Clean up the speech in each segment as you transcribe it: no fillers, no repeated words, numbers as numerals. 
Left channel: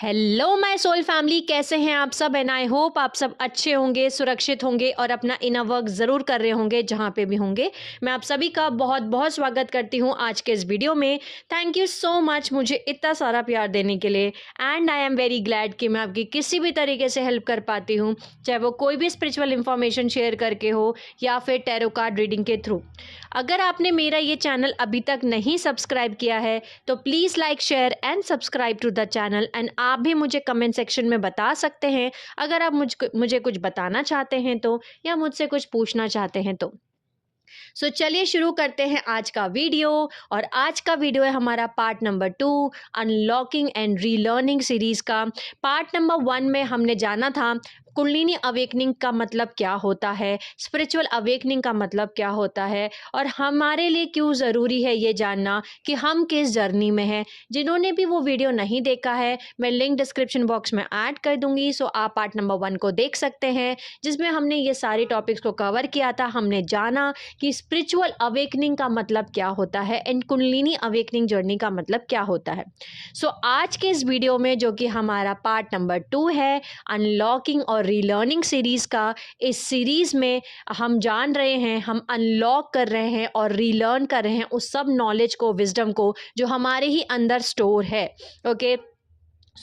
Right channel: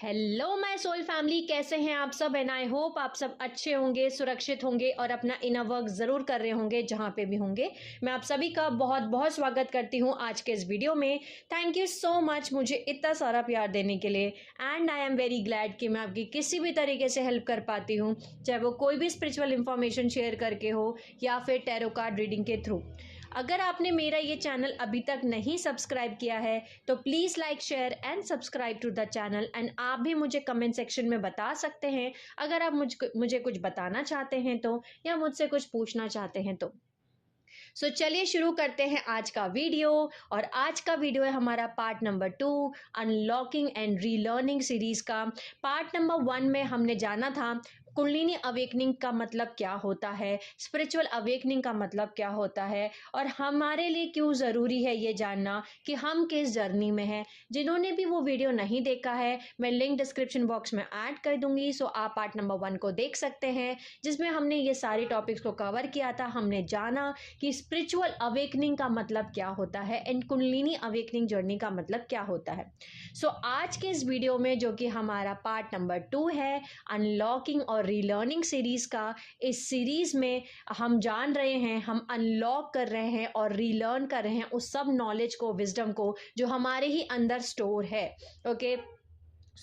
Hello my soul family, कैसे हैं आप सब। एंड आई होप आप सब अच्छे होंगे, सुरक्षित होंगे और अपना इनर वर्क ज़रूर कर रहे होंगे जहाँ पे भी होंगे। मैं आप सभी का बहुत बहुत स्वागत करती हूँ आज के इस वीडियो में। थैंक यू सो मच मुझे इतना सारा प्यार देने के लिए। And I am very glad कि मैं आपकी किसी भी तरीके से हेल्प कर पाती हूँ, चाहे वो कोई भी स्पिरिचुअल इन्फॉर्मेशन शेयर करके हो या फिर टैरो कार्ड रीडिंग के थ्रू। अगर आपने मेरा ये चैनल अभी तक नहीं सब्सक्राइब किया है तो please like share and subscribe to the channel. And आप भी मुझे कमेंट सेक्शन में बता सकते हैं अगर आप मुझे कुछ बताना चाहते हैं तो, या मुझसे कुछ पूछना चाहते हैं तो। चलिए शुरू करते हैं आज का वीडियो। और आज का वीडियो है हमारा part number 2, unlocking and relearning series का। पार्ट नंबर 1 में हमने जाना था कुंडलिनी अवेकनिंग का मतलब क्या होता है, स्पिरिचुअल अवेकनिंग का मतलब क्या होता है, और हमारे लिए क्यों ज़रूरी है ये जानना कि हम किस जर्नी में हैं। जिन्होंने भी वो वीडियो नहीं देखा है, मैं लिंक डिस्क्रिप्शन बॉक्स में ऐड कर दूंगी, सो आप पार्ट नंबर 1 को देख सकते हैं, जिसमें हमने ये सारे टॉपिक्स को कवर किया था। हमने जाना कि स्पिरिचुअल अवेकनिंग का मतलब क्या होता है एंड कुंडलिनी अवेकनिंग जर्नी का मतलब क्या होता है। आज के इस वीडियो में, जो कि हमारा पार्ट नंबर 2 है, अनलॉकिंग और रीलर्निंग सीरीज का, इस सीरीज में हम जान रहे हैं, हम अनलॉक कर रहे हैं और रीलर्न कर रहे हैं उस सब नॉलेज को, विजडम को जो हमारे ही अंदर स्टोर है। ओके,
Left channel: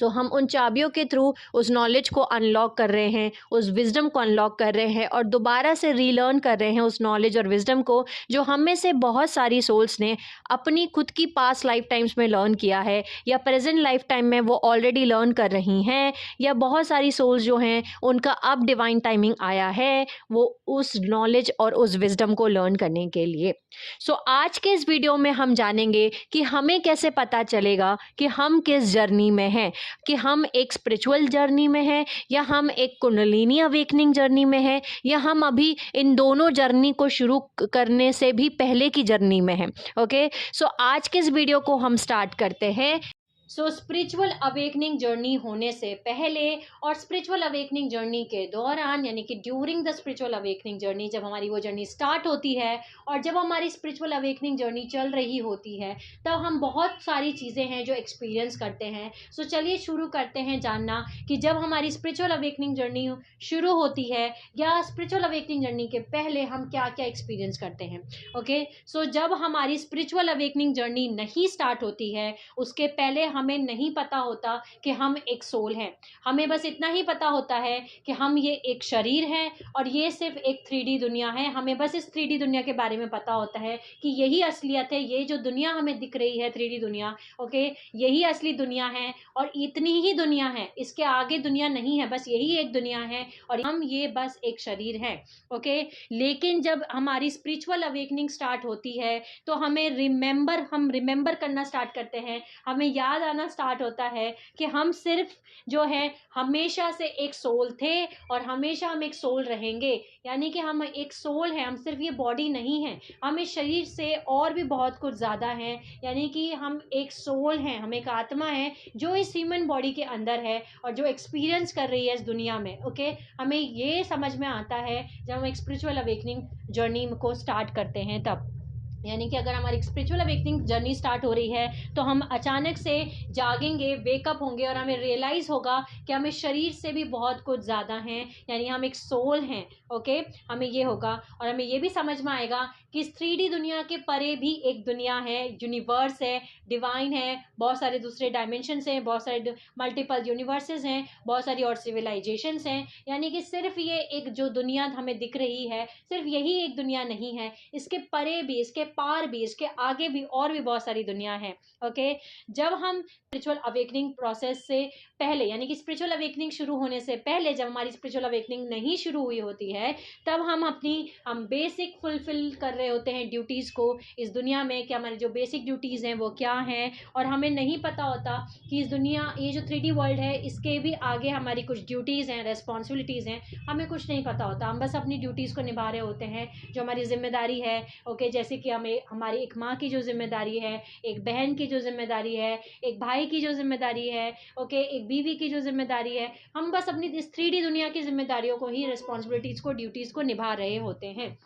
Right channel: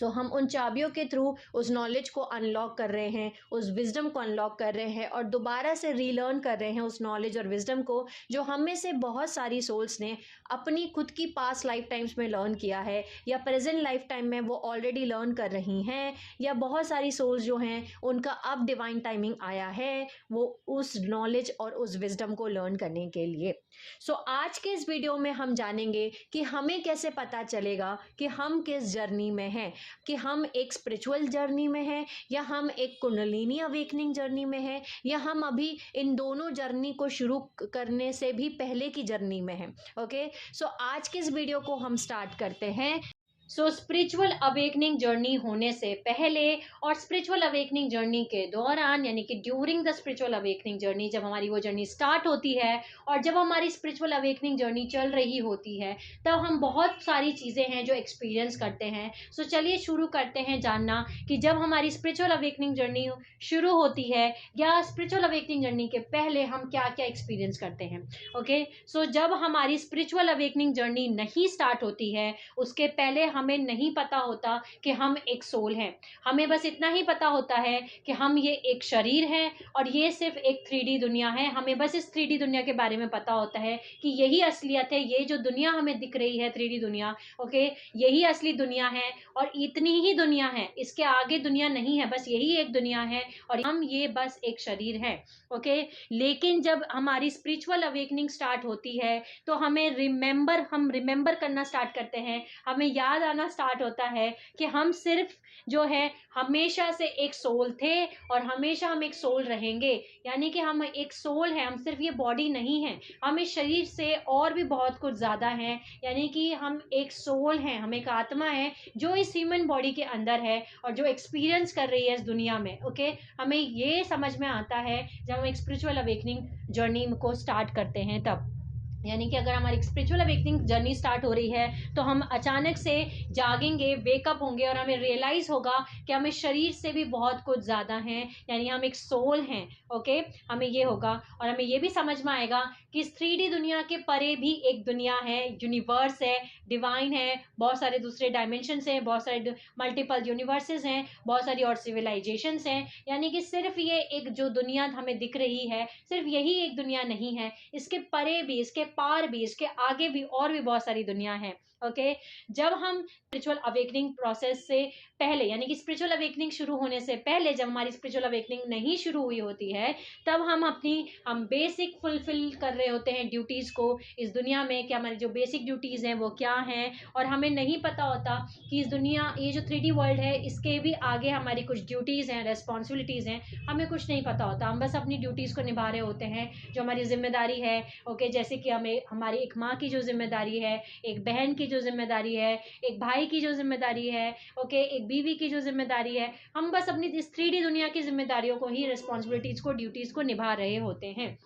हम उन चाबियों के थ्रू उस नॉलेज को अनलॉक कर रहे हैं, उस विजडम को अनलॉक कर रहे हैं और दोबारा से रीलर्न कर रहे हैं उस नॉलेज और विजडम को जो हम में से बहुत सारी सोल्स ने अपनी खुद की पास्ट लाइफ टाइम्स में लर्न किया है, या प्रेजेंट लाइफ टाइम में वो ऑलरेडी लर्न कर रही हैं, या बहुत सारी सोल्स जो हैं उनका अब डिवाइन टाइमिंग आया है वो उस नॉलेज और उस विजडम को लर्न करने के लिए। आज के इस वीडियो में हम जानेंगे कि हमें कैसे पता चलेगा कि हम किस जर्नी में हैं, कि हम एक स्पिरिचुअल जर्नी में हैं या हम एक कुंडलिनी अवेकनिंग जर्नी में हैं, या हम अभी इन दोनों जर्नी को शुरू करने से भी पहले की जर्नी में हैं। ओके, आज के इस वीडियो को हम स्टार्ट करते हैं। स्पिरिचुअल अवेकनिंग जर्नी होने से पहले और स्पिरिचुअल अवेकनिंग जर्नी के दौरान, यानी कि during the spiritual awakening journey, जब हमारी वो जर्नी स्टार्ट होती है और जब हमारी स्पिरिचुअल अवेकनिंग जर्नी चल रही होती है, तब हम बहुत सारी चीज़ें हैं जो एक्सपीरियंस करते हैं। चलिए शुरू करते हैं जानना कि जब हमारी स्पिरिचुअल अवेकनिंग जर्नी शुरू होती है या स्पिरिचुअल अवेकनिंग जर्नी के पहले हम क्या क्या एक्सपीरियंस करते हैं। ओके, जब हमारी स्पिरिचुअल अवेकनिंग जर्नी नहीं स्टार्ट होती है, उसके पहले हमें नहीं पता होता कि हम एक सोल हैं। हमें बस इतना ही पता होता है कि हम ये एक शरीर है और ये सिर्फ एक 3D दुनिया है। हमें बस इस 3D दुनिया के बारे में पता होता है कि यही असलियत है, ये जो दुनिया हमें दिख रही है 3D दुनिया, ओके, यही असली दुनिया है और इतनी ही दुनिया है, इसके आगे दुनिया नहीं है, बस यही एक दुनिया है और हम ये बस एक शरीर है। ओके, लेकिन जब हमारी स्पिरिचुअल अवेकनिंग स्टार्ट होती है तो हम रिमेंबर करना स्टार्ट करते हैं, हमें याद आना स्टार्ट होता है कि हम सिर्फ जो है हमेशा से एक सोल थे और हमेशा हम एक सोल रहेंगे। यानी कि हम एक सोल हैं, हम सिर्फ ये बॉडी नहीं है, हम इस शरीर से और भी बहुत कुछ ज़्यादा हैं। यानी कि हम एक सोल हैं, हम एक आत्मा है जो इस ह्यूमन बॉडी के अंदर है और जो एक्सपीरियंस कर रही है इस दुनिया में। ओके, हमें ये समझ में आता है जब हम एक स्पिरिचुअल अवेकनिंग जर्नी को स्टार्ट करते हैं तब। यानी कि अगर हमारी स्पिरिचुअल अवेकनिंग जर्नी स्टार्ट हो रही है तो हम अचानक से जागेंगे, वेकअप होंगे और हमें रियलाइज होगा कि हम इस शरीर से भी बहुत कुछ ज़्यादा हैं, यानी हम एक सोल हैं। ओके, हमें ये होगा और हमें ये भी समझ में आएगा कि इस 3D दुनिया के परे भी एक दुनिया है, यूनिवर्स है, डिवाइन है, बहुत सारे दूसरे डायमेंशंस हैं, बहुत सारे मल्टीपल यूनिवर्सेस हैं, बहुत सारी और सिविलाइजेशंस हैं। यानी कि सिर्फ ये एक जो दुनिया हमें दिख रही है, सिर्फ यही एक दुनिया नहीं है, इसके परे भी, इसके पार भी, इसके आगे भी और भी बहुत सारी दुनिया है। ओके, जब हम स्पिरिचुअल अवेकनिंग प्रोसेस से पहले, यानी कि स्पिरिचुअल अवेकनिंग शुरू होने से पहले, जब हमारी स्पिरिचुअल अवेकनिंग नहीं शुरू हुई होती है, तब हम बेसिक फुलफिल कर रहे होते हैं ड्यूटीज़ को इस दुनिया में, कि हमारी जो बेसिक ड्यूटीज़ हैं वो क्या हैं, और हमें नहीं पता होता कि इस दुनिया, ये जो 3D वर्ल्ड है, इसके भी आगे हमारी कुछ ड्यूटीज़ हैं, रेस्पॉन्सिबिलिटीज़ हैं, हमें कुछ नहीं पता होता। हम बस अपनी ड्यूटीज़ को निभा रहे होते हैं, जो हमारी जिम्मेदारी है। ओके, जैसे कि हमें हमारी एक माँ की जो जिम्मेदारी है, एक बहन की जो जिम्मेदारी है, एक भाई की जो जिम्मेदारी है, ओके, एक बीवी की जो जिम्मेदारी है, हम बस अपनी इस 3D दुनिया की जिम्मेदारियों को ही, रिस्पॉन्सिबिलिटीज़ को, ड्यूटीज़ को निभा रहे होते हैं।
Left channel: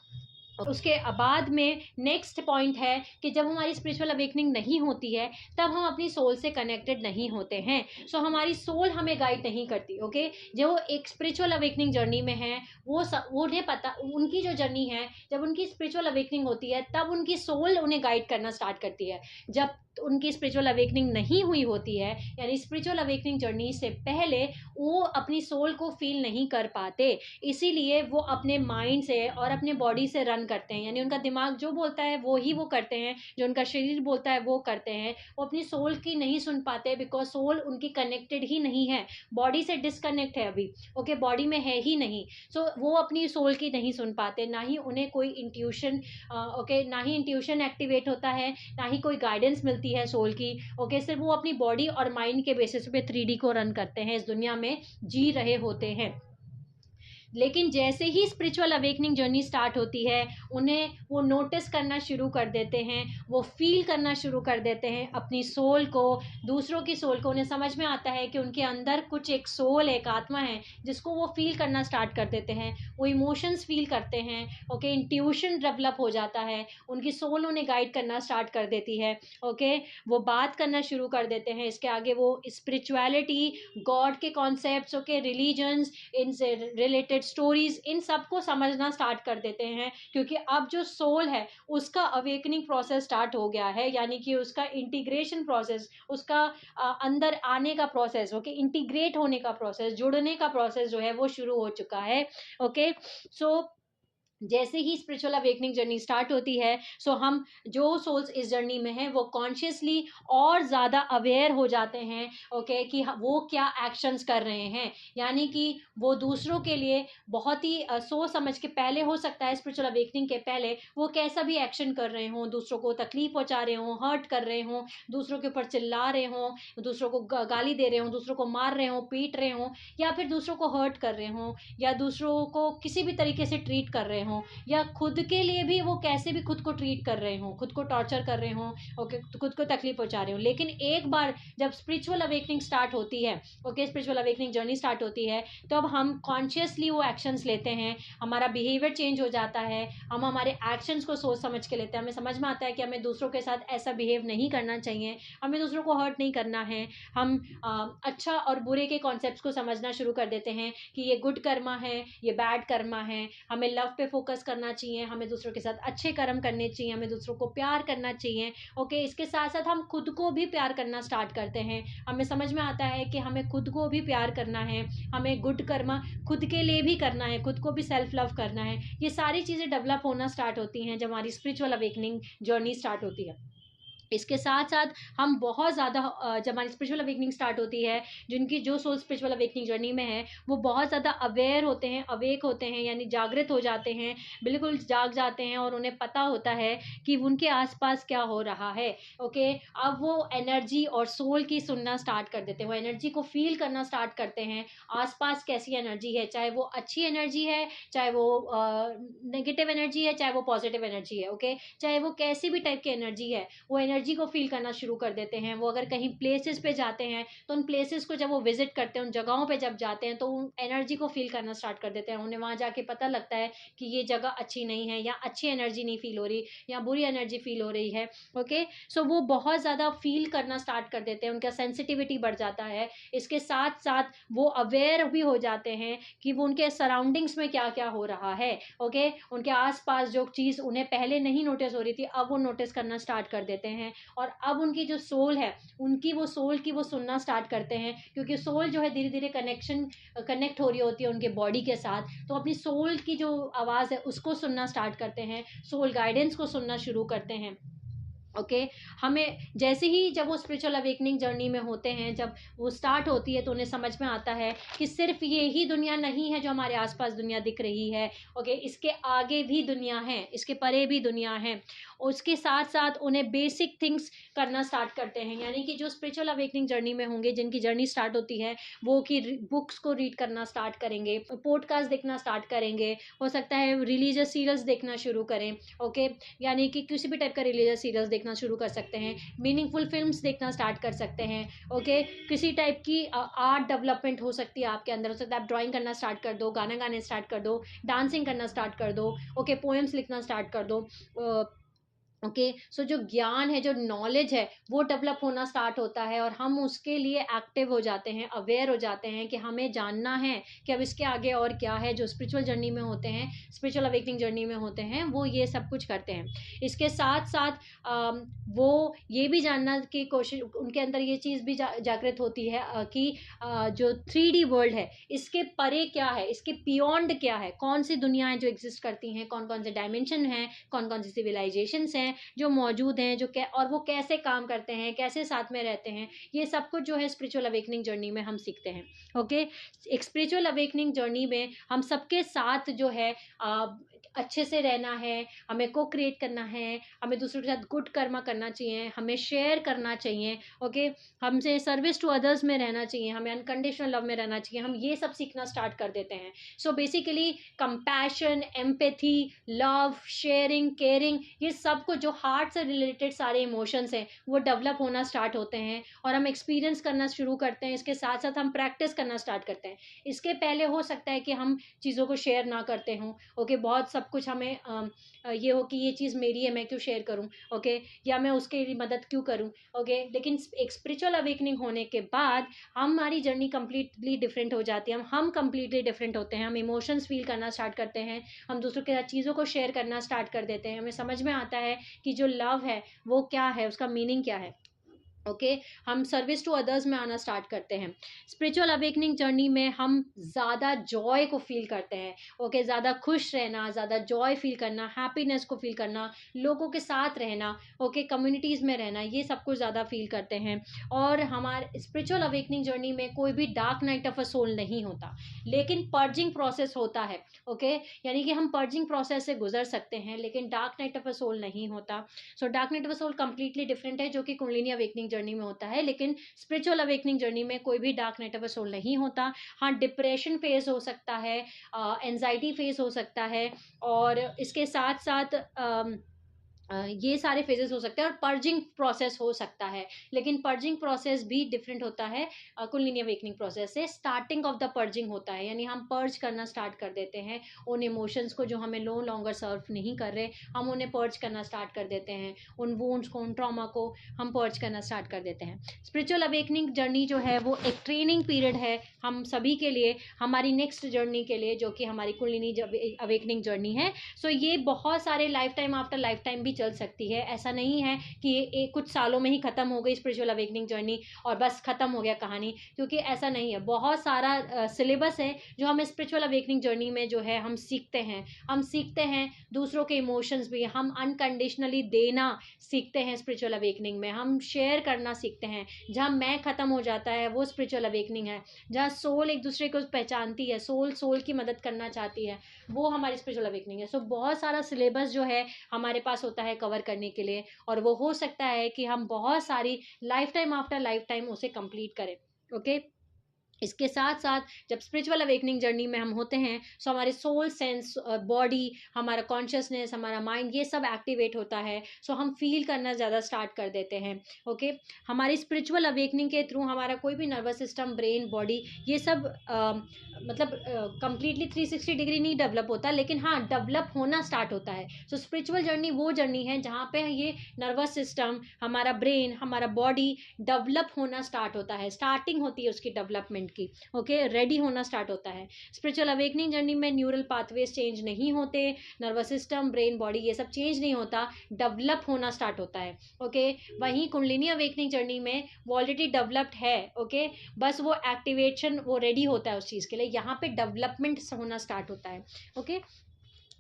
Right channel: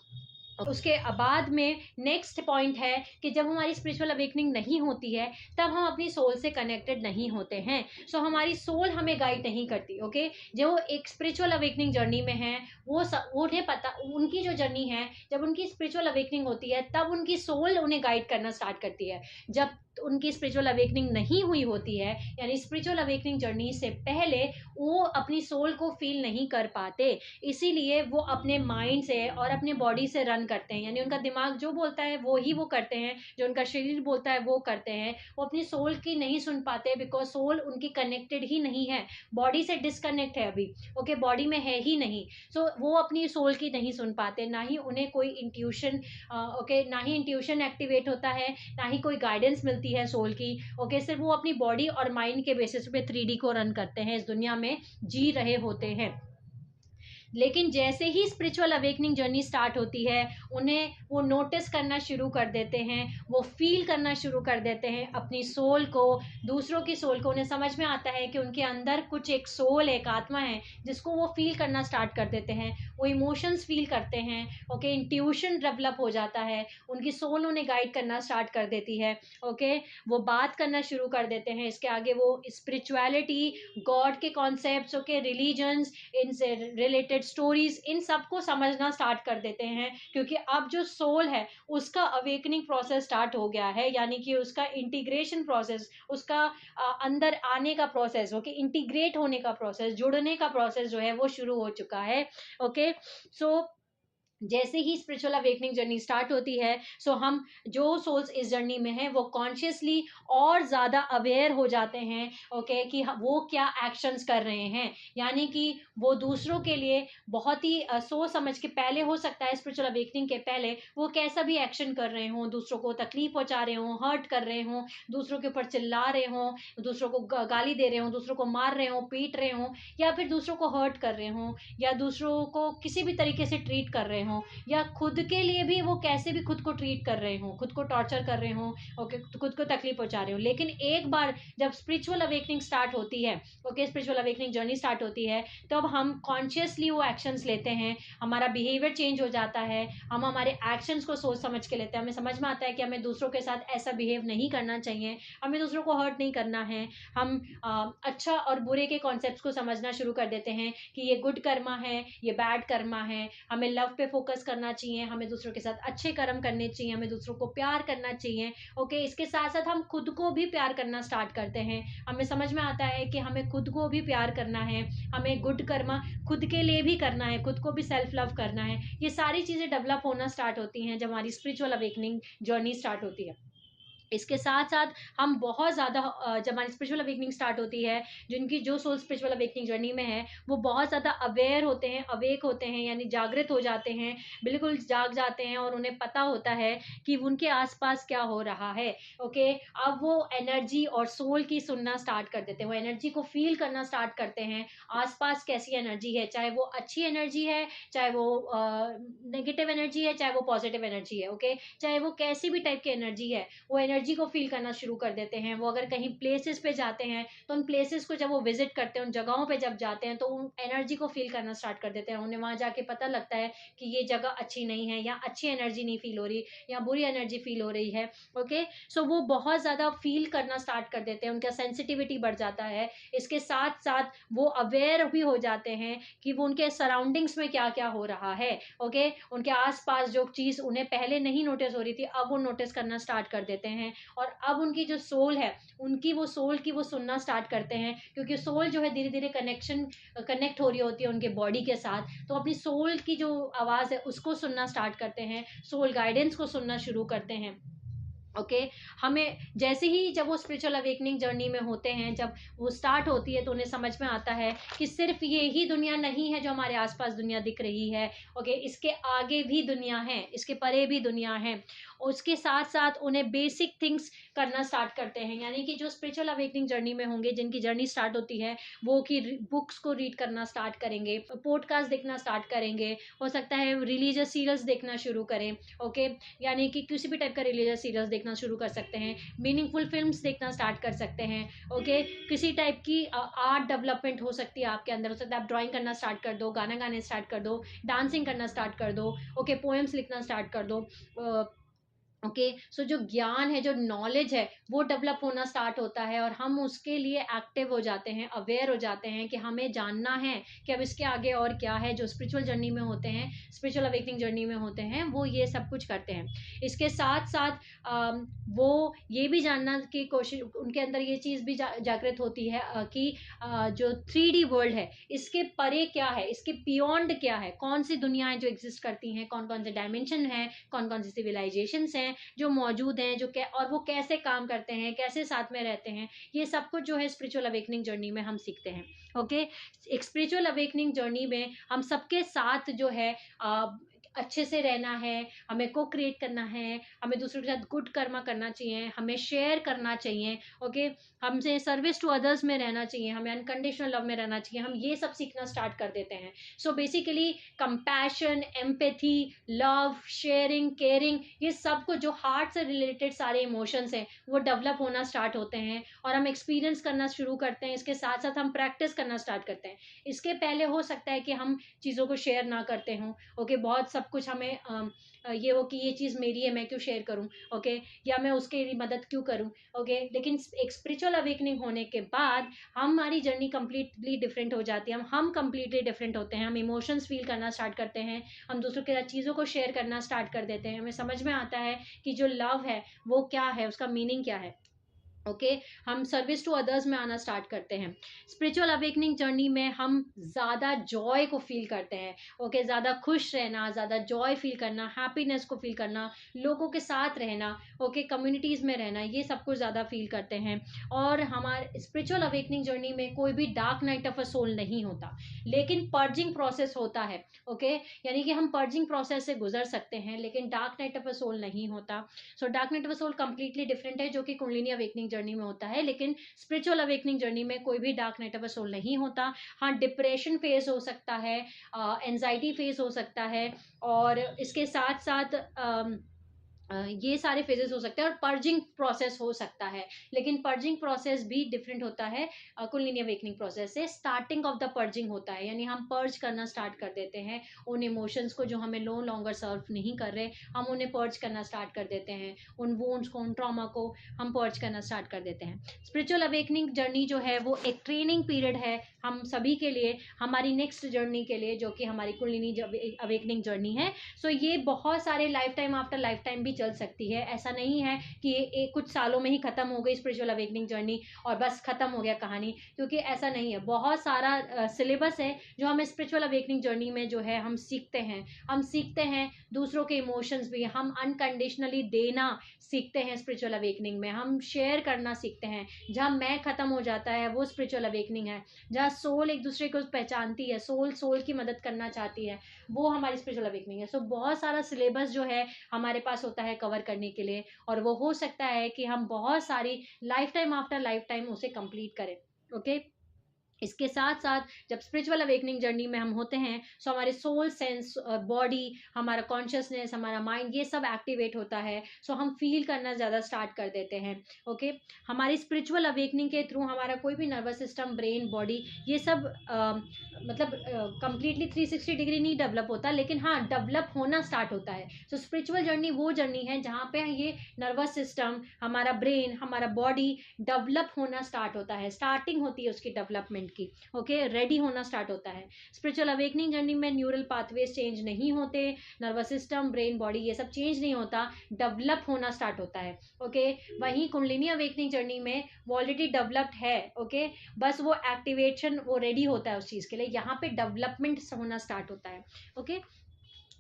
उसके बाद में नेक्स्ट पॉइंट है कि जब हमारी स्पिरिचुअल अवेकनिंग नहीं होती है तब हम अपनी सोल से कनेक्टेड नहीं होते हैं। सो हमारी सोल हमें गाइड नहीं करती। ओके, जो एक स्पिरिचुअल अवेकनिंग जर्नी में है वो उन्हें पता, उनकी जो जर्नी है, जब उनकी स्पिरिचुअल अवेकनिंग होती है तब उनकी सोल उन्हें गाइड करना स्टार्ट करती है। जब उनकी स्पिरिचुअल अवेकनिंग नहीं हुई होती है, यानी स्पिरिचुअल अवेकनिंग जर्नी से पहले वो अपनी सोल को फील नहीं कर पाते, इसीलिए वो अपने माइंड से और अपने बॉडी से रन करते हैं। यानी उनका दिमाग जो बोलता है वो ही वो करते हैं, जो उनका शरीर बोलता है वो करते हैं। वो अपनी सोल की नहीं सुन पाते, बिकॉज सोल उनकी कनेक्टेड ही नहीं है, बॉडी से डिस्कनेक्ट है अभी। ओके, बॉडी में है ही नहीं। सो वो अपनी सोल की नहीं सुन पाते, ना ही उन्हें कोई इंट्यूशन, ओके, ना ही इंट्यूशन एक्टिवेट होता है, ना ही कोई गाइडेंस मिलती है सोल की। ओके, सिर्फ वो अपनी बॉडी और माइंड के बेसिस पे 3D को रन करते हैं, इस दुनिया में जी रहे होते हैं। लेकिन जैसे ही स्पिरिचुअल अवेकनिंग जर्नी स्टार्ट होती है, उन्हें वो नोटिस करना शुरू कर देते हैं, वो फील करना शुरू कर देते हैं अपनी सोल को, दूसरों की सोल को। उन्हें समझ में आता है कि उनके अंदर कुछ एक सोल, एक आत्मा है जिसको वो फील करना स्टार्ट कर देते हैं। वो इमोशंस फील करते हैं। ओके, इंट्यूशन डेवलप हो जाता है, उनकी सोल उन्हें गाइड करना स्टार्ट कर देती है। ओके, वो बात करना शुरू कर देते हैं। इसके आगे वो स्पिरिचुअलिटी, गॉड के कॉन्सेप्ट्स, ओके, रिलीजन्स, इनसे रिलेटेड स्टोरीज, इन सबको समझना स्टार्ट कर देते हैं, क्योंकि अब जो सोल है उसका अवेकनिंग प्रोसेस स्टार्ट हो गया है। यानी कि उसका इंटीग्रेशन प्रोसेस, उसका अंदर आने का प्रोसेस, ओके, इंटीग्रेट होने का प्रोसेस, जुड़ने का प्रोसेस जो है वो शुरू हो चुका है। ओके, सो जैसे ही स्पिरिचुअल अवेकनिंग जर्नी स्टार्ट होती है, सो हम जो सोल्स इस जर्नी में हैं वो कॉन्शियसली और ज़्यादा अवेयर हो जाते हैं। ओके, कि वो क्या एक्शंस कर रहे हैं। यानी कि वो दूसरों के लिए बहुत ही सोच समझ के, पहले हो सकता है स्पिरिचुअल अवेकनिंग के पहले वो कैसा भी एक्शन कर रहे हों, दूसरों को तकलीफ पहुंचा रहे हों, हर्ट कर रहे हों, दूसरों के ऊपर चिल्ला रहे हों, दूसरों को गाली दे रहे हों, दूसरों को मार रहे हों, पीट रहे हों, या फिर दूसरों को हर्ट कर रहे हों, या दूसरों को किसी भी तरीके से ट्रीट कर रहे हों, या खुद के लिए भी वो कैसे भी खुद को ट्रीट कर रहे हों, खुद को टॉर्चर कर रहे हों, ओके, खुद को तकलीफ पहुंचा रहे हों। लेकिन एक बार जब स्पिरिचुअल अवेकनिंग स्टार्ट होती है, okay, spiritual awakening journey start होती है, तब हम कॉन्शियसली वो एक्शंस लेते हैं, हमारा बिहेवियर चेंज हो जाता है, हम हमारे एक्शंस को सोच समझ के लेते हैं। हमें समझ में आता है कि हमें दूसरों के साथ ऐसा बिहेव नहीं करना चाहिए, हमें दूसरों को हर्ट नहीं करना है। हम अच्छा और बुरे के कॉन्सेप्ट्स को समझना शुरू कर देते हैं कि ये गुड कर्मा है, ये बैड कर्मा है, हमें लव पे फोकस करना चाहिए, हमें दूसरों के साथ अच्छे कर्म करने चाहिए, हमें दूसरों को प्यार करना चाहिए। ओके, इसके साथ साथ हम खुद को भी प्यार करना स्टार्ट करते हैं। हमें समझ में आता है कि हमें खुद को भी प्यार करना है, हमें गुड कर्मा खुद के लिए भी करना है, खुद को भी सेल्फ लव करना है। ये सारी चीज़ें डेवलप होना स्टार्ट होती हैं जब हमारी स्पिरिचुअल अवेकनिंग जर्नी स्टार्ट होती है। इसके साथ साथ हम बहुत ज़्यादा जब हमारी स्पिरिचुअल अवेकनिंग स्टार्ट होती है, जिनकी जो सोल स्पिरिचुअल अवेकनिंग जर्नी में है, वो बहुत ज़्यादा अवेयर होते हैं, अवेक होते हैं, यानी जागृत हो जाते हैं, बिल्कुल जाग जाते हैं, और उन्हें पता होता है कि उनके आसपास क्या हो रहा है। ओके, अब वो एनर्जी और सोल की सुनना स्टार्ट कर देते हैं, वो एनर्जी को फील करना स्टार्ट करते हैं, आसपास कैसी एनर्जी है, चाहे वो अच्छी एनर्जी है, चाहे वो नेगेटिव एनर्जी है, चाहे वो पॉजिटिव एनर्जी है। ओके, चाहे वो कैसी भी टाइप की एनर्जी है, वो एनर्जी को फील करना शुरू कर देते हैं। वो अगर कहीं प्लेसेस पे जाते हैं तो उन प्लेसेस को जब वो विजिट करते हैं, उन जगहों पे जब जाते हैं, तो उन एनर्जी को फील करना स्टार्ट कर देते हैं। उन्हें वहां जाके पता लगता है कि ये जगह अच्छी नहीं है, या अच्छी एनर्जी नहीं फील हो रही, या बुरी एनर्जी फील हो रही है। ओके, सो वो बहुत ज़्यादा फील करना स्टार्ट कर देते हैं, उनका सेंसिटिविटी बढ़ जाता है। इसके साथ साथ वो अवेयर भी हो जाते हैं कि वो उनके सराउंडिंग्स में क्या क्या हो रहा है। ओके, उनके आसपास जो चीज़ उन्हें पहले नहीं नोटिस हो रही थी, अब वो नोटिस करना स्टार्ट कर देते हैं। और अब उनकी जो सोल है, उनकी वो सोल की वो सुनना स्टार्ट करते हैं, क्योंकि सोल जो है धीरे धीरे कनेक्ट हो रही होती है उनके बॉडी के साथ, तो अपनी सोल की जो आवाज़ है उसको सुनना स्टार्ट करते हैं, सोल गाइडेंस को सुनना शुरू करते हैं। ओके, हमें जैसे ही जब वो स्पिरिचुअल अवेकनिंग जर्नी में होते हैं, जब वो स्टार्ट होती है, तो उन्हें समझ में आता है कि सिर्फ ये ही दुनिया नहीं है जो हमारे आसपास दुनिया दिख रही है। ओके, इसके आगे भी दुनिया है, इसके परे भी दुनिया है। उसके साथ साथ उन्हें बेसिक थिंग्स करना स्टार्ट करते हैं, यानी कि जो स्पिरिचुअल अवेकनिंग जर्नी में होंगे, जिनकी जर्नी स्टार्ट होती है, वो कि बुक्स को रीड करना स्टार्ट करेंगे, पॉडकास्ट देखना स्टार्ट करेंगे, हो सकता है रिलीजियस सीरियल्स देखना शुरू करें। ओके, यानी कि किसी भी टाइप का रिलीजियस सीरियल्स देखना शुरू कर सकते हैं, मीनिंगफुल फिल्म्स देखना स्टार्ट कर सकते हैं। ओके, किसी टाइप की आर्ट डेवलपमेंट हो सकती है आपके अंदर, हो सकता है आप ड्राइंग करना स्टार्ट कर दो, गाना गाने स्टार्ट कर दो, डांसिंग करना स्टार्ट कर दो, ओके, पोएम्स लिखना स्टार्ट कर दो। ओके, सो जो ज्ञान है, जो नॉलेज है, वो डेवलप होना स्टार्ट होता है और हम उसके लिए एक्टिव हो जाते हैं, अवेयर हो जाते हैं कि हमें जानना है कि अब इसके आगे और क्या है। जो स्पिरिचुअल जर्नी में होते हैं, स्पिरिचुअल अवेकनिंग जर्नी में होते हैं, वो ये सब कुछ करते हैं। इसके साथ साथ वो ये भी जानना की कोशिश, उनके अंदर ये चीज़ भी जागृत होती है कि जो 3D वर्ल्ड है, इसके परे क्या है, इसके बियॉन्ड क्या है, कौन सी दुनियाएं जो एग्जिस्ट करती हैं, कौन कौन से डायमेंशन हैं, कौन कौन सी सिविलाइजेशंस हैं जो मौजूद हैं, और वो कैसे काम करते हैं, कैसे साथ में रहते हैं। ये सब कुछ जो है स्पिरिचुअल अवेकनिंग जर्नी में हम सीखते हैं। ओके, एक स्पिरिचुअल अवेकनिंग जर्नी में हम सबके साथ जो है अच्छे से रहना है, हमें को क्रिएट करना है, हमें दूसरों के साथ गुड कर्मा करना चाहिए, हमें शेयर करना चाहिए। ओके, हमसे सर्विस टू अदर्स में रहना चाहिए, हमें अनकंडीशनल लव में रहना चाहिए। हम ये सब सीखना स्टार्ट कर देते हैं। So basically compassion, empathy, love, sharing, caring, ये सब कुछ जो हार्ट से रिलेटेड सारे इमोशंस हैं, वो डेवलप होना स्टार्ट होते हैं और हम एक्सपीरियंस करना शुरू करते हैं। इसके साथ साथ हम प्रैक्टिस करना स्टार्ट करते हैं। इसके पहले हो सकता है कि हम चीज़ों को शेयर ना करते हों। ओके, बहुत सब कुछ हमें ये हो कि ये चीज़ मेरी है, मैं क्यों शेयर करूं, ओके, या मैं उसके लिए मदद क्यों करूं। ओके, लेकिन एक स्पिरिचुअल अवेकनिंग होने के बाद हमारी जर्नी कंप्लीटली डिफरेंट हो जाती है। हम कंप्लीटली डिफरेंट होते हैं, हम इमोशंस फील करना स्टार्ट करते हैं, हम दूसरों के साथ चीज़ों को शेयर करना स्टार्ट कर देते हैं। हमें समझ में आता है कि जो लव है वो क्या है, उसका मीनिंग क्या है। ओके, हम सर्विस टू अदर्स में आना स्टार्ट करते हैं। स्पिरिचुअल अवेकनिंग जर्नी में हम ज़्यादा जॉय को फील करते हैं। ओके, ज़्यादा खुश रहना, ज़्यादा जॉय फील करना, हैप्पीनेस को फील करना, लोगों के साथ रहना, ओके, कम्युनिटीज़ में रहना, ये सब कुछ ज़्यादा फील करते हैं। और हमारे स्पिरिचुअल अवेकनिंग जर्नी में कोई भी dark night of a soul नहीं होता, लेकिन पर्जिंग प्रोसेस होता है। ओके, यानी कि हम पर्जिंग प्रोसेस से गुजर सकते हैं, लेकिन dark night of a soul नहीं होता। So dark night of a soul completely different है, जो कि कुंडलिनी अवेकनिंग जर्नी में होता है, लेकिन स्पिरिचुअल अवेकनिंग जर्नी में कोई भी dark night of a soul नहीं होता। हाँ, डिप्रेशन फेज हो सकता है, एंजाइटी फेज हो सकता है, और इसके साथ साथ ये सारे फेजेस हो सकते हैं, और पर्जिंग प्रोसेस हो सकता है। लेकिन पर्जिंग प्रोसेस भी डिफरेंट होता है कुंडलिनी अवेकनिंग प्रोसेस से। स्टार्टिंग ऑफ द पर्जिंग होता है, यानी हम पर्ज करना स्टार्ट कर देते हैं उन इमोशंस को जो हमें नो लॉन्गर सर्व नहीं कर रहे, हम उन्हें पर्ज करना स्टार्ट कर देते हैं। उन वुंड्स को, उन ट्रॉमा को हम पर्ज करना स्टार्ट कर देते हैं। स्पिरिचुअल अवेकनिंग जर्नी जो है वो एक ट्रेनिंग पीरियड है हम सभी के लिए, हमारी नेक्स्ट जर्नी के लिए, जो कि हमारी कुंडलिनी अवेकनिंग जर्नी है। सो ये बहुत सारे life time after life time भी चल सकती है। ऐसा नहीं है कि ये कुछ सालों में ही खत्म हो गई स्पिरिचुअल अवेकनिंग जर्नी और बस खत्म हो गया कहानी, क्योंकि ऐसा नहीं है। बहुत सारा सिलेबस है जो हमें स्पिरिचुअल अवेकनिंग जर्नी में जो है हम सीखते हैं। हम सीखते हैं दूसरों के इमोशंस भी, हम अनकंडीशनली देना सीखते हैं स्पिरिचुअल अवेकनिंग में, हम शेयर करना सीखते हैं। जहाँ मैं खत्म हो जाता है वो स्पिरिचुअल अवेकनिंग है। जहाँ सोल एक दूसरे को पहचानती है, सोल सोल की मदद करना चाहती है, वो हमारी स्पिरिचुअल अवेकनिंग है। सो बहुत सारा सिलेबस जो है हमारे पास होता है कवर करने के लिए, और वो हो सकता है कि हम बहुत सारी life time after life time उसे कंप्लीट करें। ओके, इसके साथ साथ जब स्पिरिचुअल अवेकनिंग जर्नी में हम होते हैं, सो हमारे सोल, सेंस, बॉडी, हमारा कॉन्शियसनेस, हमारा माइंड, ये सब एक्टिवेट होता है। सो हम फील करना ज़्यादा स्टार्ट कर देते हैं। ओके, हमारी स्पिरिचुअल अवेकनिंग के थ्रू हमारा कोई भी नर्वस सिस्टम, ब्रेन, बॉडी, ये सब मतलब कंप्लीटली 360 डिग्री नहीं डेवलप होता, लेकिन हाँ डेवलप होना स्टार्ट होता है। सो स्पिरिचुअल जर्नी वो जर्नी है जहाँ पे ये नर्वस सिस्टम, हमारा ब्रेन, हमारा बॉडी डेवलप होना स्टार्ट होता है, स्टार्टिंग होती है उसकी डेवलपमेंट की। ओके, रेडी होना स्टार्ट होता है। स्पिरिचुअल अवेकनिंग जर्नी में न्यूरल पाथवेज चेंज नहीं होते, नर्वस सिस्टम, ब्रेन, बॉडी, ये सब चेंज नहीं होता, डेवलप होना स्टार्ट होता है। ओके, वहीं कुंडलिनी अवेकनिंग जर्नी में वो ऑलरेडी डेवलप्ड है। ओके, बस वो एक्टिवेशन, वो रेडी होता है उस चीज़ के लिए, यहाँ पे डेवलपमेंट होना स्टार्ट होता है। ओके,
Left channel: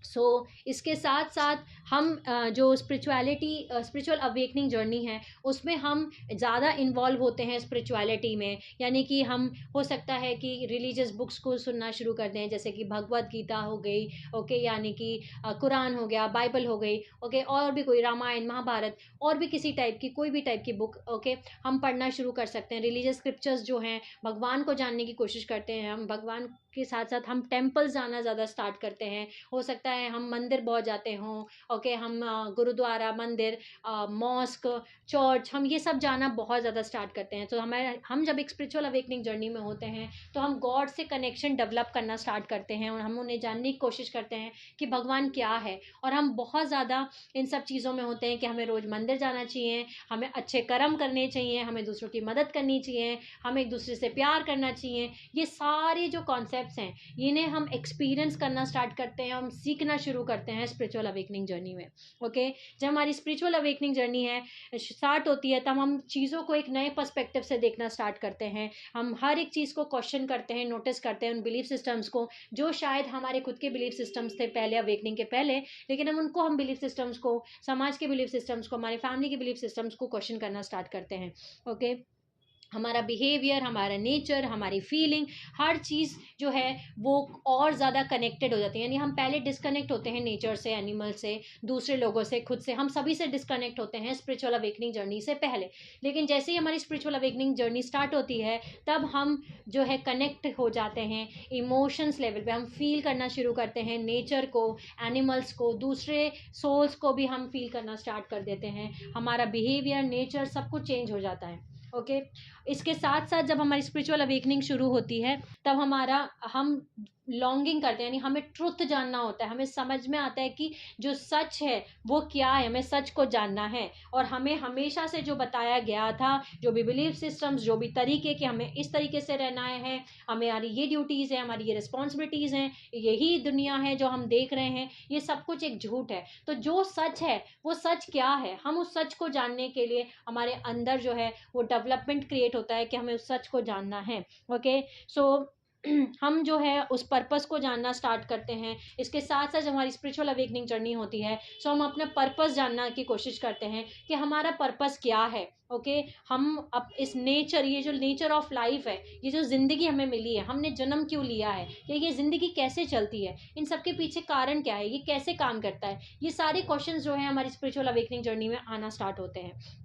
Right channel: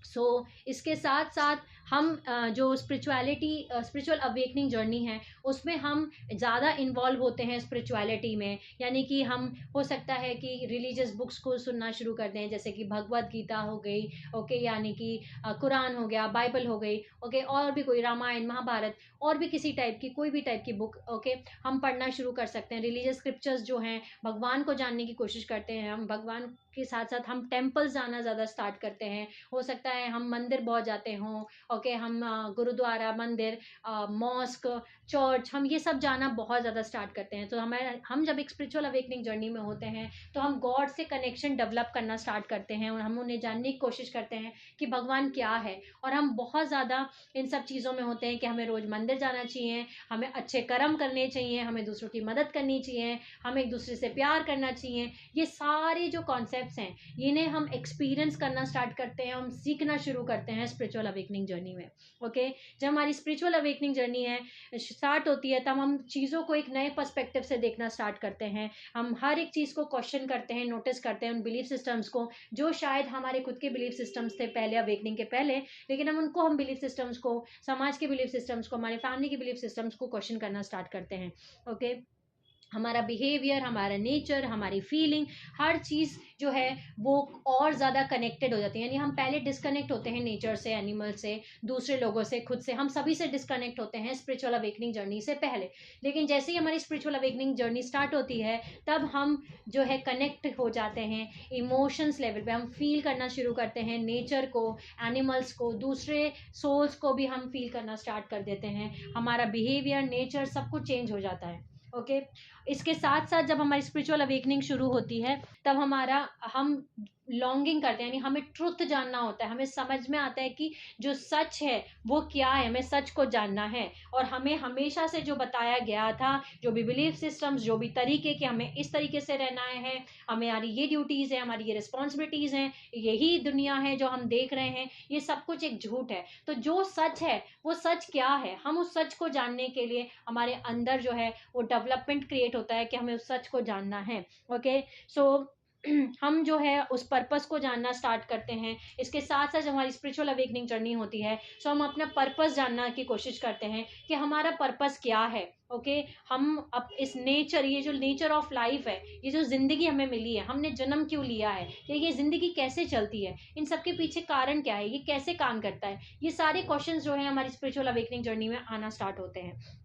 सो इसके साथ साथ हम जो स्पिरिचुअल अवेकनिंग जर्नी है उसमें हम ज़्यादा इन्वॉल्व होते हैं स्पिरिचुअलिटी में। यानी कि हम, हो सकता है कि रिलीजियस बुक्स को सुनना शुरू कर दें, जैसे कि भगवत गीता हो गई, ओके, यानी कि कुरान हो गया, बाइबल हो गई, ओके, और भी कोई रामायण, महाभारत, और भी किसी टाइप की, कोई भी टाइप की बुक, ओके, हम पढ़ना शुरू कर सकते हैं। रिलीजियस स्क्रिप्चर्स जो हैं, भगवान को जानने की कोशिश करते हैं हम, भगवान के साथ साथ हम टेम्पल्स जाना ज़्यादा स्टार्ट करते हैं। हो सकता है हम मंदिर बहुत जाते हों, ओके, हम गुरुद्वारा, मंदिर, मॉस्क, चर्च, हम ये सब जाना बहुत ज़्यादा स्टार्ट करते हैं। तो हम जब एक स्पिरिचुअल अवेकनिंग जर्नी में होते हैं तो हम गॉड से कनेक्शन डेवलप करना स्टार्ट करते हैं और हम उन्हें जानने की कोशिश करते हैं कि भगवान क्या है। और हम बहुत ज़्यादा इन सब चीज़ों में होते हैं कि हमें रोज़ मंदिर जाना चाहिए, हमें अच्छे कर्म करने चाहिए, हमें दूसरों की मदद करनी चाहिए, हमें एक दूसरे से प्यार करना चाहिए। ये सारे जो कॉन्सेप्ट्स हैं इन्हें हम एक्सपीरियंस करना स्टार्ट करते हैं, हम सीखना शुरू करते हैं स्पिरिचुअल अवेकनिंग जर्नी में। ओके, जब हमारी स्पिरिचुअल अवेकनिंग जर्नी है स्टार्ट होती है तब हम चीज़ों को एक नए पर्सपेक्टिव से देखना स्टार्ट करते हैं। हम हर एक चीज़ को क्वेश्चन करते हैं, नोटिस करते हैं उन बिलीफ सिस्टम्स को जो शायद हमारे खुद के बिलीफ सिस्टम्स थे पहले अवेकनिंग के पहले, लेकिन हम बिलीफ सिस्टम्स को, समाज के बिलीफ सिस्टम्स को, हमारे फैमिली के बिलीफ सिस्टम्स को क्वेश्चन करना स्टार्ट करते हैं। ओके, हमारा बिहेवियर, हमारा नेचर, हमारी फीलिंग, हर चीज़ जो है वो और ज़्यादा कनेक्टेड हो जाती है। यानी हम पहले डिस्कनेक्ट होते हैं नेचर से, एनिमल से, दूसरे लोगों से, खुद से, हम सभी से डिस्कनेक्ट होते हैं स्पिरिचुअल अवेकनिंग जर्नी से पहले। लेकिन जैसे ही हमारी स्पिरिचुअल अवेकनिंग जर्नी स्टार्ट होती है तब हम जो है कनेक्ट हो जाते हैं इमोशंस लेवल पे, हम फील करना शुरू करते हैं नेचर को, एनिमल्स को, दूसरे सोल्स को भी हम फील करना स्टार्ट कर देते हैं। हमारा बिहेवियर, नेचर सब कुछ चेंज हो जाता है। ओके, इसके साथ साथ जब हमारी स्पिरिचुअल अवेकनिंग शुरू होती है तब हम लॉन्गिंग करते हैं, यानी हमें ट्रुथ जानना होता है, हमें समझ में आता है कि जो सच है वो क्या है, हमें सच को जानना है। और हमें हमेशा से जो बताया गया था, जो भी बिलीफ सिस्टम्स, जो भी तरीके कि हमें इस तरीके से रहना है, हमारी ये ड्यूटीज़ है, हमारी ये रिस्पॉन्सिबिलिटीज़ हैं, यही दुनिया है जो हम देख रहे हैं, ये सब कुछ एक झूठ है। तो जो सच है वो सच क्या है, हम उस सच को जानने के लिए हमारे अंदर जो है वो डेवलपमेंट क्रिएट होता है कि हमें उस सच को जानना है। ओके, सो हम जो है उस पर्पस को जानना स्टार्ट करते हैं। इसके साथ साथ जब हमारी स्पिरिचुअल अवेकनिंग जर्नी होती है सो हम अपना पर्पस जानना की कोशिश करते हैं कि हमारा पर्पस क्या है। ओके, हम अब इस नेचर, ये जो नेचर ऑफ लाइफ है, ये जो ज़िंदगी हमें मिली है, हमने जन्म क्यों लिया है, ये ज़िंदगी कैसे चलती है, इन सब के पीछे कारण क्या है, ये कैसे काम करता है, ये सारे क्वेश्चंस जो है हमारी स्पिरिचुअल अवेकनिंग जर्नी में आना स्टार्ट होते हैं।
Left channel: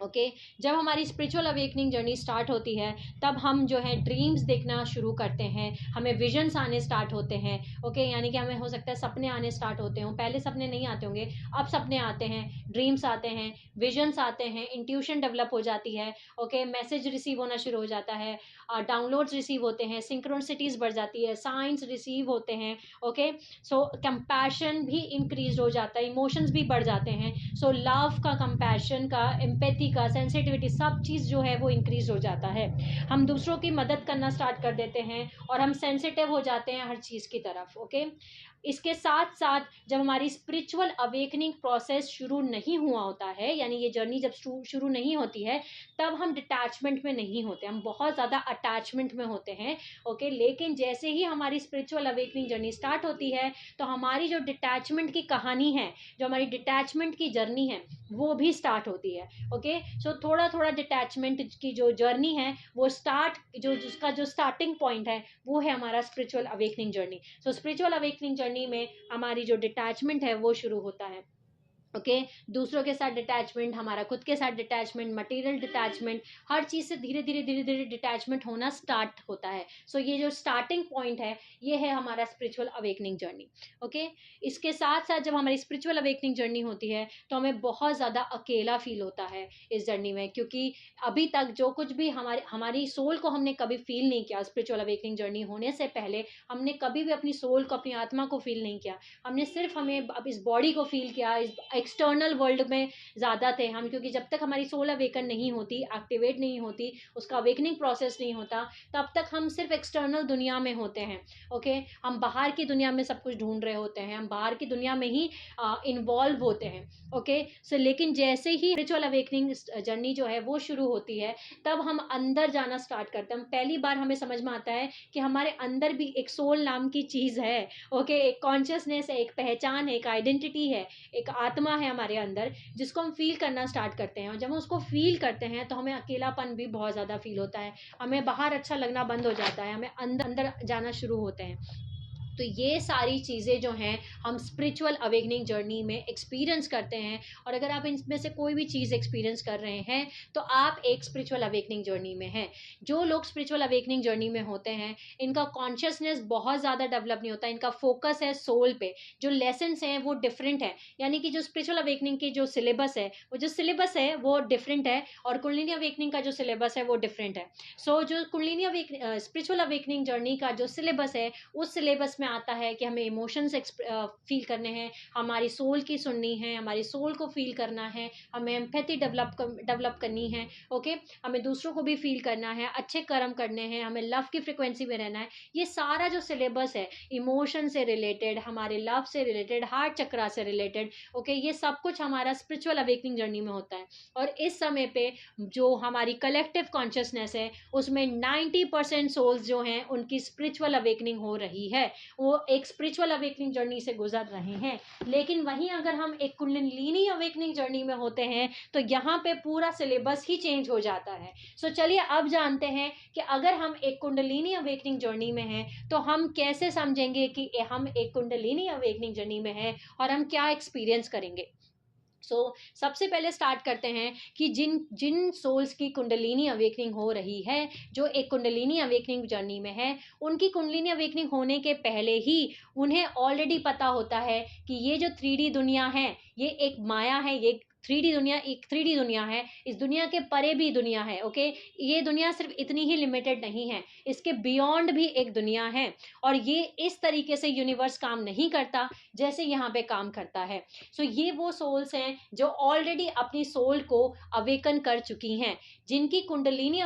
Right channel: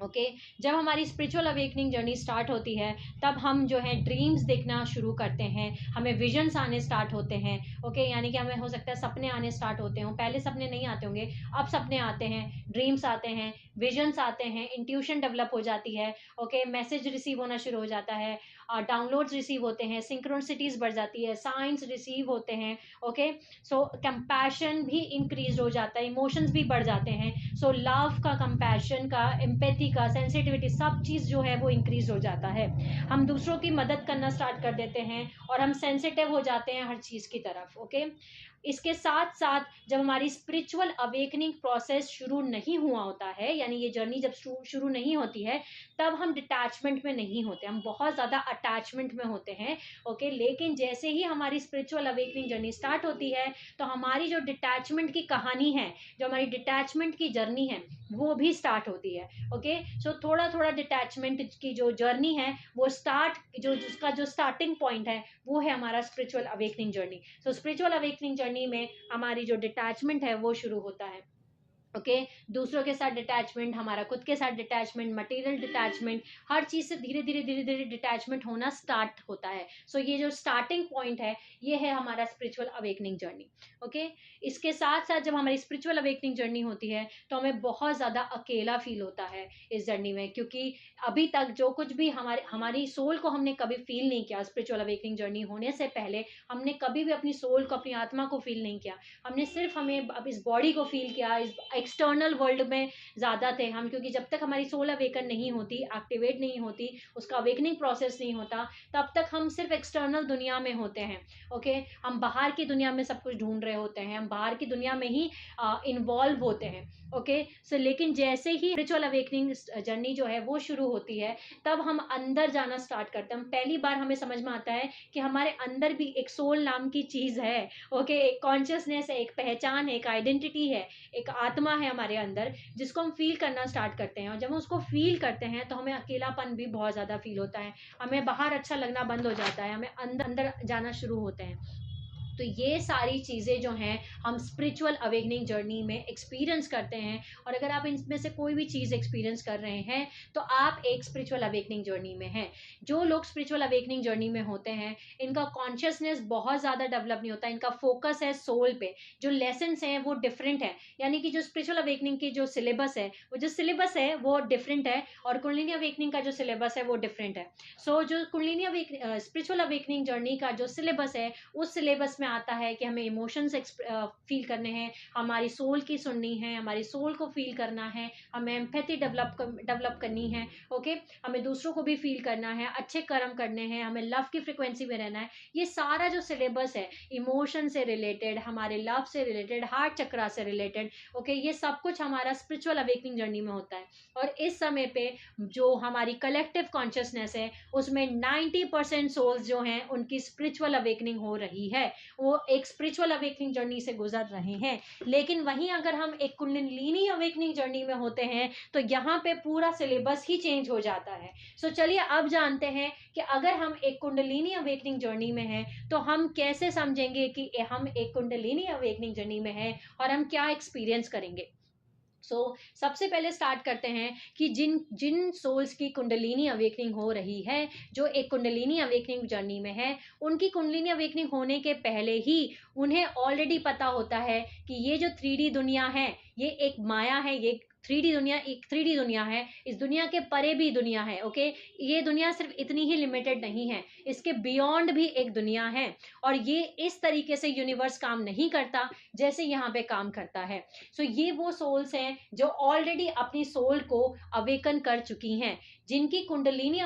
ओके, जब हमारी स्पिरिचुअल अवेकनिंग जर्नी स्टार्ट होती है तब हम जो है ड्रीम्स देखना शुरू करते हैं, हमें विजन्स आने स्टार्ट होते हैं। ओके, यानी कि हमें हो सकता है सपने आने स्टार्ट होते हों, पहले सपने नहीं आते होंगे, अब सपने आते हैं, ड्रीम्स आते हैं, विजन्स आते हैं, इंट्यूशन डेवलप हो जाती है। ओके, मैसेज रिसीव होना शुरू हो जाता है, डाउनलोड्स रिसीव होते हैं, सिंक्रोनिसिटीज़ बढ़ जाती है, साइंस रिसीव होते हैं। ओके, सो कंपैशन भी इंक्रीज हो जाता है, इमोशंस भी बढ़ जाते हैं। सो लव का, कंपैशन का, एम्पैथी का, सेंसिटिविटी, सब चीज़ जो है वो इंक्रीज हो जाता है। हम दूसरों की मदद करना स्टार्ट कर देते हैं और हम सेंसिटिव हो जाते हैं हर चीज़ की तरफ। ओके, इसके साथ साथ जब हमारी स्पिरिचुअल अवेकनिंग प्रोसेस शुरू नहीं हुआ होता है, यानी ये जर्नी जब शुरू नहीं होती है तब हम डिटैचमेंट में नहीं होते, हम बहुत ज़्यादा अटैचमेंट में होते हैं। ओके, लेकिन जैसे ही हमारी स्पिरिचुअल अवेकनिंग जर्नी स्टार्ट होती है तो हमारी जो डिटैचमेंट की कहानी है, जो हमारी डिटैचमेंट की जर्नी है वो भी स्टार्ट होती है। ओके, सो थोड़ा थोड़ा डिटैचमेंट की जो जर्नी है वो जिसका जो स्टार्टिंग पॉइंट है वो है हमारा स्पिरिचुअल अवेकनिंग जर्नी। सो स्पिरिचुअल अवेकनिंग जर्नी में हमारी जो डिटैचमेंट है वो शुरू होता है। ओके, दूसरों के साथ डिटैचमेंट, हमारा खुद के साथ डिटैचमेंट, मटेरियल डिटैचमेंट, हर चीज़ से धीरे धीरे डिटैचमेंट होना स्टार्ट होता है। सो ये जो स्टार्टिंग पॉइंट है ये है हमारा स्पिरिचुअल अवेकनिंग जर्नी। ओके, इसके साथ साथ जब हमारी स्पिरिचुअल अवेकनिंग जर्नी होती है तो हमें बहुत ज़्यादा अकेला फील होता है इस जर्नी में, क्योंकि अभी तक जो कुछ भी हमारी सोल को हमने कभी फील नहीं किया, स्पिरिचुअल अवेकनिंग जर्नी होने से पहले हमने कभी भी अपनी सोल को, अपनी आत्मा को फील नहीं किया। हमने सिर्फ हमें अब इस बॉडी को फील किया, इस एक्सटर्नल वर्ल्ड में ज़्यादा थे हम, क्योंकि जब तक हमारी सोल अवेकन नहीं होती, एक्टिवेट नहीं होती, उसका अवेकनिंग प्रोसेस नहीं होता, तब तक हम सिर्फ एक्सटर्नल दुनिया में होते हैं। ओके, हम बाहर की दुनिया में सब कुछ ढूंढ रहे होते हैं, हम बाहर की दुनिया में ही इन्वॉल्व होते हैं। ओके, सो लेकिन जैसे ही स्पिरिचुअल अवेकनिंग जर्नी जो है वो शुरू होती है तब हम अंदर जाना स्टार्ट करते हैं। हम पहली बार हमें समझ में आता है कि हमारे अंदर भी एक सोल नाम की चीज़ है। ओके, एक कॉन्शियसनेस है, एक पहचान है, एक आइडेंटिटी है, एक आत्मा है हमारे अंदर, जिसको हम फील करना स्टार्ट करते हैं। और जब हम उसको फील करते हैं तो हमें अकेलापन भी बहुत ज़्यादा फील होता है, हमें बाहर अच्छा लगना बंद हो जाता है, हमें अंदर अंदर जाना शुरू होते हैं। तो ये सारी चीज़ें जो हैं हम स्पिरिचुअल अवेकनिंग जर्नी में एक्सपीरियंस करते हैं। और अगर आप इनमें से कोई भी चीज़ एक्सपीरियंस कर रहे हैं तो आप एक स्पिरिचुअल अवेकनिंग जर्नी में हैं। जो लोग स्पिरिचुअल अवेकनिंग जर्नी में होते हैं, इनका कॉन्शियसनेस बहुत ज़्यादा डेवलप नहीं होता, इनका फोकस है सोल पे। जो लेसन्स हैं वो डिफरेंट है, यानी कि जो स्पिरिचुअल अवेकनिंग की जो सिलेबस है, वो जो सिलेबस है वो डिफरेंट है, और कुंडलिनी अवेकनिंग का जो सिलेबस है वो डिफरेंट है। सो जो कुंडलिनी स्पिरिचुअल अवेकनिंग जर्नी का जो सिलेबस है, उस सिलेबस में आता है कि हमें इमोशंस फील करने हैं, हमारी सोल की सुननी है, हमारी सोल को फील करना है, हमें एम्पैथी डेवलप करनी है। ओके, हमें दूसरों को भी फील करना है, अच्छे कर्म करने हैं, हमें लव की फ्रिक्वेंसी में रहना है। ये सारा जो सिलेबस है, इमोशन से रिलेटेड, हमारे लव से रिलेटेड, हार्ट चक्रा से रिलेटेड, ओके, ये सब कुछ हमारा स्पिरिचुअल अवेकनिंग जर्नी में होता है। और इस समय पे जो हमारी कलेक्टिव कॉन्शियसनेस है, उसमें 90% सोल्स जो हैं उनकी स्पिरिचुअल अवेकनिंग हो रही है, वो एक स्पिरिचुअल अवेकनिंग जर्नी से गुजर रहे हैं। लेकिन वहीं अगर हम एक कुंडलिनी अवेकनिंग जर्नी में होते हैं तो यहाँ पे पूरा सिलेबस ही चेंज हो जाता है। सो चलिए अब जानते हैं कि अगर हम एक कुंडलिनी अवेकनिंग जर्नी में हैं तो हम कैसे समझेंगे कि हम एक कुंडलिनी अवेकनिंग जर्नी में हैं और हम क्या एक्सपीरियंस करेंगे। सबसे पहले स्टार्ट करते हैं कि जिन जिन सोल्स की कुंडलिनी अवेकनिंग हो रही है, जो एक कुंडलिनी अवेकनिंग जर्नी में है, उनकी कुंडलिनी अवेकनिंग होने के पहले ही उन्हें ऑलरेडी पता होता है कि ये जो 3D दुनिया है, ये एक माया है, ये 3D दुनिया एक 3D दुनिया है, इस दुनिया के परे भी दुनिया है। ओके, ये दुनिया सिर्फ इतनी ही लिमिटेड नहीं है, इसके बियॉन्ड भी एक दुनिया है, और ये इस तरीके से यूनिवर्स काम नहीं करता जैसे यहाँ पे काम करता है। ये वो सोल्स हैं जो ऑलरेडी अपनी सोल को अवेकन कर चुकी हैं, जिनकी कुंडलिनी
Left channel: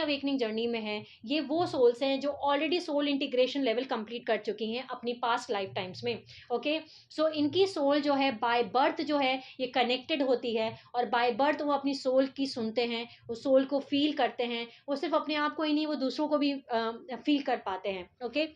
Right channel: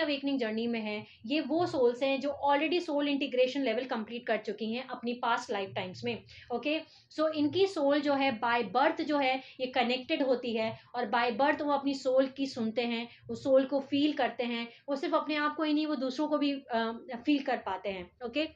अवेकनिंग जर्नी में है। ये वो सोल्स हैं जो already soul integration level complete कर चुकी हैं अपनी पास्ट लाइफ टाइम्स में। ओके, इनकी सोल जो है बाय बर्थ जो है ये कनेक्टेड होती है, और बाय बर्थ वो अपनी सोल की सुनते हैं, वो सोल को फील करते हैं। वो सिर्फ अपने आप को ही नहीं, वो दूसरों को भी फील कर पाते हैं। ओके,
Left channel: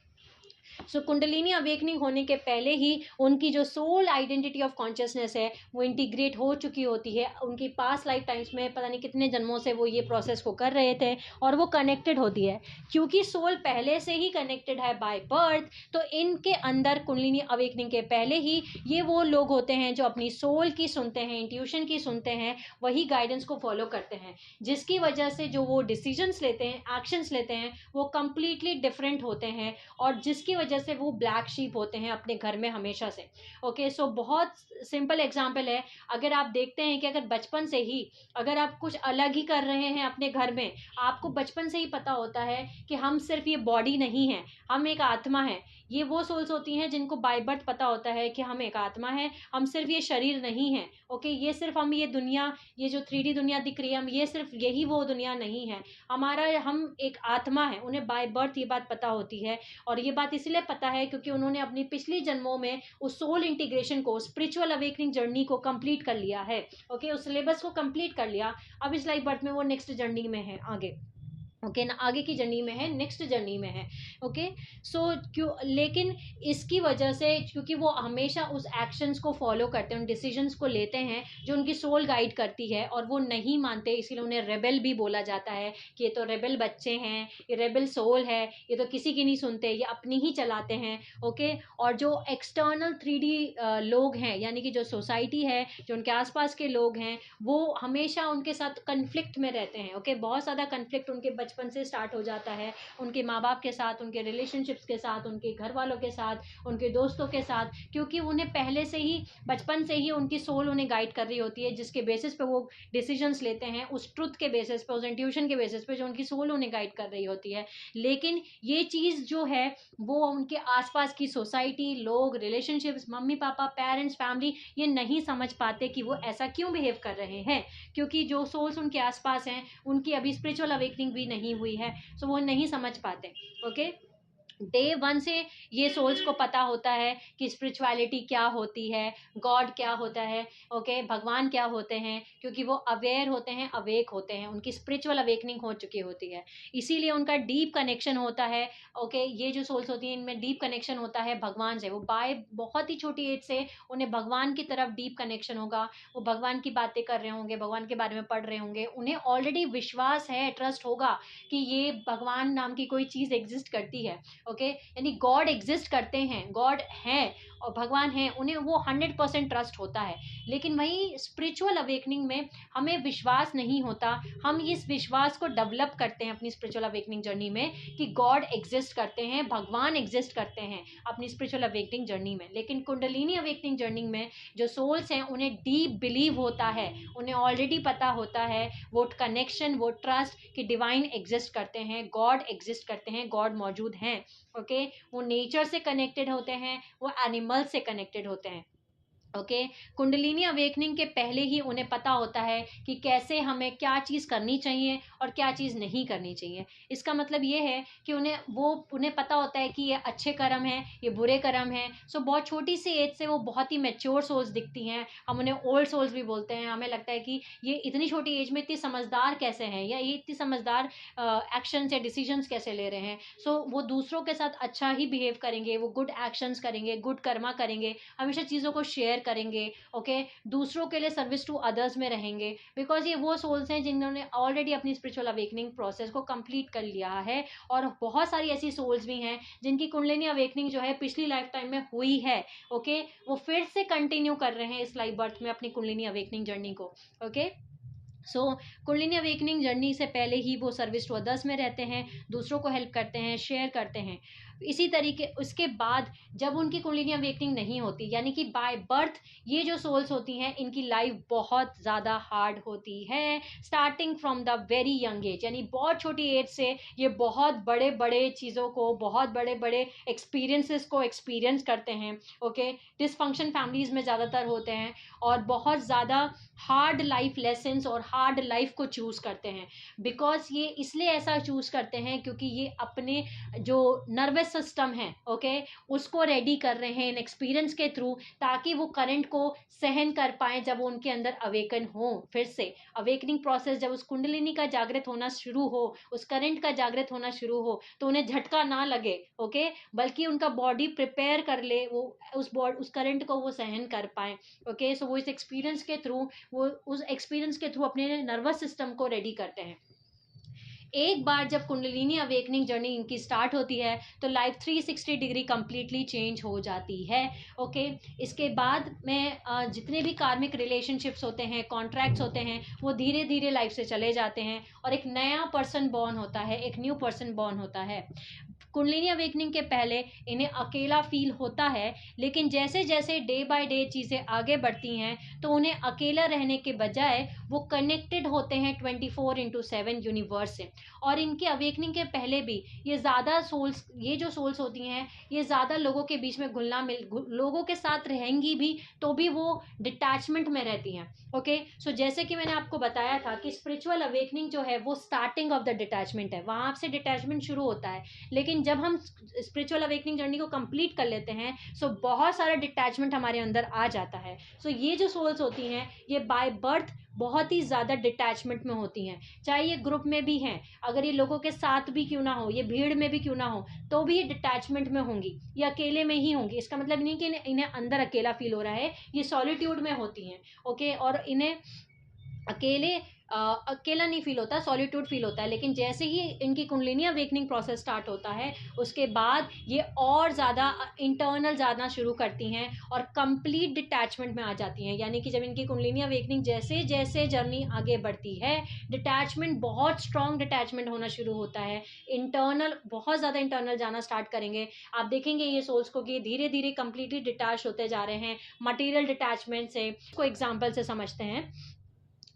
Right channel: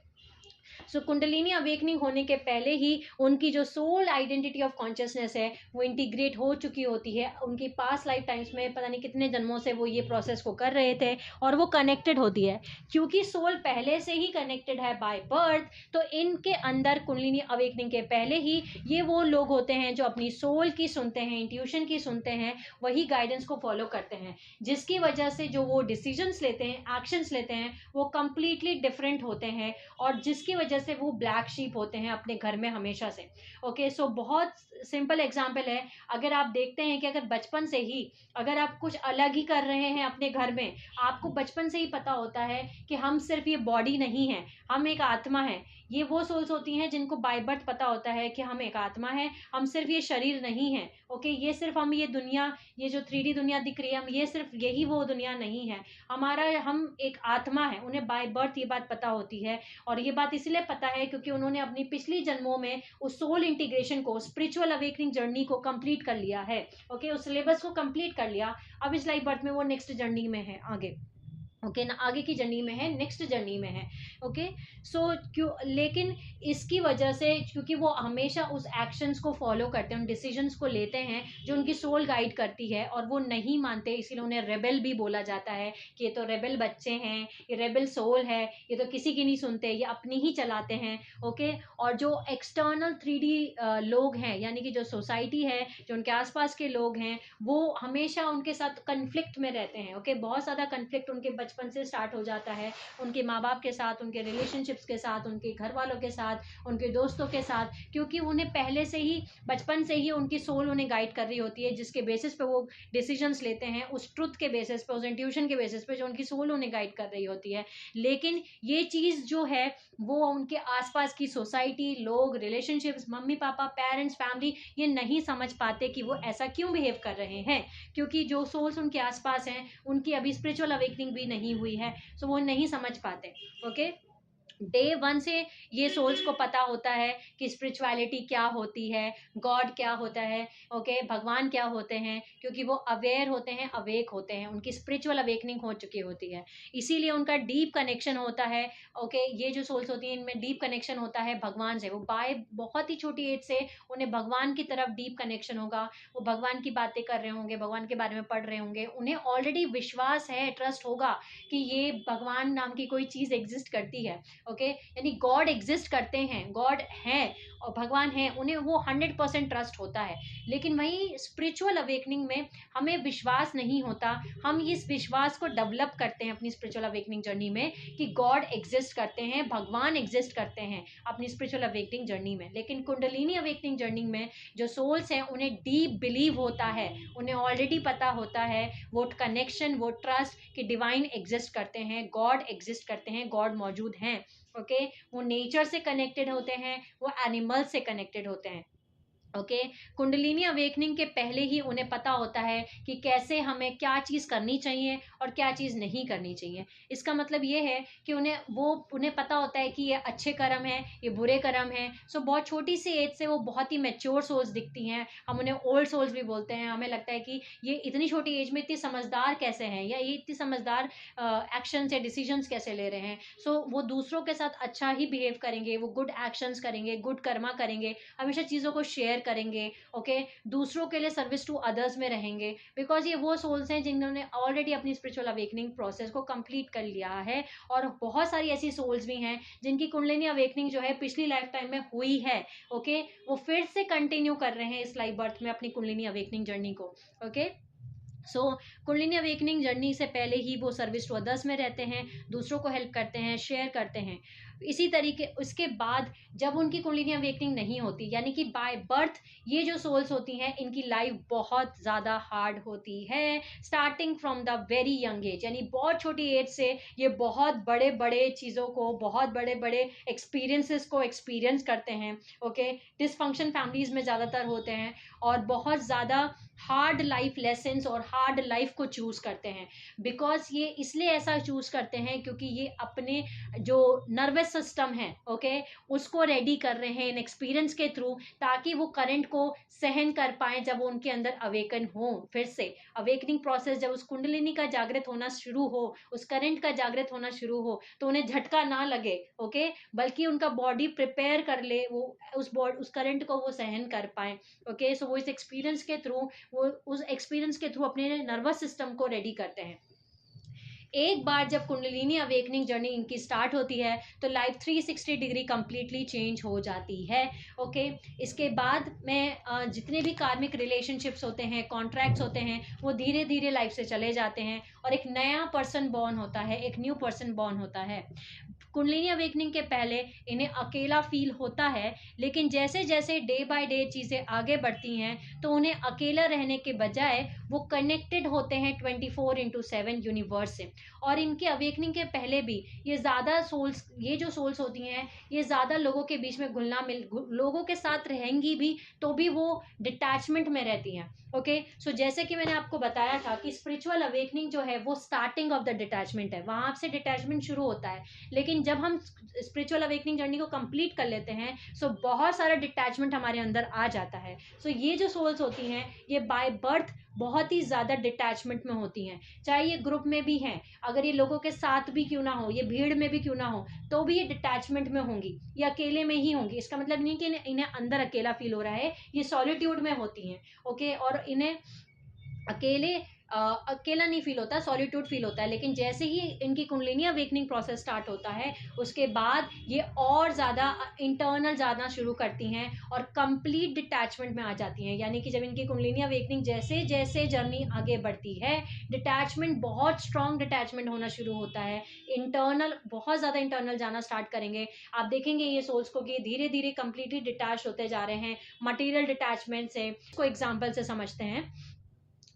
कुंडलिनी अवेकनिंग होने के पहले ही उनकी जो सोल आइडेंटिटी ऑफ कॉन्शियसनेस है वो इंटीग्रेट हो चुकी होती है। उनकी पास्ट लाइफ टाइम्स में पता नहीं कितने जन्मों से वो ये प्रोसेस को कर रहे थे, और वो कनेक्टेड होती है। क्योंकि सोल पहले से ही कनेक्टेड है बाय बर्थ, तो इनके अंदर कुंडलिनी अवेकनिंग के पहले ही ये वो लोग होते हैं जो अपनी सोल की सुनते हैं, इंट्यूशन की सुनते हैं, वही गाइडेंस को फॉलो करते हैं, जिसकी वजह से जो वो डिसीजंस लेते हैं, एक्शंस लेते हैं, वो कंप्लीटली डिफरेंट होते हैं, और जिसकी वजह से वो ब्लैक शीप होते हैं अपने घर में हमेशा से। ओके, बहुत सिंपल एग्जांपल है। अगर आप देखते हैं कि अगर बचपन से ही अगर आप कुछ अलग ही कर रहे हैं अपने घर में, आपको बचपन से ही पता होता है कि हम सिर्फ ये बॉडी नहीं है, हम एक आत्मा है। ये वो सोल्स होती हैं जिनको बाय बर्थ पता होता है कि हम एक आत्मा है, हम सिर्फ ये शरीर नहीं है। ओके, ये सिर्फ हम ये दुनिया, ये जो 3D दुनिया दिख रही है, हम ये सिर्फ यही वो दुनिया नहीं है, हमारा हम एक आत्मा है। उन्हें बाय बर्थ ये बात पता होती है, और ये बात इसलिए पता है क्योंकि उन्होंने अपनी पिछली जन्मों में उस सोल इंटीग्रेशन को, स्पिरिचुअल अवेकनिंग जर्नी को कंप्लीट कर लिया है। ओके, उस सिलेबस को कंप्लीट कर लिया। अब इस लाइफ बर्थ में वो नेक्स्ट जर्नी में है आगे। ओके ना, आगे की जर्नी में है, नेक्स्ट जर्नी में है। ओके, क्यों, लेकिन इसकी वजह से, क्योंकि वो हमेशा उस एक्शंस को फॉलो करते हैं, उन डिसीजंस को लेते हैं जो उनकी सोल गाइड करती है, और वो नहीं मानते, इसीलिए उन्हें रेबेल भी बोला जाता है कि ये तो रेबेल बच्चे हैं, ये रेबेल सोल है, ये तो किसी की नहीं सुनते, ये अपनी ही चलाते हैं। ओके, और जो एक्सटर्नल 3D लोग हैं, यानी कि जो सोसाइटी है, जो उनके आसपास के लोग हैं, वो हमेशा उनके साथ कन्फ्लिक्ट में रहते हैं। ओके, बहुत ज़्यादा कन्फ्लिक्ट उनके बचपन से स्टार्ट हो जाता है, उनके माँ बाप के साथ, उनके रिलेशनशिप्स के साथ, उनके घर वालों के साथ, उनके दोस्तों के साथ, क्योंकि उन्हें पहले से ही, बचपन से ही उनकी सोल उन्हें गाइड कर रही होती है, जिसके बेसिस पे वो डिसीजंस लेते हैं, उस ट्रुथ के बेसिस पे, उस इंट्यूशन के बेसिस पे जो उनकी सोल उन्हें गाइड कर रही होती है। लेकिन ये चीज़ जो है वो उनके आसपास की सोसाइटी, लोग, relationships, mummy papa, parents, family, ये नहीं समझ पाते कि वो ऐसा क्यों बिहेव कर रहे हैं, क्योंकि जो सोल्स उनके आसपास हैं उनकी अभी स्पिरिचुअल अवेकनिंग भी नहीं हुई है, वो नहीं समझ पाते। ओके, डे वन से ये सोल्स को पता होता है कि स्पिरिचुअलिटी क्या होती है, गॉड क्या होता है, ओके, भगवान क्या होते हैं, क्योंकि वो अवेयर होते हैं, अवेक होते हैं, उनकी स्पिरिचुअल अवेकनिंग हो चुकी होती है, इसीलिए उनका डीप कनेक्शन होता है। ओके, ये जो सोल्स होती हैं इनमें डीप कनेक्शन होता है भगवान से। वो बाय बहुत ही छोटी एज से उन्हें भगवान की तरफ डीप कनेक्शन होगा, वो भगवान की बातें कर रहे होंगे, भगवान के बारे में पढ़ रहे होंगे, उन्हें ऑलरेडी विश्वास है, ट्रस्ट होगा कि ये भगवान नाम की कोई चीज़ एग्जिस्ट करती है। ओके, यानी गॉड एग्जिस्ट करते हैं, गॉड हैं और भगवान हैं, उन्हें वो 100% ट्रस्ट होता है। लेकिन वहीं स्पिरिचुअल अवेकनिंग में हमें विश्वास नहीं होता। हम इस विश्वास को डेवलप करते हैं अपनी स्पिरिचुअल अवेकनिंग जर्नी में कि गॉड एग्जिस्ट करते हैं, भगवान एग्जिस्ट करते हैं अपनी स्पिरिचुअल अवेकनिंग जर्नी में। लेकिन कुंडलिनी अवेकनिंग जर्नी में जो सोल्स हैं उन्हें डीप बिलीव होता है, उन्हें ऑलरेडी पता होता है वो कनेक्शन, वो ट्रस्ट कि डिवाइन एग्जिस्ट करते हैं, गॉड एग्जिस्ट करते हैं, गॉड मौजूद हैं। ओके, वो नेचर से कनेक्टेड होते हैं, वो एनिमल से कनेक्टेड होते हैं। ओके, कुंडलिनी अवेकनिंग के पहले ही उन्हें पता होता है कि कैसे हमें क्या चीज़ करनी चाहिए और क्या चीज़ नहीं करनी चाहिए। इसका मतलब ये है कि उन्हें पता होता है कि ये अच्छे कर्म हैं, ये बुरे कर्म हैं। सो बहुत छोटी सी एज से वो बहुत ही मैच्योर सोल्स दिखती हैं। हम उन्हें ओल्ड सोल्स भी बोलते हैं। हमें लगता है कि ये इतनी छोटी एज में इतनी समझदार कैसे हैं, या ये इतनी समझदार एक्शंस या डिसीजंस कैसे ले रहे हैं। सो वो दूसरों के साथ अच्छा ही बिहेव करेंगे, वो गुड एक्शंस करेंगे, गुड कर्मा करेंगे, हमेशा चीज़ों को शेयर करेंगे। ओके, दूसरों के लिए सर्विस टू अदर्स में रहेंगे, बिकॉज ये वो सोल्स हैं जिन्होंने ऑलरेडी अपनी स्पिरिचुअल अवेकनिंग प्रोसेस को कंप्लीट कर लिया है। और बहुत सारी ऐसी सोल्स भी हैं जिनकी कुंडलिनी अवेकनिंग जो है पिछली लाइफ टाइम में हुई है। ओके, वो फिर से कंटिन्यू कर रहे हैं इस लाइफ बर्थ में अपनी कुंडलिनी अवेकनिंग जर्नी को। ओके, सो कुंडलिनी अवेकनिंग जर्नी से पहले ही वो सर्विस टू अदर्स में रहते हैं, दूसरों को हेल्प करते हैं, शेयर करते हैं। इसी तरीके उसके बाद जब उनकी कुंडलिनी अवेकनिंग नहीं होती, यानी कि बाय बर्थ ये जो सोल्स होती हैं इनकी लाइफ बहुत ज़्यादा हार्ड होती है, starting from the very young age. यानी बहुत छोटी एज से ये बहुत बड़े बड़े चीज़ों को, बहुत बड़े बड़े एक्सपीरियंसेस को एक्सपीरियंस करते हैं। ओके, डिसफंक्शन फैमिलीज़ में ज़्यादातर होते हैं और बहुत ज़्यादा हार्ड लाइफ लेसन्स और हार्ड लाइफ को चूज़ करते हैं। बिकॉज ये इसलिए ऐसा चूज़ करते हैं क्योंकि ये अपने जो नर्वस सिस्टम है, ओके, उसको रेडी कर रहे हैं इन एक्सपीरियंस के थ्रू, ताकि वो करंट को सहन कर पाए जब वो उनके अंदर अवेकन हो। फिर से अवेकनिंग प्रोसेस जब उस कुंडलिनी का जागृत होना शुरू हो, उस करंट का जागृत होना शुरू हो, तो उन्हें झटका ना लगे। ओके, बल्कि उनका बॉडी प्रिपेयर कर ले, वो उस करंट को वो सहन कर पाए। ओके, सो वो इस एक्सपीरियंस के थ्रू, वो उस एक्सपीरियंस के थ्रू अपने नर्वस सिस्टम को रेडी करते हैं। एक बार जब कुंडलिनी अवेकनिंग जर्नी इनकी स्टार्ट होती है तो लाइफ 360 डिग्री कंप्लीटली चेंज हो जाती है। ओके, इसके बाद में जितने भी कार्मिक रिलेशनशिप्स होते हैं, कॉन्ट्रैक्ट्स होते हैं, वो धीरे धीरे लाइफ से चले जाते हैं और एक नया पर्सन बॉर्न होता है, एक न्यू पर्सन बॉर्न होता है। कुंडलिनी अवेकनिंग के पहले इन्हें अकेला फील होता है, लेकिन जैसे जैसे डे बाय डे चीज़ें आगे बढ़ती हैं तो उन्हें अकेला रहने के बजाय वो कनेक्टेड होते हैं 24/7 यूनिवर्स से। और इनके अवेकनिंग के पहले भी ये जो सोल्स होती हैं ये ज़्यादा लोगों के बीच में लोगों के साथ रहेंगी भी, तो भी वो डिटैचमेंट में रहती हैं। ओके, सो जैसे कि मैंने आपको बताया था कि स्पिरिचुअल अवेकनिंग जो है वो स्टार्टिंग ऑफ द डिटैचमेंट है, वहाँ से डिटैचमेंट शुरू होता है। लेकिन जब हम स्पिरिचुअल अवेकनिंग जर्नी को कंप्लीट कर लेते हैं सो बहुत सारा डिटैचमेंट हमारे अंदर आ जाता है। सो ये जो सोल्स होती हैं ये बाय बर्थ बहुत ही ज़्यादा डिटैचमेंट में होती हैं, चाहे ये ग्रुप में भी हैं, अगर ये लोगों के साथ भी क्यों ना हो, ये भीड़ में भी क्यों ना हो, तो भी ये डिटैचमेंट में होंगी, ये अकेले में ही होंगी। इसका मतलब नहीं कि इन्हें अंदर अकेला फील हो रहा है, ये सॉलिट्यूड में होती हैं। ओके, और इन्हें अकेला नहीं फील होता, सॉलिट्यूड फील होता है। लेकिन जैसे ही इनकी कुंडलिनी अवेकनिंग प्रोसेस स्टार्ट होता है उसके बाद ये और ज़्यादा इंटरनल जाना शुरू करती हैं और कंप्लीट डिटैचमेंट में आ जाती हैं। यानी कि जब इनकी कुंडलिनी अवेकनिंग जैसे जैसे जर्नी आगे बढ़ती है, डिटैचमेंट, बहुत स्ट्रॉन्ग डिटैचमेंट होना शुरू होता है, इंटरनल, बहुत ज़्यादा इंटरनल जाना स्टार्ट करेंगे। आप देखेंगे ये सोल्स को कि धीरे धीरे कंप्लीटली डिटैच होते जा रहे हैं मटीरियल डिटैचमेंट से। इसको एग्जाम्पल से समझते हैं।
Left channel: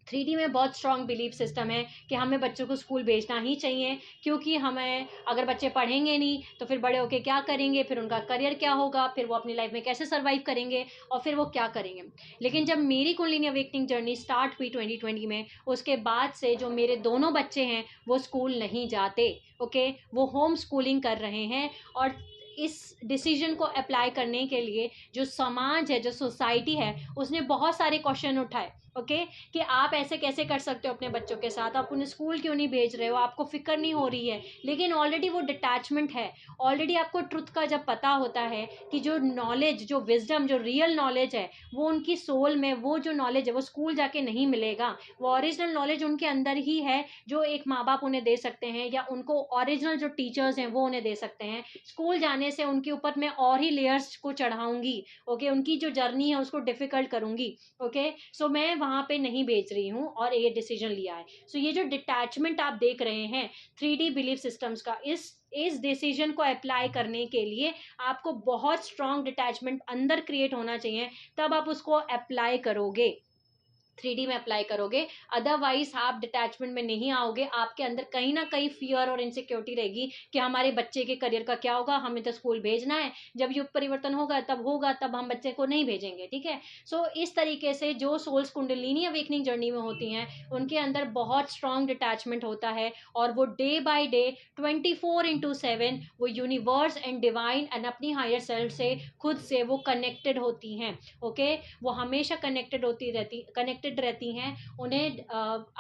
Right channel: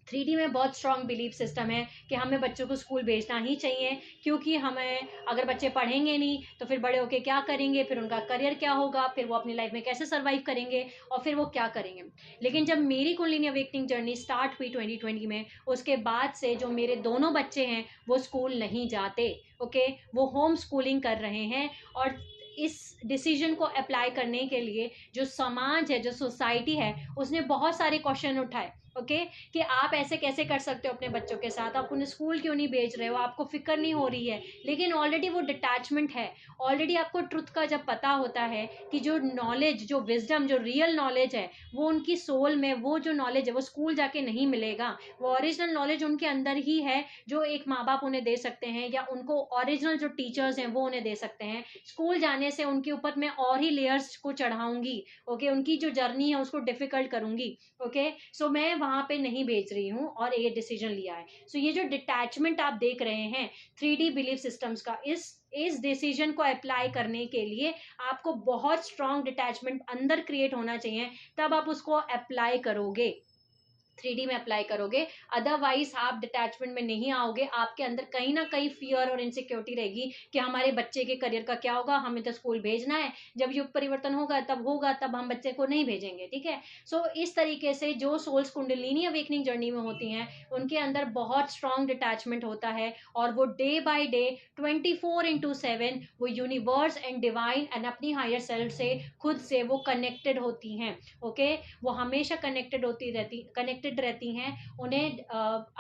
3D में बहुत स्ट्रॉन्ग बिलीफ सिस्टम है कि हमें बच्चों को स्कूल भेजना ही चाहिए, क्योंकि हमें अगर बच्चे पढ़ेंगे नहीं तो फिर बड़े होके क्या करेंगे, फिर उनका करियर क्या होगा, फिर वो अपनी लाइफ में कैसे सर्वाइव करेंगे और फिर वो क्या करेंगे। लेकिन जब मेरी कुंडलिनी अवेकनिंग जर्नी स्टार्ट हुई 2020 में, उसके बाद से जो मेरे दोनों बच्चे हैं वो स्कूल नहीं जाते। ओके, वो होम स्कूलिंग कर रहे हैं। और इस डिसीजन को अप्लाई करने के लिए जो समाज है, जो सोसाइटी है, उसने बहुत सारे क्वेश्चन उठाए। ओके, कि आप ऐसे कैसे कर सकते हो अपने बच्चों के साथ, आप उन्हें स्कूल क्यों नहीं भेज रहे हो, आपको फिक्र नहीं हो रही है। लेकिन ऑलरेडी वो डिटैचमेंट है। ऑलरेडी आपको ट्रुथ का जब पता होता है कि जो नॉलेज, जो विजडम, जो रियल नॉलेज है वो उनकी सोल में, वो जो नॉलेज है वो स्कूल जाके नहीं मिलेगा। वो ओरिजिनल नॉलेज उनके अंदर ही है जो एक माँ बाप उन्हें दे सकते हैं, या उनको ओरिजिनल जो टीचर्स हैं वो उन्हें दे सकते हैं। स्कूल जाने से उनके ऊपर मैं और ही लेयर्स को चढ़ाऊंगी। ओके, उनकी जो जर्नी है उसको डिफिकल्ट करूंगी। ओके, सो मैं वहां पे नहीं बेच रही हूँ और ये डिसीजन लिया है। सो ये जो डिटैचमेंट आप देख रहे हैं 3D बिलीफ सिस्टम्स का, इस डिसीजन को अप्लाई करने के लिए आपको बहुत स्ट्रांग डिटैचमेंट अंदर क्रिएट होना चाहिए, तब आप उसको अप्लाई करोगे, 3D में अप्लाई करोगे। अदरवाइज आप डिटैचमेंट में नहीं आओगे, आपके अंदर कहीं ना कहीं फियर और इनसिक्योरिटी रहेगी कि हमारे बच्चे के करियर का क्या होगा, हमें तो स्कूल भेजना है, जब युग परिवर्तन होगा तब हम बच्चे को नहीं भेजेंगे। ठीक है, सो इस तरीके से जो सोल्स कुंडलिनी अवेकनिंग जर्नी में होती हैं उनके अंदर बहुत स्ट्रांग डिटैचमेंट होता है, और वो डे बाय डे 24/7 वो यूनिवर्स एंड डिवाइन एंड अपनी हायर सेल्फ से, खुद से वो कनेक्टेड होती हैं। ओके, वो हमेशा कनेक्टेड रहती हैं, उन्हें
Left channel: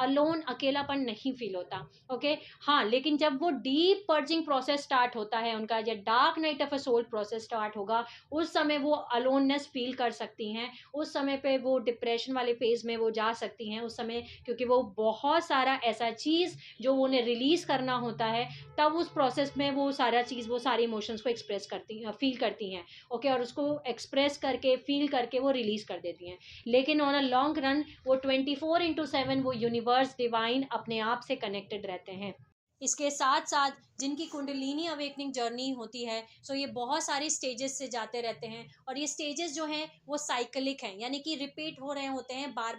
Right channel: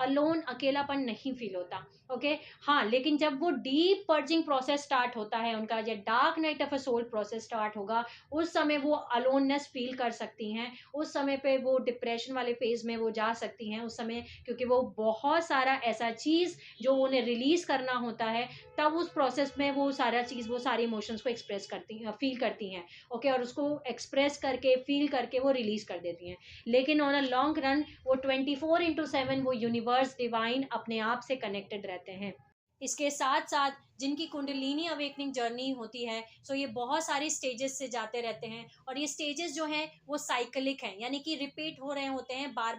अलोन, अकेलापन नहीं फील होता। ओके, हाँ, लेकिन जब वो डीप पर्जिंग प्रोसेस स्टार्ट होता है उनका, या dark night of a soul process start होगा, उस समय वो अलोननेस फील कर सकती हैं। उस समय पे वो डिप्रेशन वाले फेज में वो जा सकती हैं उस समय, क्योंकि वो बहुत सारा ऐसा चीज जो उन्हें रिलीज करना होता है, तब उस प्रोसेस में वो सारा चीज, वो सारे इमोशंस को एक्सप्रेस करती, फील करती हैं। ओके, और उसको एक्सप्रेस करके, फील करके वो रिलीज कर देती हैं। लेकिन ऑन अ लॉन्ग रन वो 24/7 वो यूनिवर्स, डिवाइन अपने आप से कनेक्टेड रहते हैं। इसके साथ साथ जिनकी कुंडलिनी अवेकनिंग जर्नी होती है, सो ये बहुत सारे स्टेजेस से जाते रहते हैं, और ये स्टेजेस जो हैं वो साइकिलिक हैं, यानी कि रिपीट हो रहे होते हैं, बार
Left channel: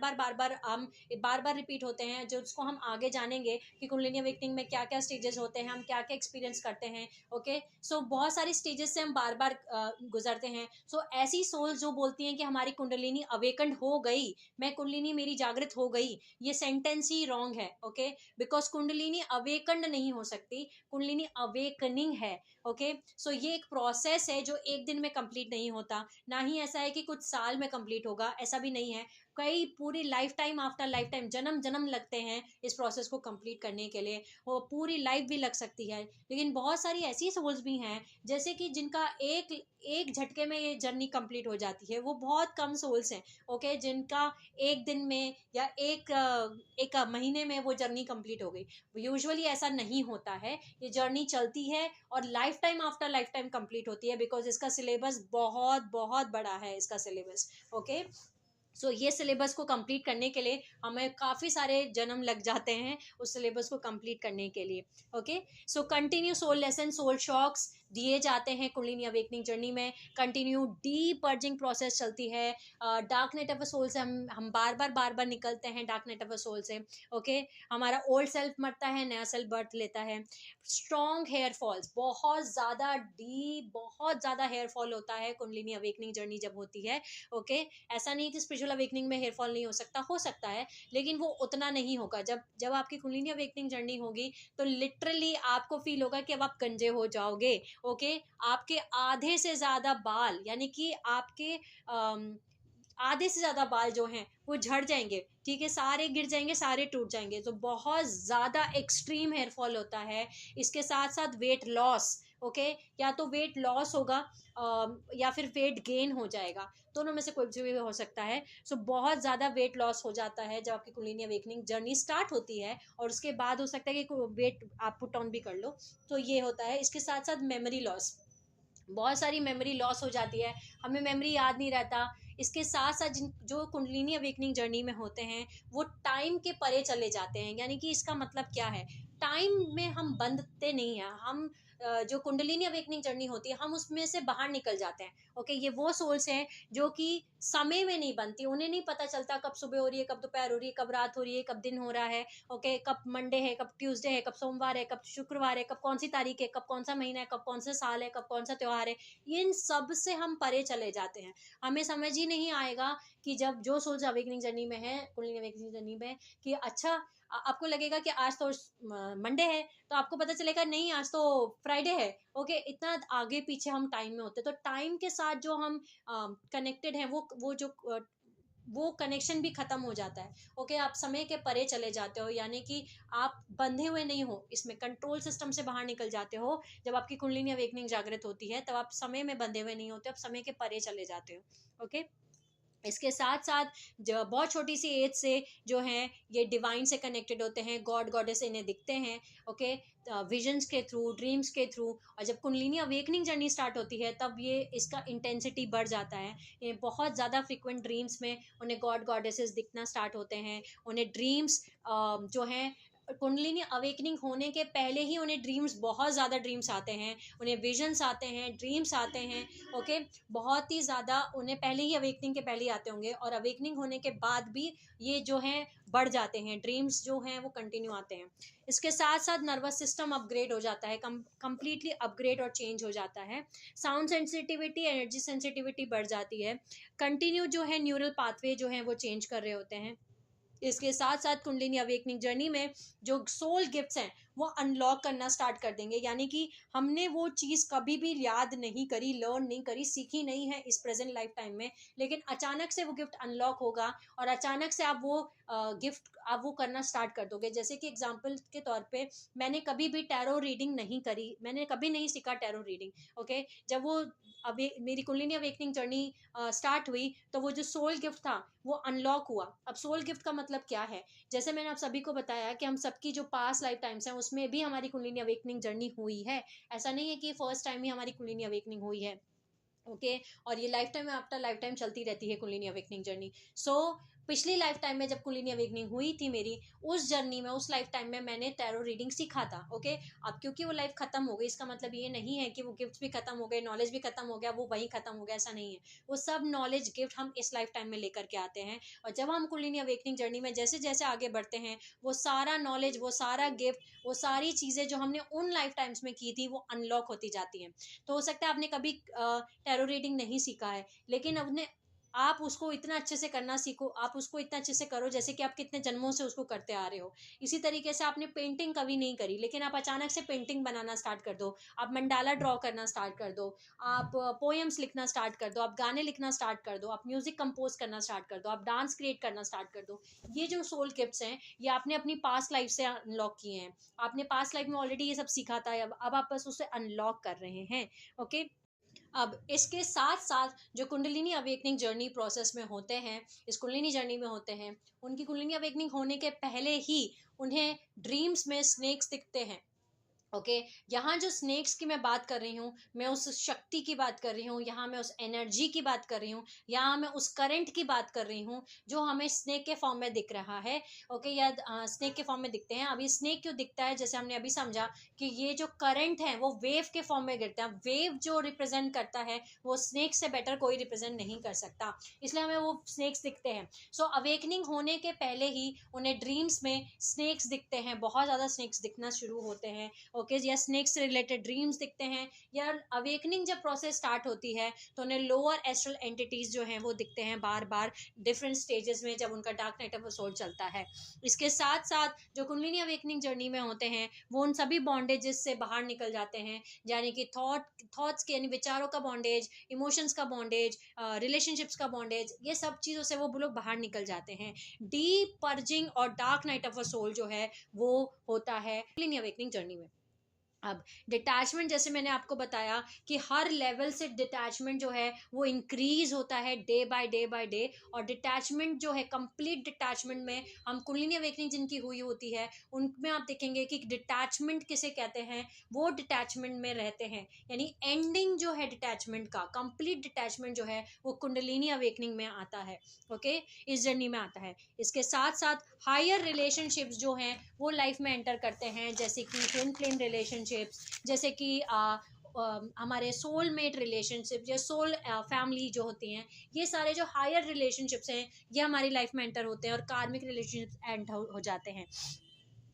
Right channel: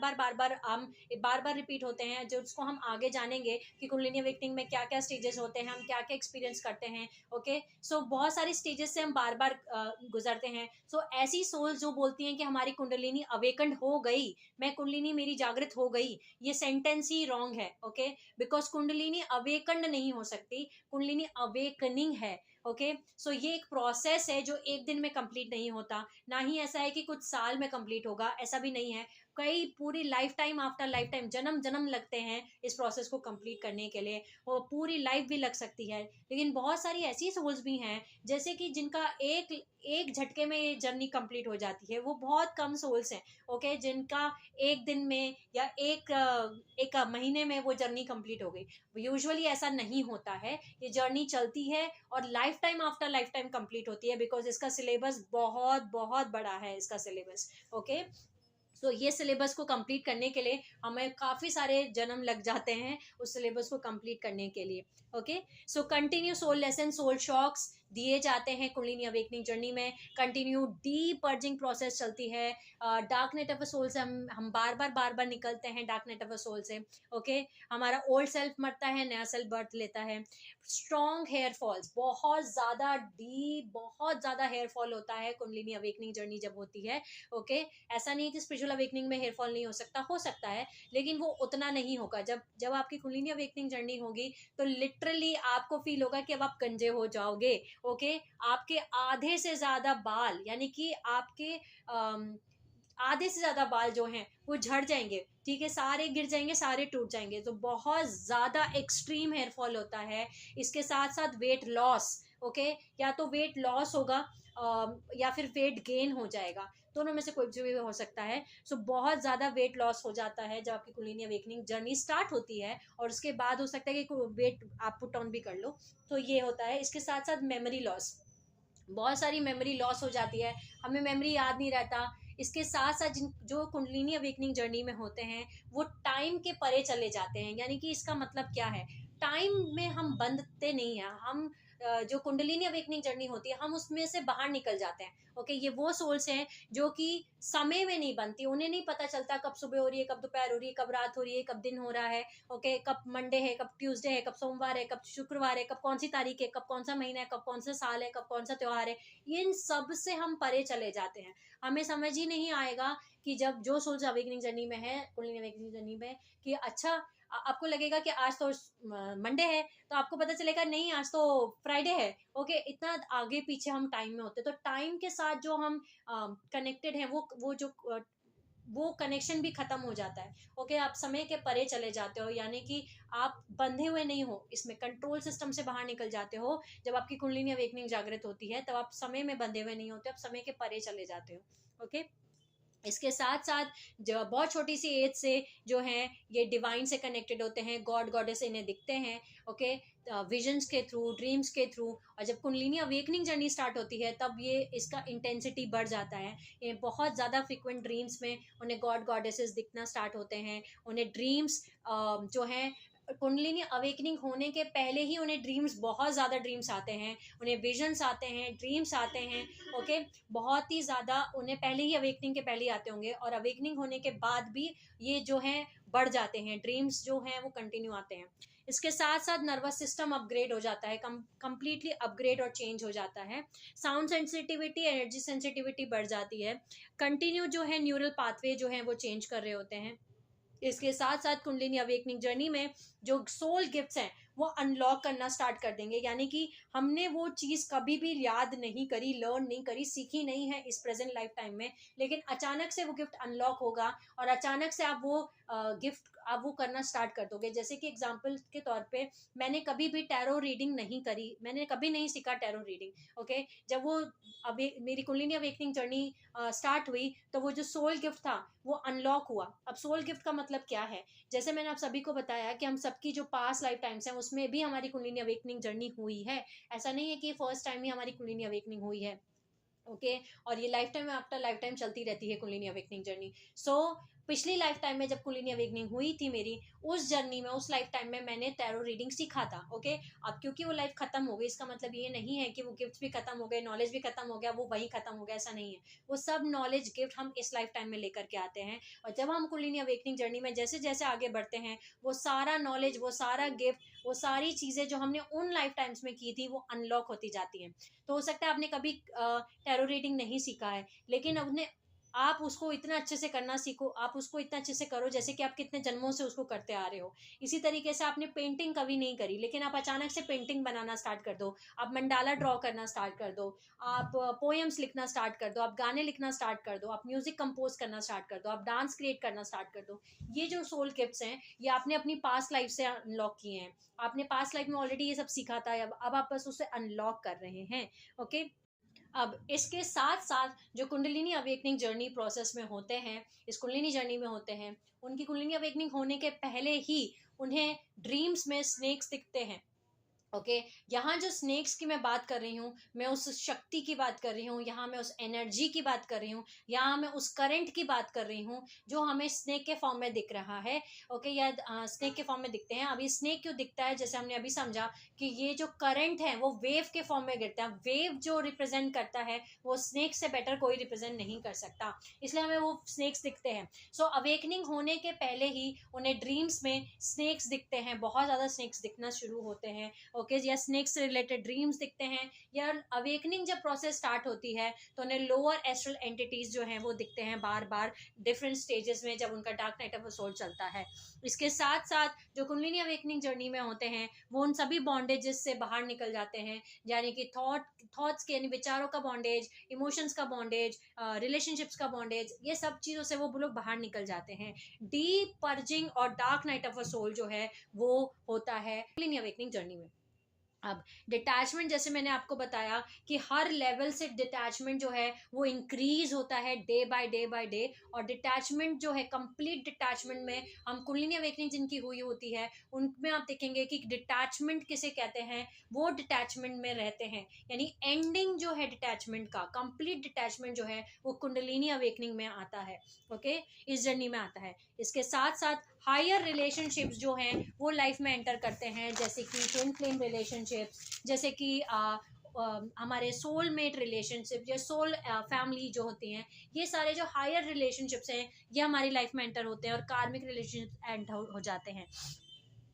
बार रिपीट होते हैं, जो उसको हम आगे जानेंगे कि कुंडलिनी अवेकनिंग में क्या क्या स्टेजेस होते हैं, हम क्या क्या एक्सपीरियंस करते हैं। ओके, सो बहुत सारी स्टेजेस से हम बार बार गुजरते हैं। सो ऐसी सोल्स जो बोलती हैं कि हमारी कुंडलिनी अवेकन हो गई, मैं कुंडलिनी मेरी जागृत हो गई, ये सेंटेंस ही रॉन्ग है। ओके, बिकॉज कुंडलिनी अवेकंड नहीं हो सकती, कुंडलिनी अवेकनिंग है। ओके, सो ये एक प्रोसेस है जो एक दिन में कंप्लीट नहीं होता, ना ही ऐसा है कि कुछ साल में कंप्लीट होगा, ऐसा भी नहीं है। कई पूरी life time after life time, जन्म जन्म लगते हैं इस प्रोसेस को कंप्लीट करने के लिए, वो पूरी लाइफ भी लग सकती है। लेकिन बहुत सारी ऐसी सोल्स भी हैं जैसे कि जिनका एक एक झटके में ये जर्नी कंप्लीट हो जाती है, वो बहुत कम सोल्स हैं। ओके, जिनका एक दिन में या एक महीने में वो जर्नी कंप्लीट हो गई। यूजुअली ऐसा नहीं होता है, ये जर्नी चलती है और life time after life time complete होती है, बिकॉज इसका सिलेबस बहुत बहुत बड़ा है, इसका सिलेबस। ओके, सो ये सिलेबस को कंप्लीट करने के लिए हमें काफ़ी सारे जन्म लग जाते हैं उस सिलेबस को कंप्लीट करने के लिए। Okay, so continue soul lesson, soul shocks दिए जाते हैं कुंडलिनी अवेकनिंग जर्नी में। कंटिन्यू डीप पर्जिंग प्रोसेस चलती है। Dark night of a soul से हम बार बार निकलते हैं dark night of a soul से। ओके, हमारा ओल्ड सेल्फ मरता है, नया सेल्फ बर्थ लेता है। स्ट्रॉन्ग हेयर फॉल्स, बहुत ज़्यादा डीप, बहुत ज़्यादा हेयर फॉल होता है कुंडलिनी अवेकनिंग जर्नी जब होती है। ओके, ऐसा नहीं कि स्पिरिचुअल अवेकनिंग में हेयर फॉल नहीं हो सकता है, लेकिन वो उतना नहीं होगा। जब जब आपकी कुंडलिनी अवेकनिंग जर्नी होगी तो लिटरली आपको फील होगा कि अब आप गंजे हो जाओगे। ओके, आपके आधे से ज्यादा बाल, यानी कि आपके आधे से ज्यादा बाल जो हैं वो झड़ जाएंगे। ठीक है, सारे गिर जाएंगे, सारे टूट जाएंगे, तो बहुत ज्यादा एक्सट्रीम हेयर फॉल होता है। इसके साथ साथ वेट लॉस। ओके, या तो वेट लॉस होगा या फिर वेट गेन हो जाएगा, दोनों में से कोई भी हो सकता है। सो बहुत ज़्यादा वेट लॉस हो जाता है जब आपकी कुंडलिनी अवेकनिंग जर्नी स्टार्ट होती है, और उसके बाद हो सकता है कि वेट आप पुट ऑन भी कर लो, तो ये होता है। इसके साथ साथ मेमोरी लॉस, बहुत सारी मेमोरी लॉस हो जाती है, हमें मेमोरी याद नहीं रहता। इसके साथ साथ जिन जो कुंडलिनी अवेकनिंग जर्नी में होते हैं वो टाइम के परे चले जाते हैं, यानी कि इसका मतलब क्या है, टाइम में हम बंधते नहीं हैं, हम जो कुंडलिनी अवेकनिंग जर्नी होती है हम उसमें से बाहर निकल जाते हैं। ओके, ये वो सोल्स हैं जो कि समय में नहीं बनती, उन्हें नहीं पता चलता कब सुबह हो रही है, कब दोपहर हो रही है, कब रात हो रही है, कब दिन हो रहा है। ओके, कब मंडे है, कब ट्यूसडे है, कब सोमवार है, कब शुक्रवार है, कब कौन सी तारीख है, कब कौन सा महीना है, कब कौन सा साल है, कब कौन सा त्योहार है, इन सब से हम परे चले जाते हैं। हमें समझ ही नहीं आएगा कि जब जो सोल्स अवेकनिंग जर्नी में है, कुंडलिनी अवेकनिंग जर्नी में, कि अच्छा आपको लगेगा कि आज तो मंडे है, तो आपको पता चलेगा नहीं आज तो फ्राइडे है। ओके, इतना आगे पीछे हम टाइम में होते हैं, तो टाइम के साथ जो हम कनेक्टेड हैं, वो जो वो कनेक्शन भी खत्म हो जाता है। ओके, आप समय के परे चले जाते हो, यानी कि आप बंधे हुए नहीं हो, इसमें कंट्रोल सिस्टम से बाहर निकल जाते हो। जब आपकी कुंडलिनी अवेकनिंग जागृत होती है तब आप समय में बंधे हुए नहीं होते, आप समय के परे चले जाते हो। ओके, इसके साथ साथ बहुत छोटी सी एज से जो है ये डिवाइन से कनेक्टेड होते हैं, गॉड गॉडेस इन्हें दिखते हैं। ओके, विजन्स के थ्रू, ड्रीम्स के थ्रू। और जब कुंडलिनी अवेकनिंग जर्नी स्टार्ट होती है तब ये इसका इंटेंसिटी बढ़ जाता है। ये बहुत ज़्यादा फ्रिक्वेंट ड्रीम्स में उन्हें गॉड गॉडेसेस दिखना स्टार्ट होते हैं। उन्हें ड्रीम्स जो हैं, कुंडलिनी अवेकनिंग होने के पहले ही उन्हें ड्रीम्स, बहुत ज़्यादा ड्रीम्स आते हैं, उन्हें विजन्स आते हैं, ड्रीम्स आते हैं। ओके, बहुत ही ज़्यादा उन्हें पहले ही, अवेकनिंग के पहले ही आते होंगे, और अवेकनिंग होने के बाद भी ये जो हैं बढ़ जाते हैं, ड्रीम्स जो हैं वो कंटिन्यू आते हैं। इसके साथ साथ नर्वस सिस्टम अपग्रेड हो जाता है, कंप्लीटली अपग्रेड और चेंज हो जाता है। साउंड सेंसिटिविटी, एनर्जी सेंसिटिविटी बढ़ जाती है। कंटिन्यू जो है न्यूरल पाथवे जो है वो चेंज कर रहे होते हैं। इसके साथ साथ कुंडलिनी अवेकनिंग जर्नी में जो सोल गिफ्ट्स हैं वो अनलॉक करना स्टार्ट कर देंगे, यानी कि हमने वो चीज़ कभी भी याद नहीं करी, लर्न नहीं करी, सीखी नहीं है इस प्रेजेंट लाइफ टाइम में, लेकिन अचानक से वो गिफ्ट अनलॉक होगा और अचानक से आप वो गिफ्ट आप वो करना स्टार्ट कर दोगे। जैसे कि एग्जांपल के तौर पे, मैंने कभी भी टैरो रीडिंग नहीं करी, मैंने कभी नहीं सीखा टैरो रीडिंग। ओके, जब वो अभी मेरी कुंडलिनी अवेकनिंग जर्नी स्टार्ट हुई तो वो जो सोल गिफ्ट था वो अनलॉक हुआ। अब सोल गिफ्ट का मतलब क्या है? जैसे मैंने आप सभी को बताया कि हम सबकी जो पास्ट लाइफ टाइम्स हैं उसमें भी हमारी कुंडलिनी अवेकनिंग जर्नी हुई है। ऐसा नहीं है कि फर्स्ट टाइम ही हमारी कुंडलिनी अवेकनिंग हुई है। ओके, और ये life time after life time चलती रहती है कुंडलिनी अवेकनिंग जर्नी। सो पिछली लाइफ टाइम में जब कुंडलिनी अवेकनिंग हुई थी मेरी, उस जर्नी में, उस लाइफ टाइम में मैंने टैरो रीडिंग सीखा था। ओके, अब क्योंकि वो लाइफ खत्म हो गई, इसका मतलब ये नहीं है कि वो गिफ्ट भी खत्म हो गए, नॉलेज भी खत्म हो गया, वो वही खत्म हो गया, ऐसा नहीं है। वो सब नॉलेज गिफ्ट हम इस लाइफ टाइम में लेकर के आते हैं, और जब हम कुंडलिनी अवेकनिंग जर्नी में जैसे जैसे आगे बढ़ते हैं, वो सारा नॉलेज, वो सारा गिफ्ट, वो सारी चीज़ें जो हमने उन लाइफ टाइम्स में की थी वो अनलॉक होती जाती हैं। तो हो सकता है आपने कभी टैरो रीडिंग नहीं सीखा है, लेकिन अपने आप उसको इतना अच्छे से करना सीखो, आप उसको इतना अच्छे से करो जैसे कि आप कितने जन्मों से उसको करते आ रहे हो। इसी तरीके से आपने पेंटिंग कभी नहीं करी, लेकिन आप अचानक से पेंटिंग बनाना स्टार्ट कर दो, आप मंडाला ड्रॉ करना स्टार्ट कर दो, आप पोएम्स लिखना स्टार्ट कर दो, आप गाने लिखना स्टार्ट कर दो, आप म्यूजिक कंपोज करना स्टार्ट कर दो, आप डांस क्रिएट करना स्टार्ट कर दो। ये जो सोल गिफ्ट्स हैं ये आपने अपनी पास्ट लाइफ से अनलॉक किए हैं। आपने पास्ट लाइफ में ऑलरेडी ये सब सीखा था, अब आप बस उसे अनलॉक कर रहे हैं। ओके, अब इसके साथ साथ जो कुंडलिनी अवेकनिंग जर्नी प्रोसेस में होते हैं, इस कुंडलिनी जर्नी में होते हैं, उनकी कुंडलिनी अवेकनिंग होने के पहले ही उन्हें ड्रीम्स में स्नेक्स दिखते हैं। ओके, यहाँ जो स्नेक्स की मैं बात कर रही हूँ, मैं उस शक्ति की बात कर रही हूँ, यहाँ मैं उस एनर्जी की बात कर रही हूँ, यहाँ मैं उस करंट की बात कर रही हूँ जो हमें स्नेक के फॉर्म में दिख रहा है। ओके, या स्नेक के फॉर्म में दिखते हैं। अभी स्नेक क्यों दिखता है, जैसे हमने अभी समझा कि ये जो करंट है वो वेव के फॉर्म में गिरता है। वेव जो रिप्रेजेंट करता है वो स्नेक से बेटर कोई रिप्रेजेंट नहीं कर सकता, इसलिए हमें वो स्नेक्स दिखते हैं। सो अवेकनिंग होने के पहले ही उन्हें ड्रीम्स में स्नेक्स दिखते हैं, बहुत ज़्यादा स्नेक्स दिखना शुरू होते हैं। ओके, या स्नेक्स से रिलेटेड ड्रीम्स दिखते हैं, या अवेकनिंग जब प्रोसेस स्टार्ट होती है तो उन्हें लोअर एस्ट्रल एंटिटीज जो हैं वो दिखते हैं बार बार डिफरेंट स्टेजेस में, जब उनका डार्क नाइट ऑफ सोल चलता है। इसके साथ साथ जो कुंडलिनी अवेकनिंग जर्नी में होते हैं वो उन सभी बॉन्डेजेस से बाहर निकल जाते हैं, यानी कि थॉट्स के, यानी विचारों का बॉन्डेज, इमोशंस का बॉन्डेज, रिलेशनशिप्स का बॉन्डेज, ये सब चीज़ों से वो लोग बाहर निकल जाते हैं। डीप पर्जिंग और dark night of a soul जो है वो होता है कुंडलिनी अवेकनिंग जर्नी में। अब डिटैचमेंट, जैसे मैंने आपको बताया कि हर लेवल से डिटैचमेंट जो है वो इंक्रीज होता है day by day by day, और डिटैचमेंट जो है, कंप्लीट डिटैचमेंट में हम कुंडलिनी अवेकनिंग जिनकी हुई होती है उनमें आप देखेंगे कि डिटैचमेंट किसे कहते हैं, वो डिटैचमेंट में रहते हैं। यानी एंडिंग जो है डिटैचमेंट का, कंप्लीट डिटैचमेंट जो है वो कुंडलिनी अवेकनिंग में आता है। ओके, इस जर्नी में आता है। इसके साथ साथ हायर रिलेशनशिप्स जो हैं वो लाइफ में एंटर करते हैं, जैसे कि ट्विन फ्लेम रिलेशनशिप्स, जैसे कि हमारे सोलमेट रिलेशनशिप या सोल फैमिली जो होती हैं, ये सारे जो हायर रिलेशनशिप्स हैं ये हमारी लाइफ में एंटर होते हैं, और कार्मिक रिलेशनशिप्स एंटर हो जाते हैं।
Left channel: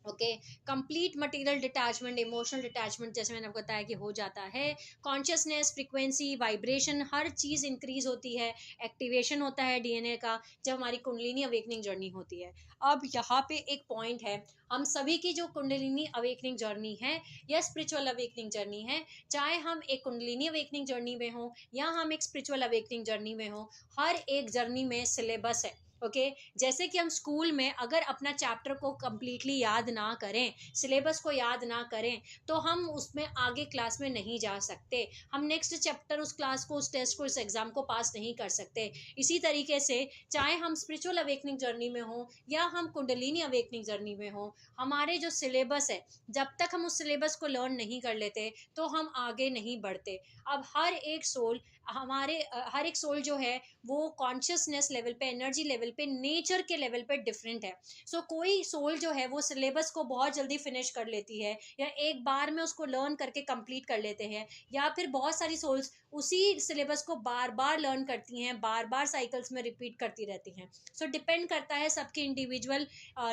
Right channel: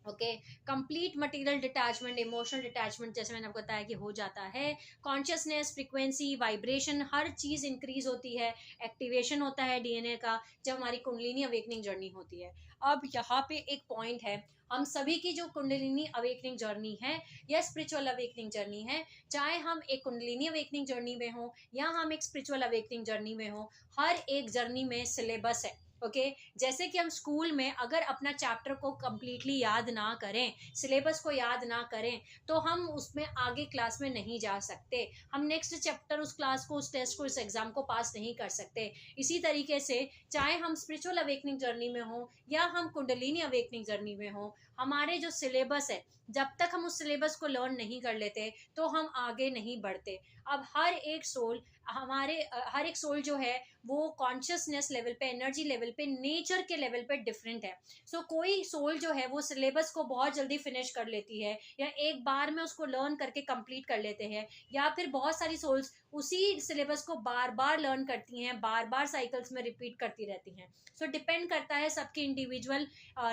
Okay, complete material detachment, emotional detachment जैसे मैंने आपको बताया कि हो जाता है। कॉन्शियसनेस, फ्रीक्वेंसी, वाइब्रेशन, हर चीज़ इंक्रीज होती है, एक्टिवेशन होता है डीएनए का जब हमारी कुंडलिनी अवेकनिंग जर्नी होती है। अब यहाँ पे एक पॉइंट है, हम सभी की जो कुंडलिनी अवेकनिंग जर्नी है या स्पिरिचुअल अवेकनिंग जर्नी है, चाहे हम एक कुंडलिनी अवेकनिंग जर्नी में हो या हम एक स्पिरिचुअल अवेकनिंग जर्नी में हो, हर एक जर्नी में सिलेबस है। ओके जैसे कि हम स्कूल में अगर अपना चैप्टर को कम्प्लीटली याद ना करें, सिलेबस को याद ना करें, तो हम उसमें आगे क्लास में नहीं जा सकते, हम नेक्स्ट चैप्टर उस क्लास को, उस टेस्ट को, उस एग्जाम को पास नहीं कर सकते। इसी तरीके से चाहे हम स्पिरिचुअल अवेकनिंग जर्नी में हो या हम कुंडलिनी अवेकनिंग जर्नी में हो, हमारे जो सिलेबस है, जब तक हम उस सिलेबस को लर्न नहीं कर लेते तो हम आगे नहीं बढ़ते। अब हर एक सोल, हर एक सोल जो है वो कॉन्शियसनेस लेवल पे, एनर्जी लेवल पे, नेचर के लेवल पे डिफरेंट है। सो कोई सोल जो है वो सिलेबस को बहुत जल्दी फिनिश कर लेती है या एक बार में उसको लर्न करके कंप्लीट कर लेते हैं, या फिर बहुत सारी सोल्स उसी सिलेबस को बार बार लर्न करती हैं, बार बार साइकिल्स में रिपीट करती रहती हैं। सो डिपेंड करता है सबके इंडिविजुअल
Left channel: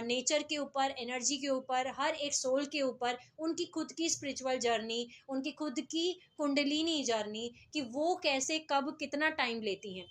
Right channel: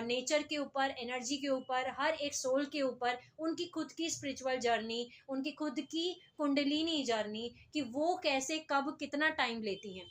नेचर के ऊपर, एनर्जी के ऊपर, हर एक सोल के ऊपर, उनकी खुद की स्पिरिचुअल जर्नी, उनकी खुद की कुंडलिनी जर्नी, कि वो कैसे कब कितना टाइम लेती हैं।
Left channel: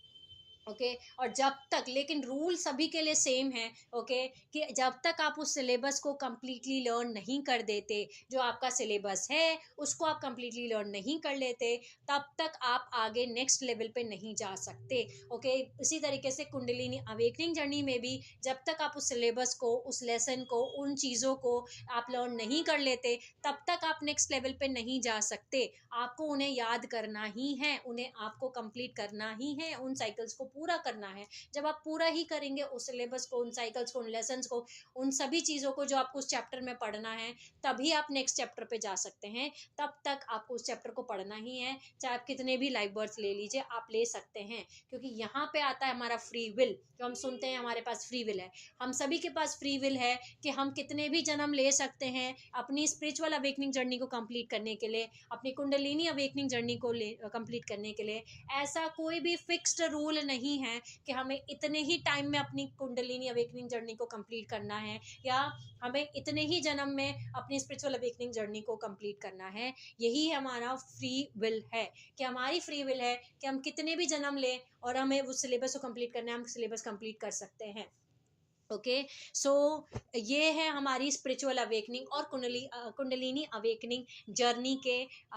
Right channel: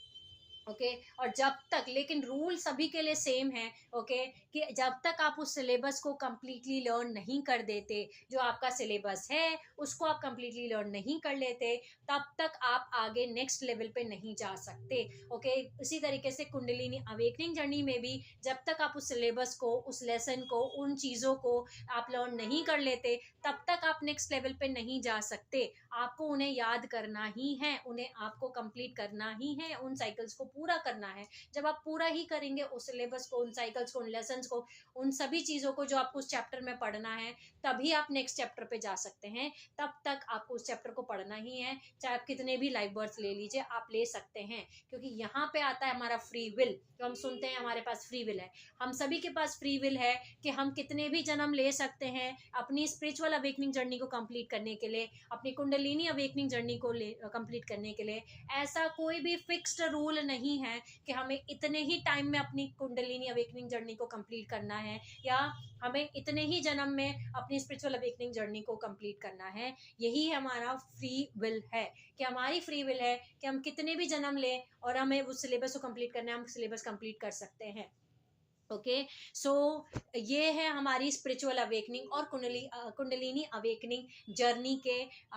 ओके और जब तक, लेकिन रूल सभी के लिए सेम है, ओके कि जब तक आप उस सिलेबस को कम्प्लीटली लर्न नहीं कर देते, जो आपका सिलेबस है उसको आप कम्प्लीटली लर्न नहीं कर लेते, तब तक आप आगे नेक्स्ट लेवल पे नहीं जा सकते। ओके इसी तरीके से कुंडलिनी अवेकनिंग जर्नी में भी जब तक आप उस सिलेबस को, उस लेसन को, उन चीज़ों को आप लर्न नहीं कर लेते, तब तक आप नेक्स्ट लेवल पे नहीं जा सकते। आपको उन्हें याद करना ही है, उन्हें आपको कंप्लीट करना ही है, उन साइकिल्स को पूरा करना है। जब आप पूरा ही करेंगे उस सिलेबस को, उन साइकिल्स को, उन लेसन्स को, उन सभी चीज़ों को जो आपको उस चैप्टर में पढ़ना है, तभी आप नेक्स्ट चैप्टर पे जा सकते हैं। तब तक आपको उस चैप्टर को पढ़ना ही है, चाहे आप कितने भी लाइफ बर्थ ले लीजिए, आप ले सकते हैं। क्योंकि यहाँ पे आता है हमारा फ्री विल। जो हम सुनते हैं हमारे पास फ्री विल है, हम सभी के पास फ्री विल है कि हम कितने भी जन्म ले सकते हैं अपनी स्पिरिचुअल अवेकनिंग जर्नी को कंप्लीट करने के लिए, अपनी कुंडलिनी अवेकनिंग जर्नी को कंप्लीट करने के लिए। ऐसा कोई भी फिक्स्ड रूल नहीं है कि हमें इतने ही टाइम में अपनी कुंडलिनी अवेकनिंग जर्नी को कंप्लीट करना है, या हमें इतने ही जन्म में अपनी स्पिरिचुअल अवेकनिंग जर्नी को कंप्लीट करना है। यही हमारा फ्री विल है, कि हमारी फ्री विल है कि हम कितने भी जन्म लें और हमें उस सिलेबस को कंप्लीट करना है, हम सिलेबस कंप्लीट कर सकते हैं। ओके सो ये है हमारी स्पिरिचुअल अवेकनिंग और कुंडलिनी अवेकनिंग जर्नी के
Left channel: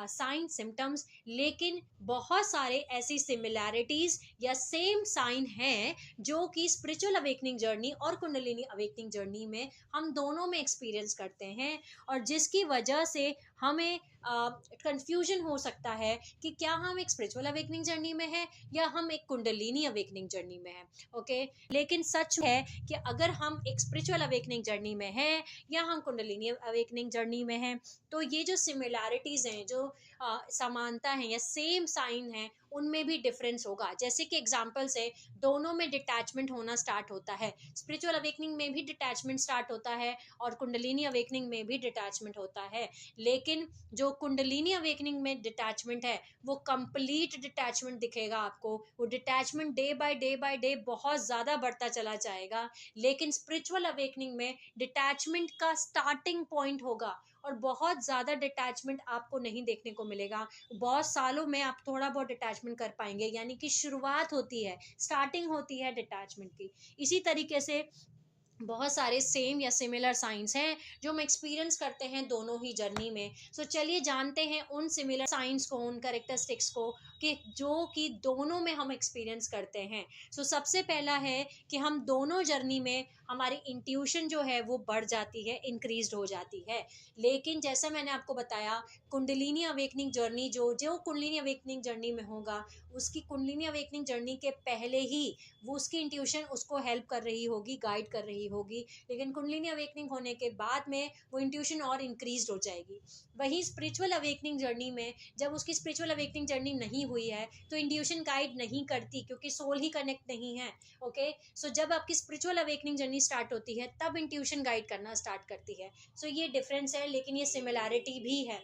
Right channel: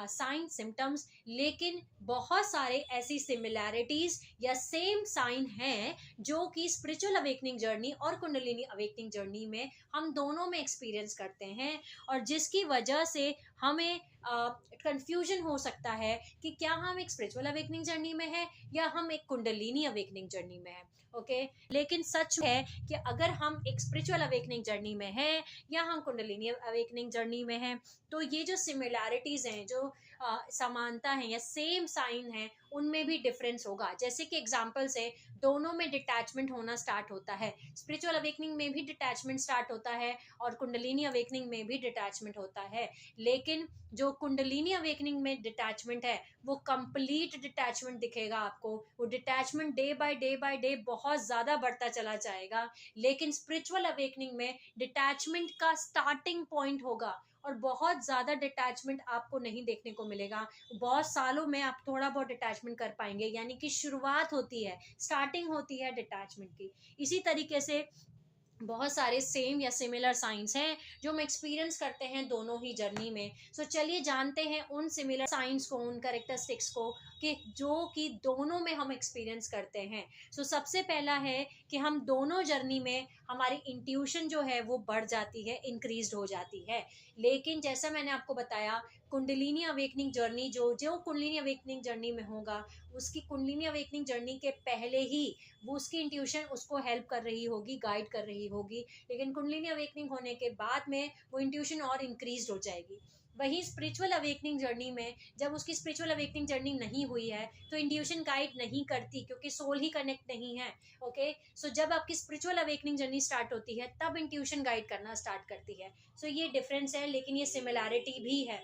साइन सिम्टम्स। लेकिन बहुत सारे ऐसी सिमिलैरिटीज या सेम साइन हैं जो कि स्पिरिचुअल अवेकनिंग जर्नी और कुंडलिनी अवेकनिंग जर्नी में हम दोनों में एक्सपीरियंस करते हैं, और जिसकी वजह से हमें कंफ्यूजन हो सकता है कि क्या हम एक स्पिरिचुअल अवेकनिंग जर्नी में हैं या हम एक कुंडलिनी अवेकनिंग जर्नी में हैं। ओके लेकिन सच है कि अगर हम एक स्पिरिचुअल अवेकनिंग जर्नी में हैं या हम कुंडलिनी अवेकनिंग जर्नी में हैं, तो ये जो सिमिलैरिटीज हैं, जो समानता है या सेम साइन है, उनमें भी डिफरेंस होगा। जैसे कि एग्जांपल से, दोनों में डिटैचमेंट होना स्टार्ट होता है, स्पिरिचुअल अवेकनिंग में भी डिटैचमेंट स्टार्ट होता है और कुंडलिनी अवेकनिंग में भी डिटैचमेंट होता है। लेकिन जो कुंडलिनी अवेकनिंग में डिटैचमेंट है वो कंप्लीट डिटैचमेंट दिखेगा आपको, वो डिटैचमेंट डे बाय डे बहुत ज़्यादा बढ़ता चला जाएगा। लेकिन स्पिरिचुअल अवेकनिंग में डिटैचमेंट का स्टार्टिंग पॉइंट होगा और बहुत ज़्यादा डिटैचमेंट आपको नहीं देखने को मिलेगा। बहुत सालों में आप थोड़ा बहुत डिटैचमेंट कर पाएंगे, यानी कि शुरुआत होती है, स्टार्टिंग होती है डिटैचमेंट की। इसी तरीके से बहुत सारे सेम या सिमिलर साइंस हैं जो हम एक्सपीरियंस करते हैं दोनों ही जर्नी में। सो चलिए जानते हैं उन सिमिलर साइंस को, उन कैरेक्टरिस्टिक्स को, कि जो कि दोनों में हम एक्सपीरियंस करते हैं। सो सबसे पहला है कि हम दोनों जर्नी में हमारी इंट्यूशन जो है वो बढ़ जाती है, इंक्रीज हो जाती है। लेकिन जैसा मैंने आपको बताया, कुंडलिनी अवेकनिंग जर्नी जो जो कुंडलिनी अवेकनिंग जर्नी में होगा, उसकी कुंडलिनी अवेकनिंग जर्नी के पहले ही वो उसकी इंट्यूशन उसको हेल्प कर रही होगी, गाइड कर रही होगी। लेकिन कुंडलिनी अवेकनिंग होने के बाद में वो इंट्यूशन और इंक्रीज हो जाएगी। वहीं स्पिरिचुअल अवेकनिंग जर्नी में, जब उसकी स्पिरिचुअल अवेकनिंग जर्नी नहीं हुई है तो इंट्यूशन गाइड नहीं करती, क्योंकि सोल ही कनेक्ट नहीं है। ओके सो जब आपकी स्पिरिचुअल अवेकनिंग जर्नी स्टार्ट होती है तब इंट्यूशन गाइड करना स्टार्ट करती है। सो ये डिफरेंस है, लेकिन ये सिमिलैरिटी भी है।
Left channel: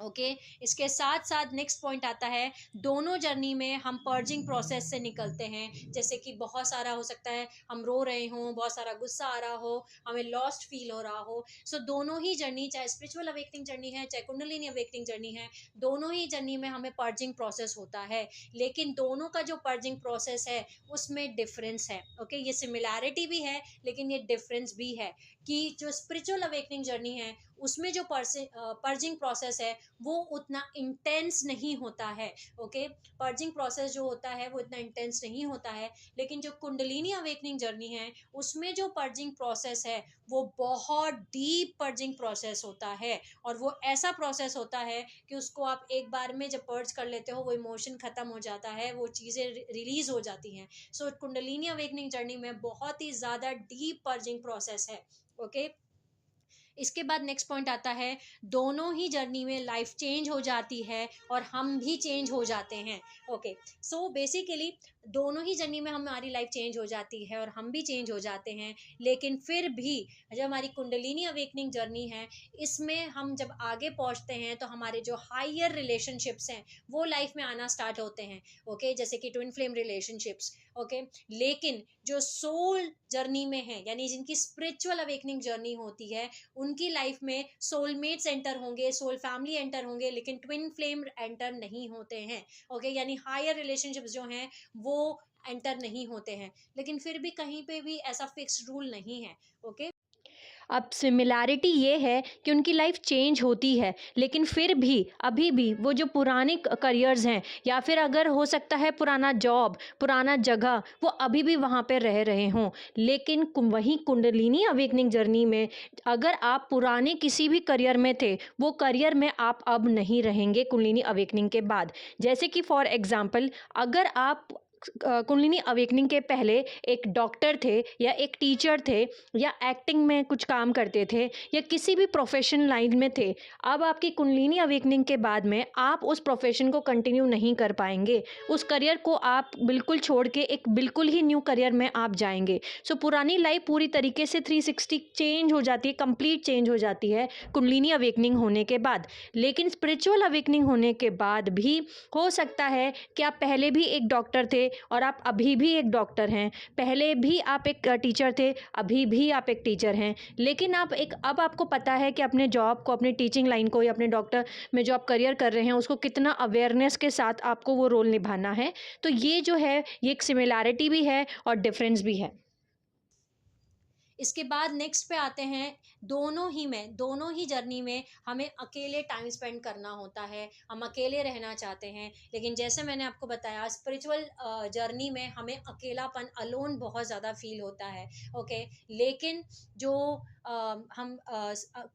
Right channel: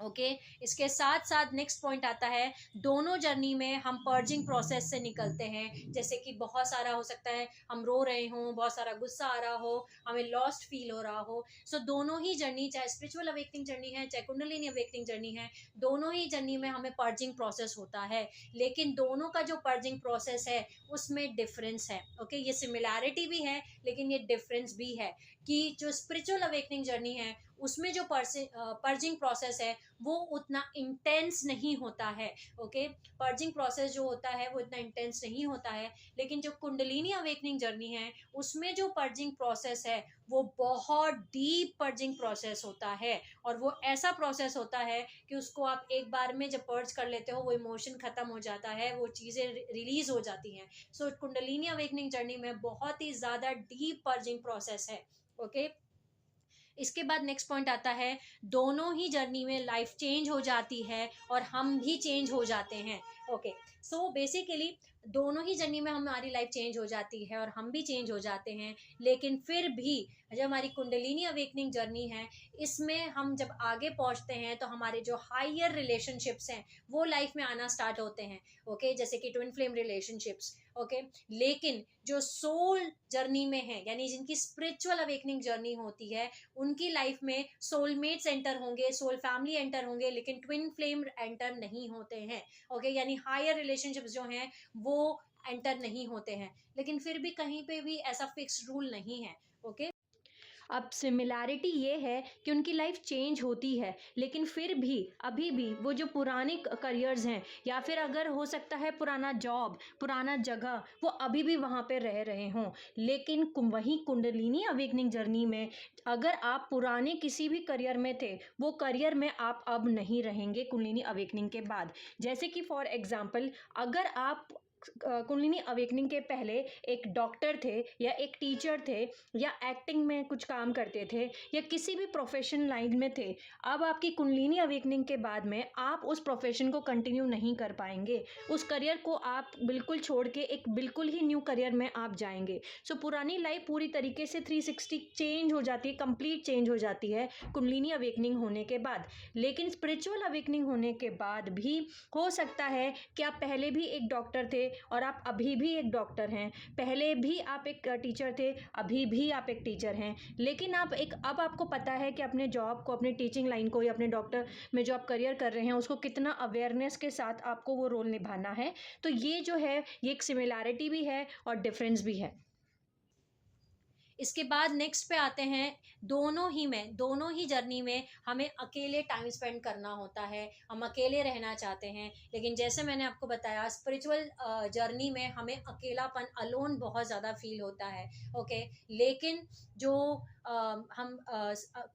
ओके इसके साथ साथ नेक्स्ट पॉइंट आता है, दोनों जर्नी में हम पर्जिंग प्रोसेस से निकलते हैं। जैसे कि बहुत सारा हो सकता है हम रो रहे हों, बहुत सारा गुस्सा आ रहा हो, हमें लॉस्ट फील हो रहा हो। सो दोनों ही जर्नी, चाहे स्पिरिचुअल अवेकनिंग जर्नी है चाहे कुंडलिनी अवेकनिंग जर्नी है, दोनों ही जर्नी में हमें पर्जिंग प्रोसेस होता है। लेकिन दोनों का जो पर्जिंग प्रोसेस है उसमें डिफरेंस है। ओके ये सिमिलैरिटी भी है लेकिन ये डिफरेंस भी है कि जो स्पिरिचुअल अवेकनिंग जर्नी है उसमें जो पर्जिंग प्रोसेस है वो उतना इंटेंस नहीं होता है। ओके पर्जिंग प्रोसेस जो होता है वो इतना इंटेंस नहीं होता है। लेकिन जो कुंडलिनी अवेकनिंग जर्नी है उसमें जो पर्जिंग प्रोसेस है वो बहुत डीप पर्जिंग प्रोसेस होता है। और वो ऐसा प्रोसेस होता है कि उसको आप एक बार में जब पर्ज कर लेते हो वो इमोशन खत्म हो जाता है, वो चीज़ें रिलीज हो जाती हैं। सो कुंडलिनी अवेकनिंग जर्नी में बहुत ही ज़्यादा डीप पर्जिंग प्रोसेस है। ओके इसके बाद नेक्स्ट पॉइंट आता है, दोनों ही जर्नी में लाइफ चेंज हो जाती है और हम भी चेंज हो जाते हैं। ओके सो बेसिकली दोनों ही जर्नी में हमारी लाइफ चेंज हो जाती है और हम भी चेंज हो जाते हैं। लेकिन फिर भी जब हमारी कुंडलिनी अवेकनिंग जर्नी है इसमें हम जब आगे पहुंचते हैं तो हमारे जो हायर रिलेशनशिप्स हैं वो लाइफ में आना स्टार्ट होते हैं। ओके जैसे कि ट्विन फ्लेम रिलेशनशिप्स। ओके लेकिन जो सोल जर्नी में है यानी जिनकी स्पिरिचुअल अवेकनिंग जर्नी होती है उनकी लाइफ में सोलमेट्स एंटर होंगे, सोल फैमिली एंटर होंगे, लेकिन ट्विन फ्लेम एंटर नहीं होते हैं। ओके यानी हायर रिलेशनशिप्स जो हैं वो एंटर नहीं होते हैं। लेकिन फिर भी कहीं पे भी ऐसा फिक्स रूल नहीं है। ओके अब सिमिलैरिटी ये है कि उनकी लाइफ चेंज होती है लेकिन फिर भी अभी भी वो जो पुराने करियर्स हैं या फिर अगर हो सकता है पुराना जॉब, पुराना जगह, वो अभी भी वहाँ पे रह रहे हों। लेकिन वहीं कुंडलिनी अवेकनिंग जर्नी में अगर आप पुराने किसी भी करियर में थे वो करियर में आप अब नहीं रहेंगे कुंडलिनी अवेकनिंग के बाद। जैसे कि फॉर एग्जांपल अगर आप कुंडलिनी अवेकनिंग के पहले एक डॉक्टर थे या एक टीचर थे या एक्टिंग में कुछ काम करते थे या किसी भी प्रोफेशन लाइन में थे, अब आपकी कुंडलिनी अवेकनिंग के बाद में आप उस प्रोफेशन को कंटिन्यू नहीं कर पाएंगे। उस करियर को आप बिल्कुल छोड़ के एक बिल्कुल ही न्यू करियर में आप जाएंगे। सो पुरानी लाइफ पूरी तरीके से 360 चेंज हो जाती है, कंप्लीट चेंज हो जाती है कुंडलिनी अवेकनिंग होने के बाद। लेकिन स्पिरिचुअल अवेकनिंग होने के बाद भी हो सकता है कि आप पहले भी एक डॉक्टर थे और आप अभी भी एक डॉक्टर हैं, पहले भी आप एक टीचर थे, अभी भी आप एक टीचर हैं। लेकिन आप एक अब आपको पता है कि अपने जॉब को, अपनी टीचिंग लाइन को या अपने डॉक्टर में जो आप करियर कर रहे हैं उसको कितना अवेयरनेस के साथ आपको वो रोल निभाना है। तो ये जो है ये एक सिमिलैरिटी भी है और डिफरेंस भी है। इसके बाद नेक्स्ट पे आते हैं, दोनों ही जर्नी में हमें अकेले टाइम स्पेंड करना होता है, हम अकेले रहना चाहते हैं। लेकिन जैसे मैंने आपको बताया स्पिरिचुअल जर्नी में हमें अकेलापन, अलोन बहुत ज़्यादा फील होता है। ओके लेकिन जो हम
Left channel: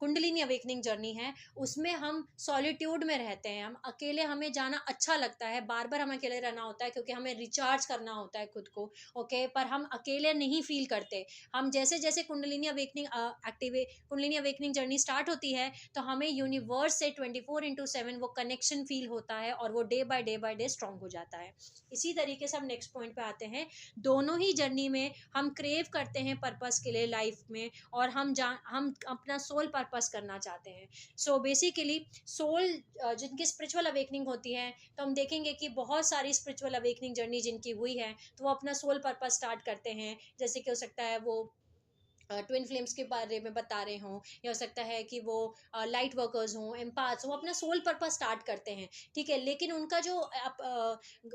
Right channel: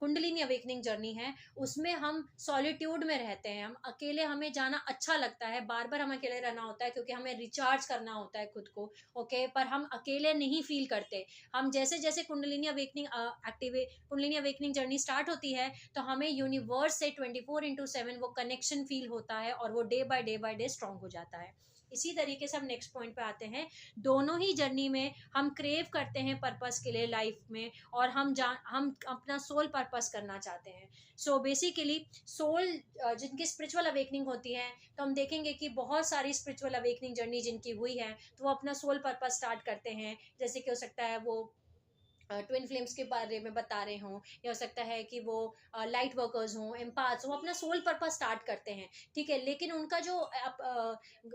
कुंडलिनी अवेकनिंग जर्नी है उसमें हम सॉलिट्यूड में रहते हैं, हम अकेले, हमें जाना अच्छा लगता है, बार बार हमें अकेले रहना होता है क्योंकि हमें रिचार्ज करना होता है खुद को। ओके पर हम अकेले नहीं फील करते। हम जैसे जैसे कुंडलिनी अवेकनिंग जर्नी स्टार्ट होती है तो हमें यूनिवर्स से 24/7 वो कनेक्शन फील होता है और वो डे बाय डे स्ट्रांग हो जाता है। इसी तरीके से हम नेक्स्ट पॉइंट पे आते हैं, दोनों ही जर्नी में हम क्रेव करते हैं पर्पस के लिए लाइफ में और हम अपना सोल पर्पस करना चाहते हैं। सो बेसिकली सोल जिनकी स्पिरिचुअल अवेकनिंग होती है तो हम देखेंगे कि बहुत सारी स्पिरिचुअल अवेकनिंग जर्नी जिनकी हुई है तो वो अपना सोल पर्पस स्टार्ट करते हैं। जैसे कि हो सकता है वो ट्विन फ्लेम्स के बारे में बता रहे हों, या हो सकता है कि वो लाइट वर्कर्स हों, एम्पाथ्स, वो अपना सोल पर्पस स्टार्ट करते हैं। ठीक है लेकिन उनका जो आप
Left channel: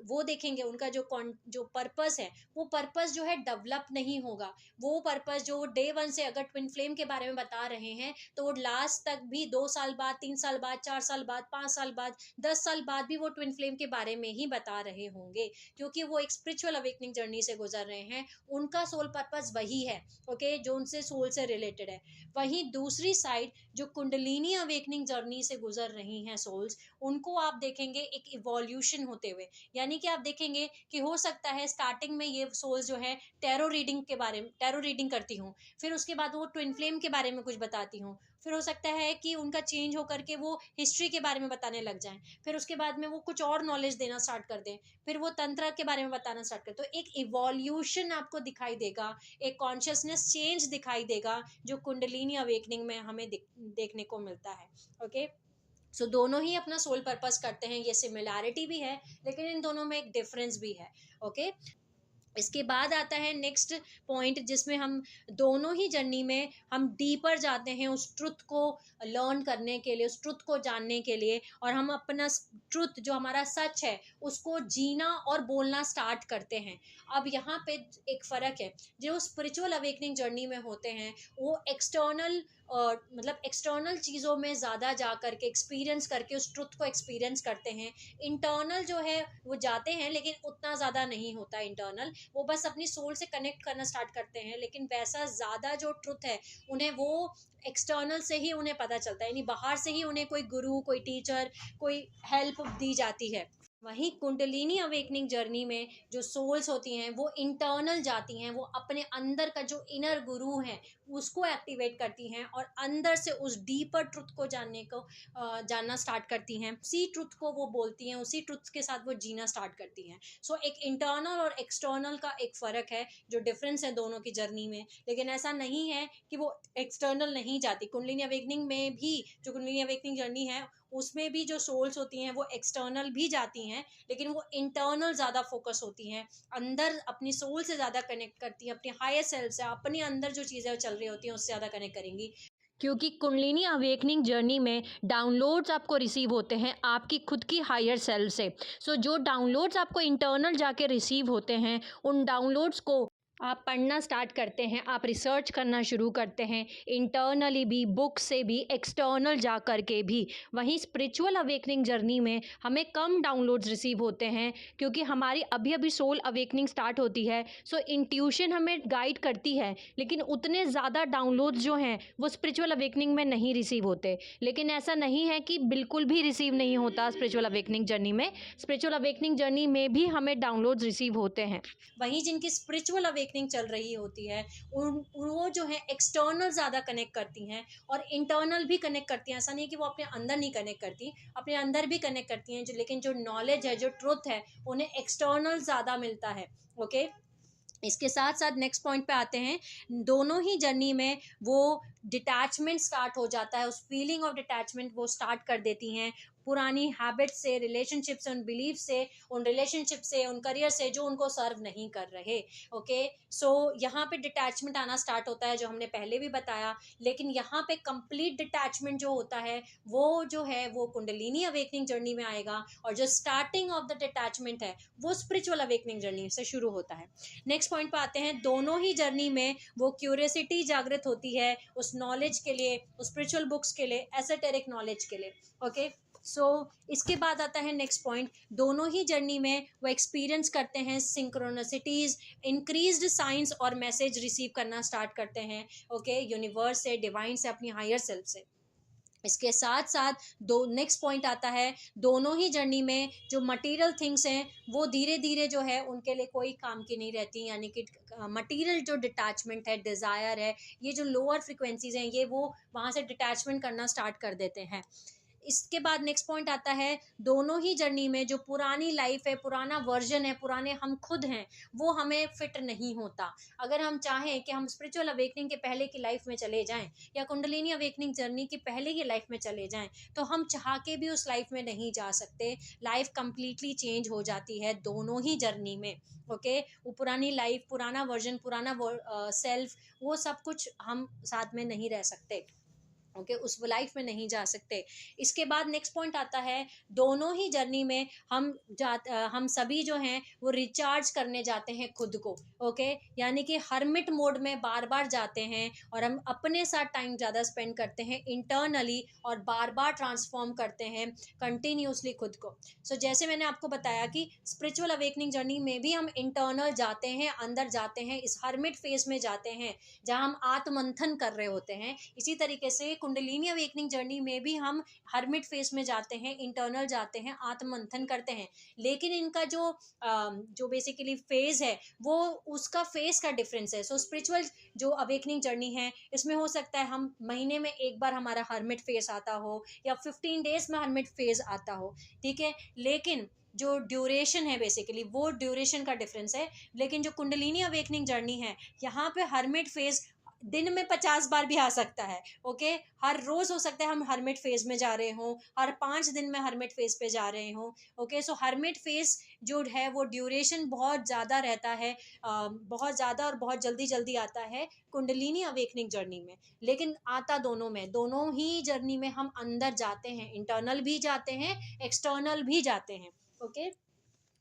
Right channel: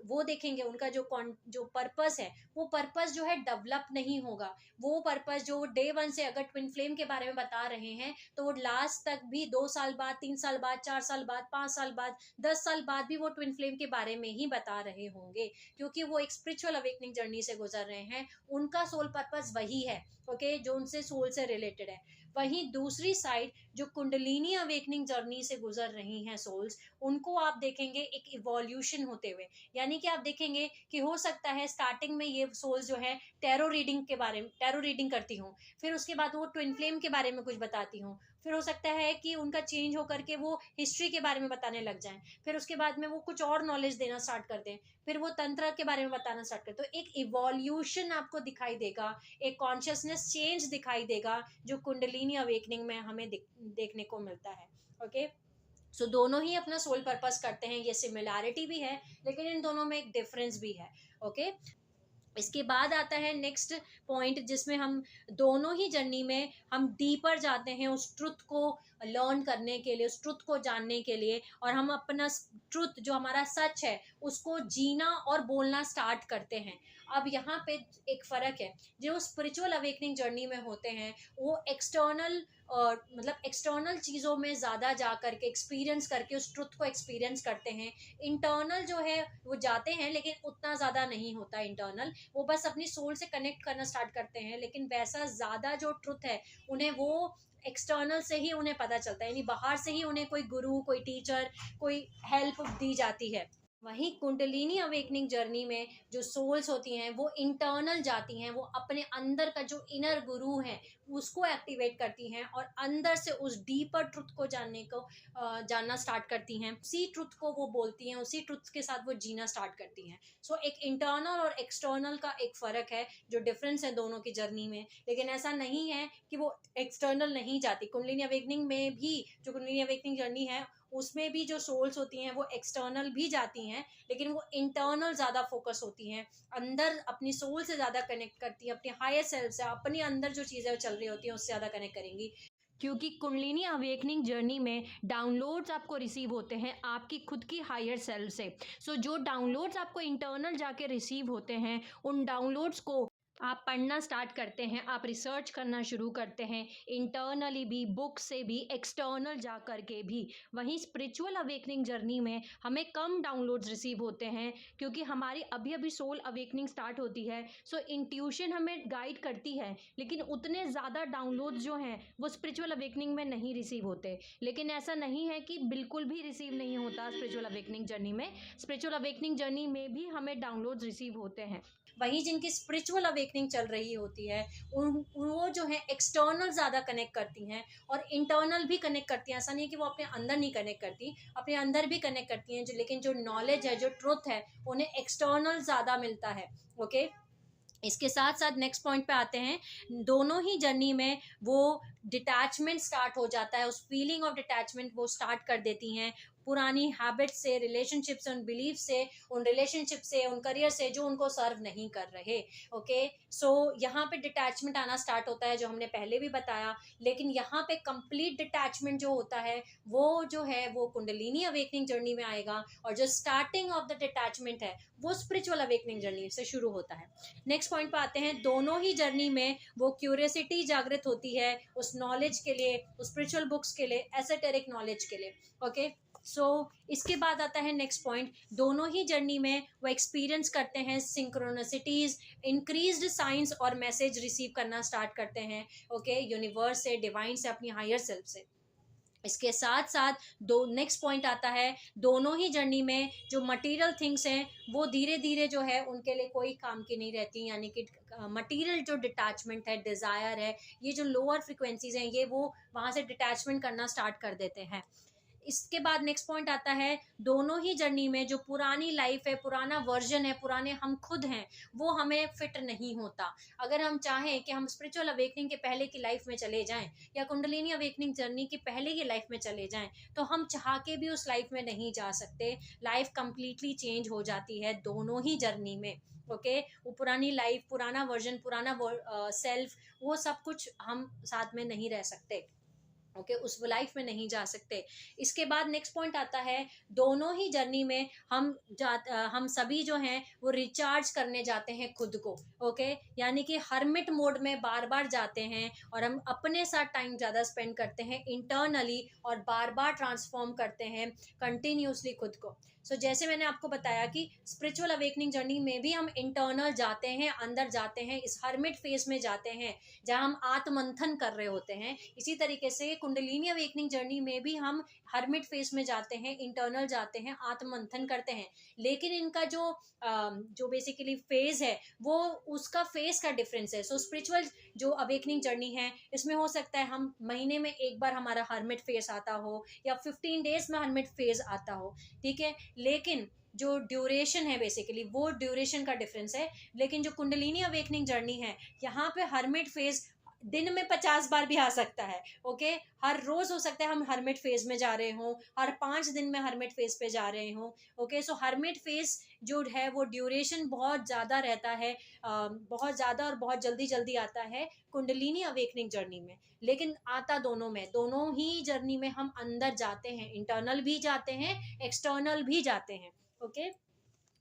वो देखेंगे उनका जो पर्पस है वो पर्पस जो है डेवलप नहीं होगा। वो पर्पस जो डे वन से अगर ट्विन फ्लेम के बारे में बता रहे हैं तो वो लास्ट तक भी 2 साल बाद, 3 साल बाद, 4 साल बाद, 5 साल बाद, 10 साल बाद भी वो ट्विन फ्लेम के बारे में ही बता रहे होंगे क्योंकि वो एक स्पिरिचुअल अवेकनिंग जर्नी से गुजर रहे हैं। उनका सोल पर्पस वही है। ओके जो उनसे सोल से रिलेटेड है। वहीं दूसरी साइड जो कुंडलिनी अवेकनिंग जर्नी से गुजर रही हैं सोल्स, उनको आप देखेंगे एक इवोल्यूशन होते हुए। यानी कि आप देखेंगे कि हो सकता है स्टार्टिंग में ये सोल्स जो है टैरो रीडिंग करती हूँ, फिर उसके बाद वो ट्विन फ्लेम के बारे में कुछ बताती हूँ, फिर हो सकता है कि उनका चेंज होकर के वो हिस्ट्री के बारे में बताने लग जाएं, फिर उसके बाद में वो कुछ और नॉलेज देना स्टार्ट कर दें, फिर वो तंत्र के बारे में बताना स्टार्ट कर। तो एक इवोल्यूशन आपको दिखाई देगा, एक कॉन्शियसनेस चेंज दिखाई देगा जो कुंडलिनी अवेकनिंग में हमें देखने को मिलता है। ओके सो दोनों ही अपना सोल पर्पस करते हैं, ये सिमिलैरिटी भी है लेकिन इन दोनों में एक डिफरेंस भी है। ओके, इसके बाद आता है नेक्स्ट पॉइंट, जिसमें हम दोनों ही जर्नी में हम डीपर जाते हैं उस ट्रुथ को लर्न करने के लिए, उस ट्रुथ को जानने के लिए, और हम अपना ट्रुथ जो हमारा सच है उसको जीना और बोलना स्टार्ट करते हैं। अब यहाँ पे एक फ़र्क है, जो स्पिरिचुअल अवेकनिंग जर्नी में होते हैं वो एक्सटर्नल मतलब एक्सटर्नल चीज़ों में ज़्यादा जा करके एक्सपीरियंस करके उस ट्रुथ को एक्सपीरियंस करते हैं। इंटरनल जो है वो जाते हैं लेकिन उतना ज़्यादा नहीं होता इंटरनल, वो बस अपनी सोल से कनेक्ट करना स्टार्ट करते हैं, लेकिन वैसा ज़्यादा जो ट्रुथ है उन्हें वो एक्सटर्नल से ही उन्हें पता चलता है, यानी बाहर से ही उन्हें कोई गुरु, कोई टीचर, कोई हेल्प दी जाती है। वहीं कुंडलिनी अवेकनिंग जर्नी में जो सोल्स होती हैं वो इंटरनल जाती हैं, वो अपने अंदर का जो इनर गुरु है उसको एक्टिवेट करती हैं और अंदर से उस डीपर ट्रुथ को जानना स्टार्ट करती हैं, उसी ट्रुथ को वो बोलती हैं, उसी ट्रुथ के साथ वो जीना स्टार्ट करती हैं। सो एक इंटरनल और एक्सटर्नल का एक फ़र्क है, जो डिफरेंस है दोनों की जर्नी में। लेकिन ऐसा नहीं है कि वो एक्सटर्नल नहीं जाती। कुंडलिनी अवेकनिंग में भी, जो कुंडलिनी अवेकनिंग जर्नी है उसमें भी जो सोल्स होती हैं वो एक्सटर्नल भी जाती हैं, लेकिन वो इंटरनल ज़्यादा फोकस होती हैं, अंदर अपनी सोल से ज़्यादा कनेक्ट करती हैं, अपने हायर सेल्फ से, अपने अंदर जो चीज़ें चल रही होती हैं उससे ज़्यादा कनेक्ट करेंगी। क्योंकि कुंडलिनी अवेकनिंग जर्नी में डाउनलोड्स आपको रिसीव होते हैं आपकी खुद की हायर सेल्फ से। सो जो डाउनलोड्स आपको इंटरनल जाके रिसीव होते हैं उन डाउनलोड्स को आप पढ़ना स्टार्ट करते हैं, आप रिसर्च करना शुरू करते हैं, इंटरनली भी, बुक से भी, एक्सटर्नल जा कर के भी। वहीं स्पिरिचुअल अवेकनिंग जर्नी में हमें कम डाउनलोड्स रिसीव होते हैं क्योंकि हमारी अभी अभी सोल अवेकनिंग स्टार्ट होती है। सो इंट्यूशन हमें गाइड करती है, लेकिन उतने ज़्यादा डाउनलोड्स जो हैं वो स्पिरिचुअल अवेकनिंग में नहीं रिसीव होते। लेकिन ऐसा नहीं है कि बिल्कुल भी रिसीव नहीं होता स्पिरिचुअल अवेकनिंग जर्नी में। स्पिरिचुअल अवेकनिंग जर्नी में भी हमें डाउनलोड्स रिसीव होते हैं। वहीं जिनकी स्पिरिचुअल अवेकनिंग चल रही होती है वो जो है एक्सटर्नल ज़्यादा कनेक्ट करती हैं और इंटरनल भी कनेक्ट करती हैं। ऐसा नहीं है कि वो अपने अंदर नहीं कनेक्ट करती, अपने अंदर भी कनेक्ट करती हैं, लेकिन जो नॉलेज है, जो ट्रुथ है, उन्हें एक्सटर्नल ज़्यादा मिलता है। ओके, इसके साथ साथ नेक्स्ट पॉइंट पे आते हैं, दोनों ही जर्नी में वो डिटैचमेंट स्टार्ट हो जाता है, उस फीलिंग ऑफ डिटैचमेंट वो स्टार्ट कर देती हैं पुरानी हैबिट से, रिलेशनशिप से, उन बिलीफ से, उन रिलेशनशिप से, उन करियर से जो उनको सर्व नहीं कर रहे। ओके, सो यहाँ पे डिटैचमेंट आना स्टार्ट होता है, जो हमने पहले भी बताया। लेकिन यहाँ पे कंप्लीट डिटैचमेंट जो होता है वो जो है वो कुंडलिनी अवेकनिंग जर्नी में आएगा, और जो स्टार्टिंग ऑफ द डिटैचमेंट है वो स्पिरिचुअल अवेकनिंग जर्नी से शुरू होता है। नेक्स्ट पॉइंट पे आते हैं, दोनों ही जर्नी में वो क्यूरियोसिटी जागृत होती है उस नॉलेज के लिए, उस स्पिरिचुअल बुक्स के लिए, एसोटेरिक नॉलेज के लिए। ओके, सो इसके बाद आता है नेक्स्ट पॉइंट, दोनों ही जर्नी में वो एक्सपीरियंस करते हैं सिंक्रोनिसिटीज़, इंक्रीज्ड साइंस और मैसेज रिसीव करना स्टार्ट करते हैं। ओके, यूनिवर्स से, डिवाइन से, अपनी हायर सेल्फ से। इसके साथ साथ दो नेक्स्ट पॉइंट आता है, दोनों ही जर्नी में जो मटेरियल थिंग्स हैं वो धीरे धीरे जो है उनके लिए कोई काम की नहीं रहती, यानी कि मटेरियल जो डिटैचमेंट है, डिज़ायर है, ये जो लोअर फ्रिक्वेंसीज हैं ये वो वहाँ से डिटैचमेंट करना स्टार्ट कर देते हैं। इसके बाद नेक्स्ट पॉइंट आता है, दोनों ही जर्नी में जो पुरानी लाइफ है, पुराना वर्जन है, पुराने हम खुद हैं, वो हमें फिट नहीं होता। अगर हम चाहें कि हम स्पिरिचुअल अवेकनिंग के पहले की लाइफ में चले जाएं या कुंडलिनी अवेकनिंग जर्नी की पहले की लाइफ में चले जाएं, तो हम चाह के भी उस लाइफ में नहीं जा सकते। लाइफ कंप्लीटली चेंज हो जाती है दोनों ही जर्नी में। ओके, वो पुरानी लाइफ, पुराना वर्जन, पुराना सेल्फ, वो सब कुछ हम साथ में नहीं रह सकते। ओके, उस लाइफ में नहीं जा सकते। इसके बाद नेक्स्ट पॉइंट आता है, दोनों ही जर्नी में हम सभी जो हैं वो रिचार्ज करने जाते हैं खुद को। ओके, यानी कि हर्मिट मोड में बार बार जाते हैं और हम अपने साथ टाइम ज़्यादा स्पेंड करते हैं इंटरनली, और बार बार ट्रांसफॉर्म करते हैं कंटिन्यूसली खुद को। सो जैसे मैंने आपको बताया कि स्पिरिचुअल अवेकनिंग जर्नी में भी हम इंटरनल जाते हैं, अंदर जाते हैं, इस हर्मिट फेज में जाते हैं जहाँ हम आत्ममंथन कर रहे होते हैं। इसी तरीके से कुंडलिनी अवेकनिंग जर्नी में भी हम हर्मिट फेज में जाते हैं, इंटरनल जाते हैं, आत्ममंथन करते हैं। लेकिन इनका जो बेसिकली फेज है वो उसका फेज का डिफरेंस है। सो स्पिरिचुअल जो अवेकनिंग जर्नी है इसमें हो सकता है हम महीने में एक बार हमारा हर्मिट फेज आता हो या 15 डेज में हर्मिट फेज आता हो, ठीक है। लेकिन जो ड्यूरेशन है बेसिकली वो ड्यूरेशन का डिफरेंस है। लेकिन जो कुंडलिनी अवेकनिंग जर्नी है यहाँ पे हर्मिट फेज दिन में 50 बार भी आ सकता है। ओके, हर रोज हो सकता है हम हर्मिट फेज में जा रहे हों, हर 5 दिन में हर्मिट फेज पे जा रहे हों। ओके, सो हर्मिट फेज जो है वो ड्यूरेशन बहुत ज़्यादा रहता है, बहुत ज़्यादा और बहुत जल्दी जल्दी आता है कुंडलिनी अवेकनिंग जर्नी में। लेकिन आता दोनों में, दोनों ही जर्नी में हम अंदर जाते हैं, इंटरनल भी जाते हैं, एक्सटर्नल भी जाते हैं। ओके,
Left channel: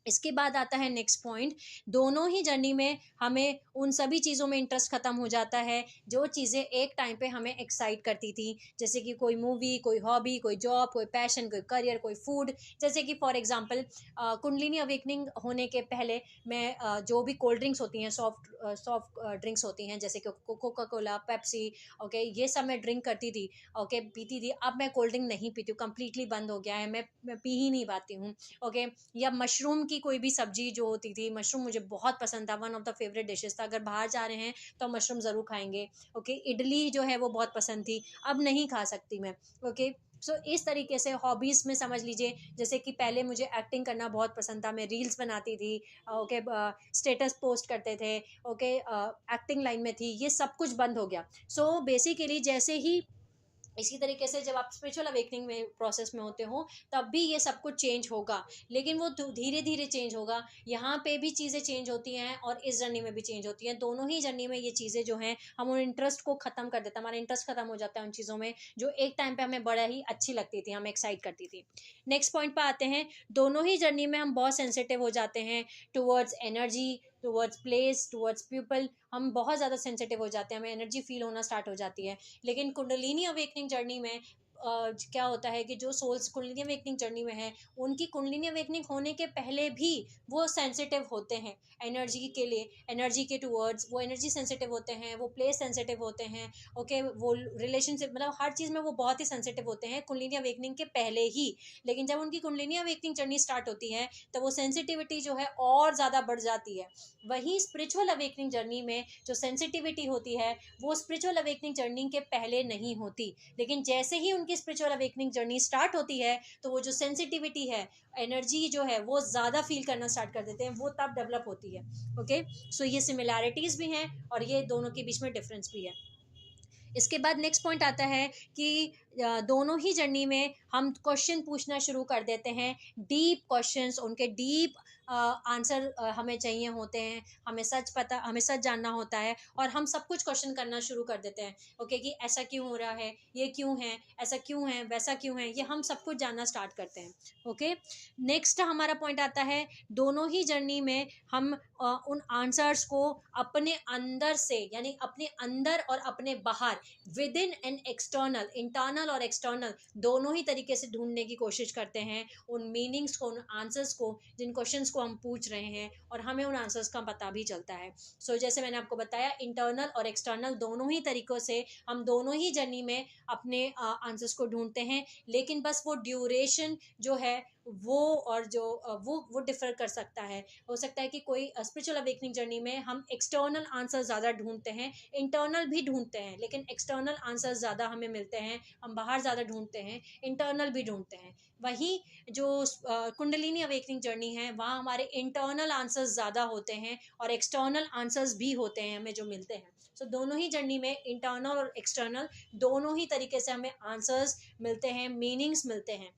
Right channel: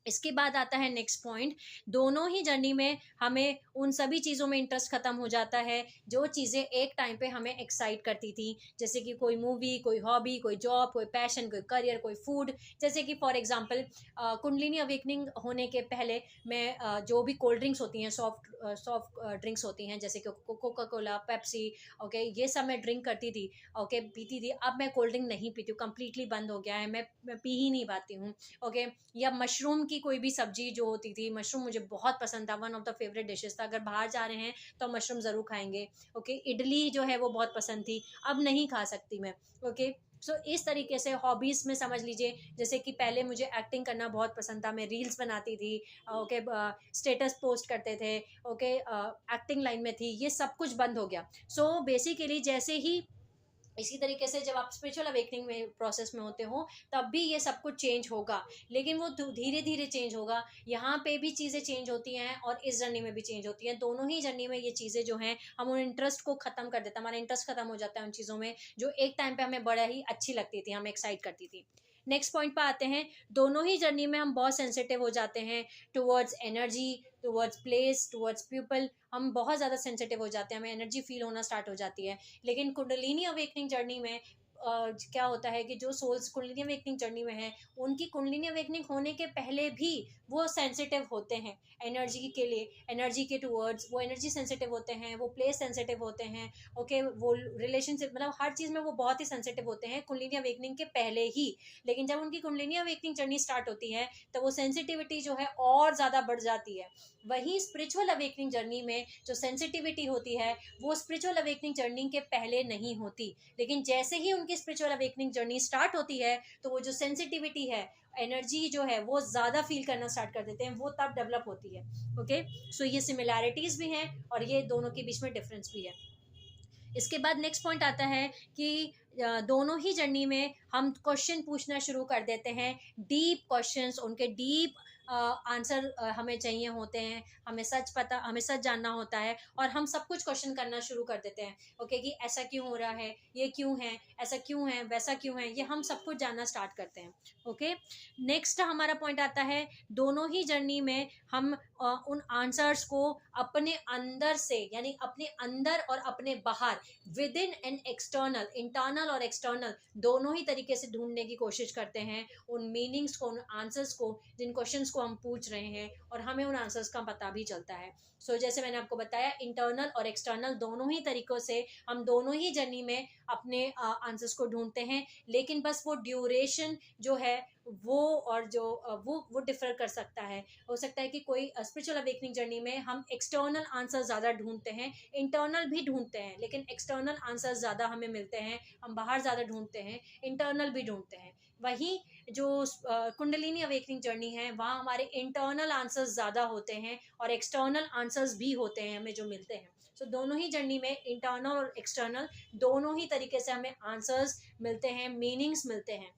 इसके बाद आता है नेक्स्ट पॉइंट, दोनों ही जर्नी में हमें उन सभी चीज़ों में इंटरेस्ट खत्म हो जाता है जो चीज़ें एक टाइम पे हमें एक्साइट करती थी, जैसे कि कोई मूवी, कोई हॉबी, कोई जॉब, कोई पैशन, कोई करियर, कोई फूड। जैसे कि फॉर एग्जांपल कुंडलिनी अवेकनिंग होने के पहले मैं जो भी कोल्ड ड्रिंक्स होती हैं, सॉफ्ट ड्रिंक्स होती हैं, जैसे कि कोका कोला, पेप्सी, ओके, ये सब मैं ड्रिंक करती थी। ओके, पीती थी। अब मैं कोल्ड ड्रिंक नहीं पीती हूँ, कंप्लीटली बंद हो गया है, मैं पी ही नहीं पाती हूँ। ओके, या मशरूम की कोई भी सब्जी जो होती थी, मशरूम मुझे बहुत पसंद था, one of the favourite dishes था। अगर बाहर जा रहे हैं तो हम मशरूम ज़रूर खाएंगे। ओके, इडली जो है वो बहुत पसंद थी, अब नहीं खा सकती मैं। ओके, सो इस तरीके से हॉबीज़ में समझ लीजिए, जैसे कि पहले मुझे एक्टिंग करना बहुत पसंद था, मैं रील्स बनाती थी। ओके, स्टेटस पोस्ट करते थे। ओके, एक्टिंग लाइन में थी, ये सब कुछ बंद हो गया। सो बेसिकली जैसे ही इसी तरीके से जब आप स्पिरिचुअल अवेकनिंग में प्रोसेस में होते हो तब भी ये सब कुछ चेंज होगा, लेकिन वो धीरे धीरे चेंज होगा। यहाँ पे भी चीज़ें चेंज होती हैं और इस जर्नी में भी चेंज होती हैं। दोनों ही जर्नी में ये चीज़ें जो हैं हम उन इंटरेस्ट को ख़त्म कर देते हैं, हमारा इंटरेस्ट ख़त्म हो जाता है उन चीज़ों में जो एक टाइम पे हमें बड़ा ही अच्छी लगती थी, हमें एक्साइट करती थी। नेक्स्ट पॉइंट पर आते हैं, दोनों ही जर्नी में हम बहुत सेंसिटिव हो जाते हैं towards energy, towards place, towards people. हम बहुत ज़्यादा सेंसिटिव हो जाते हैं, हमें एनर्जी फील होना स्टार्ट हो जाती है। लेकिन कुंडलिनी अवेकनिंग जर्नी में क्या होता है कि जो सोल्स कुंडलिनी अवेकनिंग जर्नी में हैं, उनकी कुंडलिनी अवेकनिंग होने के पहले भी वो सेंसिटिव होते हैं एनर्जी के लिए, एनर्जी के टुवर्ड्स वो एनर्जी सेंसिटिव होते हैं, वो प्लेस सेंसिटिव होते हैं। ओके, वो रिलेशनशिप, मतलब हर चीज़ में वो बहुत ही सेंसिटिव होते हैं कुंडलिनी अवेकनिंग के पहले ही। लेकिन जब उनकी कुंडलिनी अवेकनिंग जर्नी स्टार्ट होती है तो वो सेंसिटिविटी जो है और ज़्यादा बढ़ जाती है। वहीं स्पिरिचुअल अवेकनिंग जर्नी में जो सेंसिटिविटी होती है वो स्पिरिचुअल अवेकनिंग जर्नी के पहले नहीं होती, लेकिन जैसे ही उनकी स्पिरिचुअल अवेकनिंग जर्नी स्टार्ट होती है तो वो जो सेंसिटिविटी है, एनर्जी जो है वो ज़्यादा फील करना स्टार्ट कर देते हैं, वो तब डेवलप होती है। ओके, सो ये सिमिलैरिटीज़ भी हैं और ये दोनों के बीच में डिफरेंस भी है। इसके बाद नेक्स्ट पॉइंट आता है कि दोनों ही जर्नी में हम क्वेश्चन पूछना शुरू कर देते हैं, डीप क्वेश्चंस, उनके डीप आंसर हमें चाहिए होते हैं, हमें सच जानना होता है और हम सब कुछ क्वेश्चन करना शुरू कर देते हैं। ओके, कि ऐसा क्यों हो रहा है, ये क्यों है, ऐसा क्यों है, वैसा क्यों है, ये हम सब कुछ जानना स्टार्ट करते हैं। ओके, नेक्स्ट हमारा पॉइंट आता है, दोनों ही जर्नी में हम उन आंसर्स को अपने अंदर से, यानी अपने अंदर और अपने बाहर, with in and external, internal और एक्सटर्नल, दोनों ही तरीके से ढूंढने की कोशिश करते हैं उन मीनिंग्स को, उन आंसर्स को, जिन क्वेश्चंस को हम पूछ रहे हैं, और हमें उन आंसर्स का पता भी चलता है। सो जैसे मैंने आपको बताया, इंटरनल और एक्सटर्नल दोनों ही तरीकों से हम दोनों ही जर्नी में अपने आंसर्स को ढूंढते हैं, लेकिन बस वो ड्यूरेशन जो है वो, और जो वो डिफर कर सकता है। हो सकता है कि कोई स्पिरिचुअल अवेकनिंग जर्नी में हम एक्सटर्नल आंसर ज़्यादा ढूंढते हैं, इंटरनल भी ढूंढते हैं, लेकिन एक्सटर्नल आंसर ज़्यादा हमें मिलते हैं, हम बाहर ज़्यादा ढूंढते हैं, इंटरनल भी ढूंढते हैं। वहीं जो कुंडलिनी अवेकनिंग जर्नी है वहाँ हमारे इंटरनल आंसर्स ज़्यादा होते हैं और एक्सटर्नल आंसर्स भी होते हैं हमें जो मिलते हैं। सो दोनों ही जर्नी में इंटरनल और एक्सटर्नल दोनों ही तरीके से हमें आंसर्स मिलते हैं, मीनिंग्स मिलते हैं।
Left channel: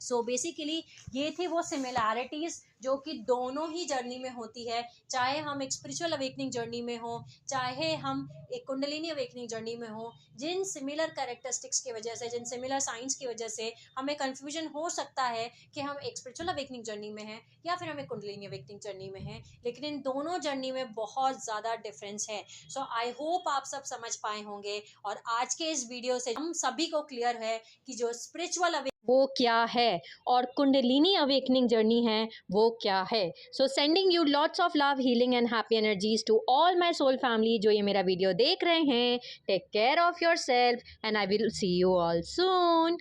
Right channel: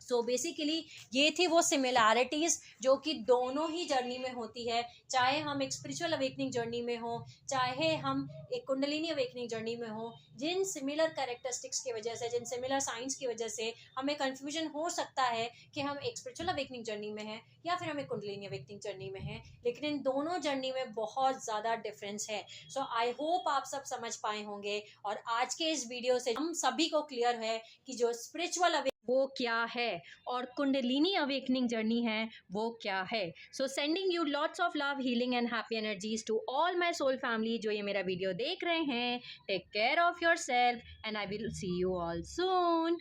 सो बेसिकली ये थी वो सिमिलैरिटीज़ जो कि दोनों ही जर्नी में होती है, चाहे हम एक स्पिरिचुअल अवेकनिंग जर्नी में हो, चाहे हम एक कुंडलिनी अवेकनिंग जर्नी में हो। जिन सिमिलर कैरेक्टरिस्टिक्स की वजह से, जिन सिमिलर साइंस की वजह से हमें कन्फ्यूजन हो सकता है कि हम एक स्पिरिचुअल अवेकनिंग जर्नी में हैं या फिर हम एक कुंडलिनी अवेकनिंग जर्नी में हैं, लेकिन इन दोनों जर्नी में बहुत ज़्यादा डिफरेंस है। सो आई होप आप सब समझ पाए होंगे, और आज के इस वीडियो से हम सभी को क्लियर है कि जो स्पिरिचुअल वो क्या है और कुंडलिनी अवेकनिंग जर्नी है वो क्या है। So sending you lots of love, healing and happy energies to all my soul family जो ये मेरा वीडियो देख रहे हैं। Take care of yourself and I will see you all soon.